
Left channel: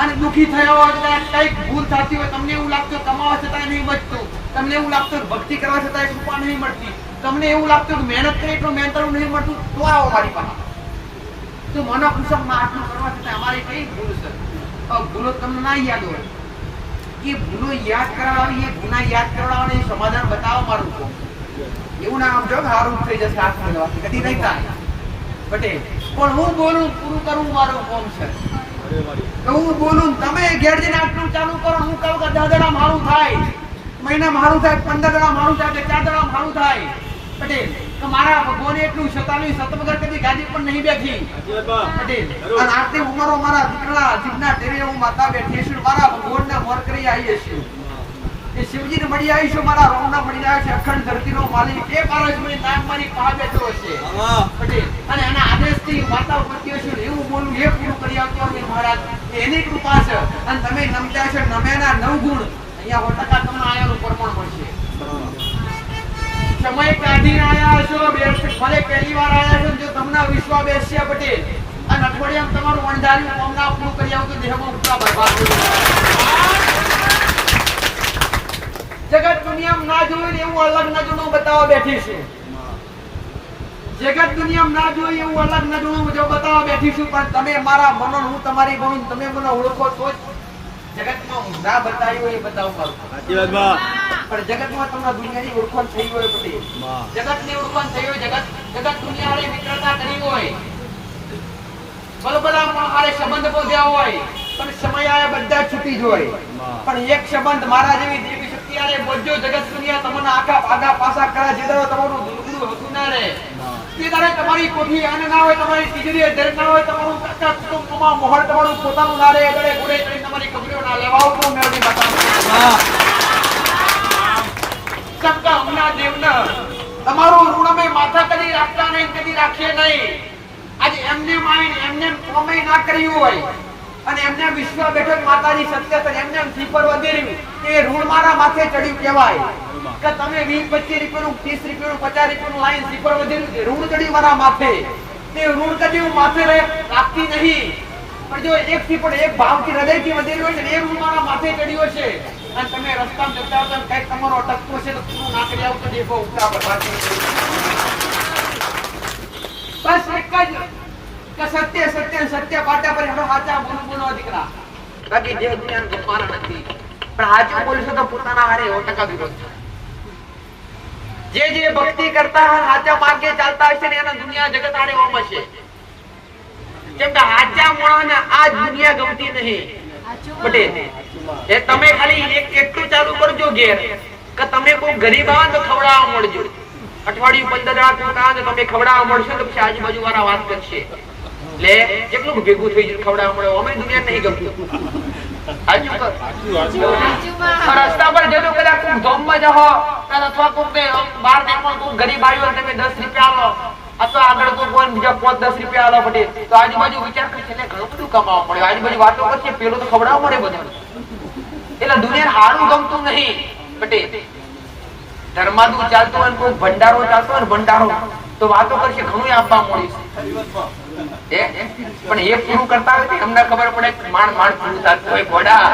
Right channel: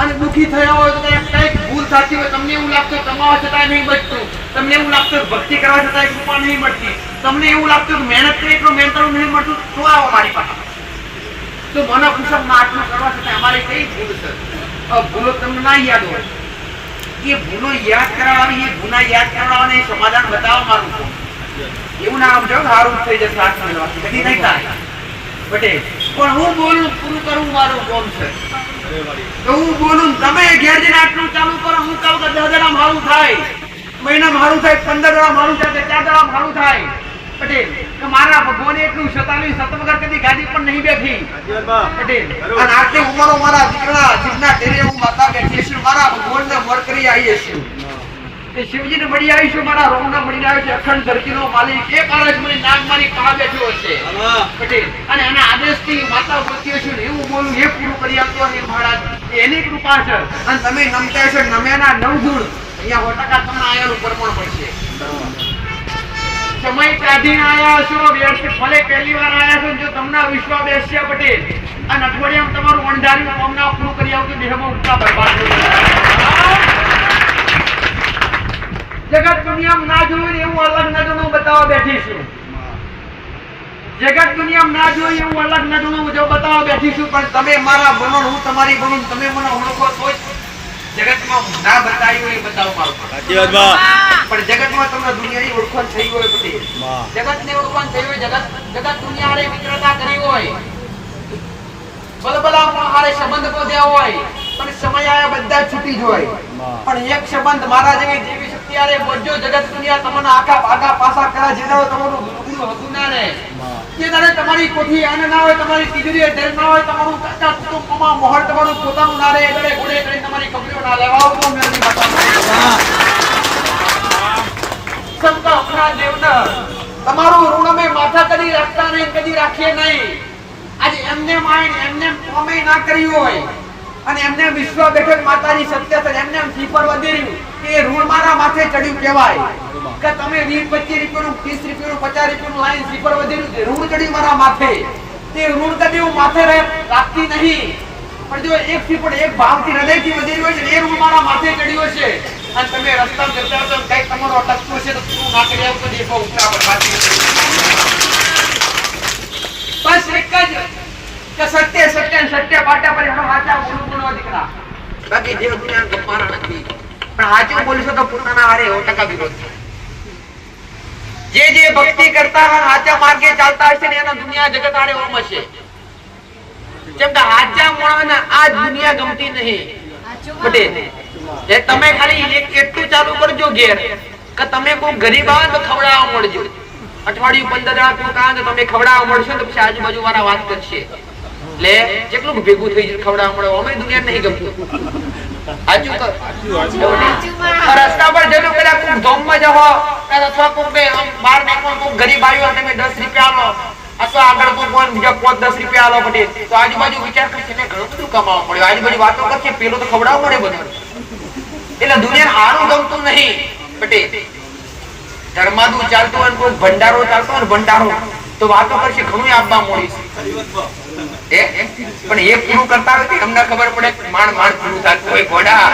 અને દુખી થયા હોય તો કઈક ભૂલ થતી હોય, તમને એવું લાગતું કમાવા છતાં નહીં બચતું, તમને એવું લાગતું ભક્તિ કરવા છતાં કૃપા નહીં મળતી, તમને એવું લાગતું કે મહેનત કરી તો મહેનત નહીં મળતું, તો આવો મારી પાસે. તો મનો પુરુષમાં આટલું કરવા છતાં અમારે કઈ ભૂલ છે? ભૂલો તમને ના યાદ હોય, એ ભૂલો યાદ કરાવવાની, એ ગુના યાદ કરાવવાને સમાધાન બતાવવા મારું કોમ. એવું ના સમજો સારું થઈ જશે, હાથ મળવાથી કદી નહીં થાય પટેલ. પણ હું બોલું પૂરું કરું મારું કોમ છે. તો હું બોલું, તમે ઘેર જઈને આટલું ચાલુ કરો, હું કહું કે 10 દાડા મારું થાય, મહિના મારું થાય, 15 દાડા મારું થાય, 4 દાડા મારું થાય પટેલ. કે મારા ભગવાને એટલું 47 સત વગર કદી ગાદી પણ નહીં બેઠી પટેલ. અને આટલી ઉંમરો મારા દીકરા જીવના તેરે હું માતા બેઠી છું, મારા ભગવાનને મોર કરી આવી છું, એ શિવજીને મળી આવી છું, મારા રોમના મળી આવ્યો છે, અખંડ ધરતીનો માલિક. એક આરજ મને નામ મારી પા બેઠો હશે પટેલ. અને આના આદેશથી માતા બોલતી હશે ને એવું બોલું, એ પૂરું કરી આપતો અને મહારાજ એની કૃપા છે. અને તમે નમતા છો, નમ્યાના 9 ગુણ અહીંયા 100% તમને આયાનું પ્રમાણ મળશે. સમય કાઢીને આયા છો, ભલે પહેલી વાર આયા છો, જો તમને વિશ્વાસ બેસશે પટેલ, અને અઠવાડિયામાં તમારું વણધાર્યું કામના પૂરું કરી આવતું, દેહમાં ઉઠતા બરબાદ થઈ જગત દુનિયામાં ના જોયું એવું અલગ નજરનું બતાવવા બેઠી છે. જગત દુનિયામાં ના જોયું એવું અલગ નજરનું જો બતાવવા બેઠી છું. પણ તમે મારા બનો, હું તમારી બનો, તમે મને ઓળખો તો જ જગતમાં ના બતાવ્યું એ બતાવો મારું. પણ જગતમાં તમને દુનિયાની ઓળખાણ થઈ હોય પછી, જગતની ઓળખાણ થઈ હોય, જગત દુનિયાએ મિત્રતા કરી હોય, બલબલા હારે સંબંધ બોધ્યા હોય, પણ સમય આયા બધા છૂટી જ હોય. પણ એક સંબંધ મારા જેવી દેવી શક્તિ આરે બોજો, જગત દુનિયા તમને આખા ભાગા પાસા કરે, જે દાડો તમારું ગુરુ હતું ના રે, તે દાડે તમારી કોઠી અન્ન ના હોય, તમારી તિજોરી ધર ના હોય, તમારું કાકા કુટુંબમાં મોહર તમારું પોતાનું ના રે, એ દાડે ઘોડે કરીને તમારી કબરીઓ ના લેવા આવો મેળવી બતાવો. સમકા ઉના દેવના તમારું ઋણ મે માથા કદી રાખતા નહીં, કદી રાખીએ નહીં. આજે એમને માઈને એમને કોમે ના કર્યું હોય, અને એમને વિશ્વા બેઠક માતાજી સત્ય છે, એમને સીપર વધેર્યું, એ ઋણ મારા માથે ચડ્યું કહેવાય. કે તમે 20-25 રૂપિયાનું, 30 રૂપિયાનું, 50 રૂપિયાનું લાઈન સીપર વધેર્યું, ઋણ ચડ્યું મારા માથે. તે ઋણ કદી હું માથે રાખતી નહીં. પણ જો એક સીપર એક ભાવથી હૃદયથી વધેર્યું હોય છે, એ ઋણ મારા માથે ચડ્યું છે. અને તમે રસ્તામાં જતા હો તો કઈક તમારો અટકતો છે તો પૂરું ના કરી આવતો, દેખો ઉપરા બરબાદ. બસ એક જ કે સત્ય સત્ય સત્ય પાટા પર એનો સાચા બોલો દીકરા. બાકી દેવ દુનિયા ગપ્પાના નથી. પણ સાચું બોલશો તો પોતાના હારે 100% વિરોધ છે. જે ભક્તિ કરતા હોય, સાચા માર્ગે ચાલતા હશે ને એના દુનિયા જગત હારે ઓમ હશે. જેમ કે સાચા મોણાને આ દુનિયા ગમતી નહીં પટેલ. એ તમે ખાલી એટલું ચાલુ કરજો ઘેર કે તમે કોઈ ગરીબ આવે તો ખવડાવવા મળજો. અઠવાડિયું 15 દાડા પૂરતા આવે તો તમે ખવડાવવા મળશો તો પછી આજુબાજુ વાળા વાત કરશે, લે કેટલું ભેગું થઈ જશે ખવડાવવા મળે, અમે દુનિયા નહીં ગમતું. રસ્તા પર જતો પેલા કોક ધોમમાં જાઓ અથવા કોક બહાર નીકળો, કોક ગરીબ આવ્યો તમે 10 રૂપિયા આલો, અથવા આગળ કોઈ કોણ બીજા 5-10 રૂપિયા આલો પટેલ, તો આજુબાજુ વિચાર કરશે ને ઘણું બધું કમાવા મળ્યું, આજુબાજુ વાતો કરશે, પેલો તો ખવડાવવા મળે બધું. એટલે દુનિયા હારું ગમતું નહીં પટેલ. ધર્માદુ ચાલતો હોય, કોઈ ભંડારો ચાલતો હોય, ભંડારો તો વાતો કરશે, ઘણું આપવા મળીશ. પણ એ પૂરું કરતા હોય તો અમને ખબર પડે કે માંડ માંડ પૂરું થતું હોય ઘોડા.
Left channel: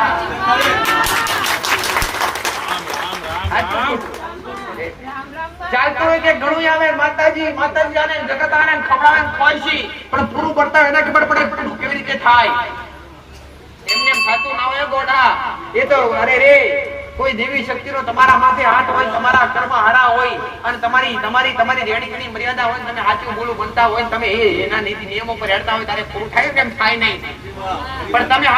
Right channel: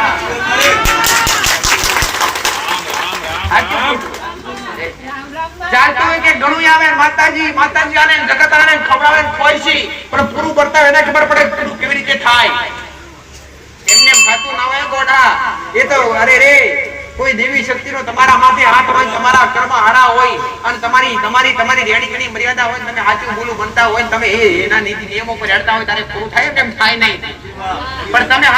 ચાલતું હોય કે ઘણું આવે માતાજી માતાજી આને જગત આને ખવડાવે ખોઈશી, પણ પૂરું કરતા હોય એને ખબર પડે પૂરું કેવી રીતે થાય. એમને એમ થતું ના હોય ઘોડા. એ તો અરે રે કોઈ દેવી શક્તિનો તમારા માથે હાથ હોય, તમારા કર્મ હારા હોય અને તમારી રેડી ઘણી મર્યાદા હોય, તમે સાચું બોલું બનતા હોય, તમે એના નીતિ નિયમો પર હેડતા હોય ત્યારે પૂરું થાય કેમ થાય નહીં. પણ તમે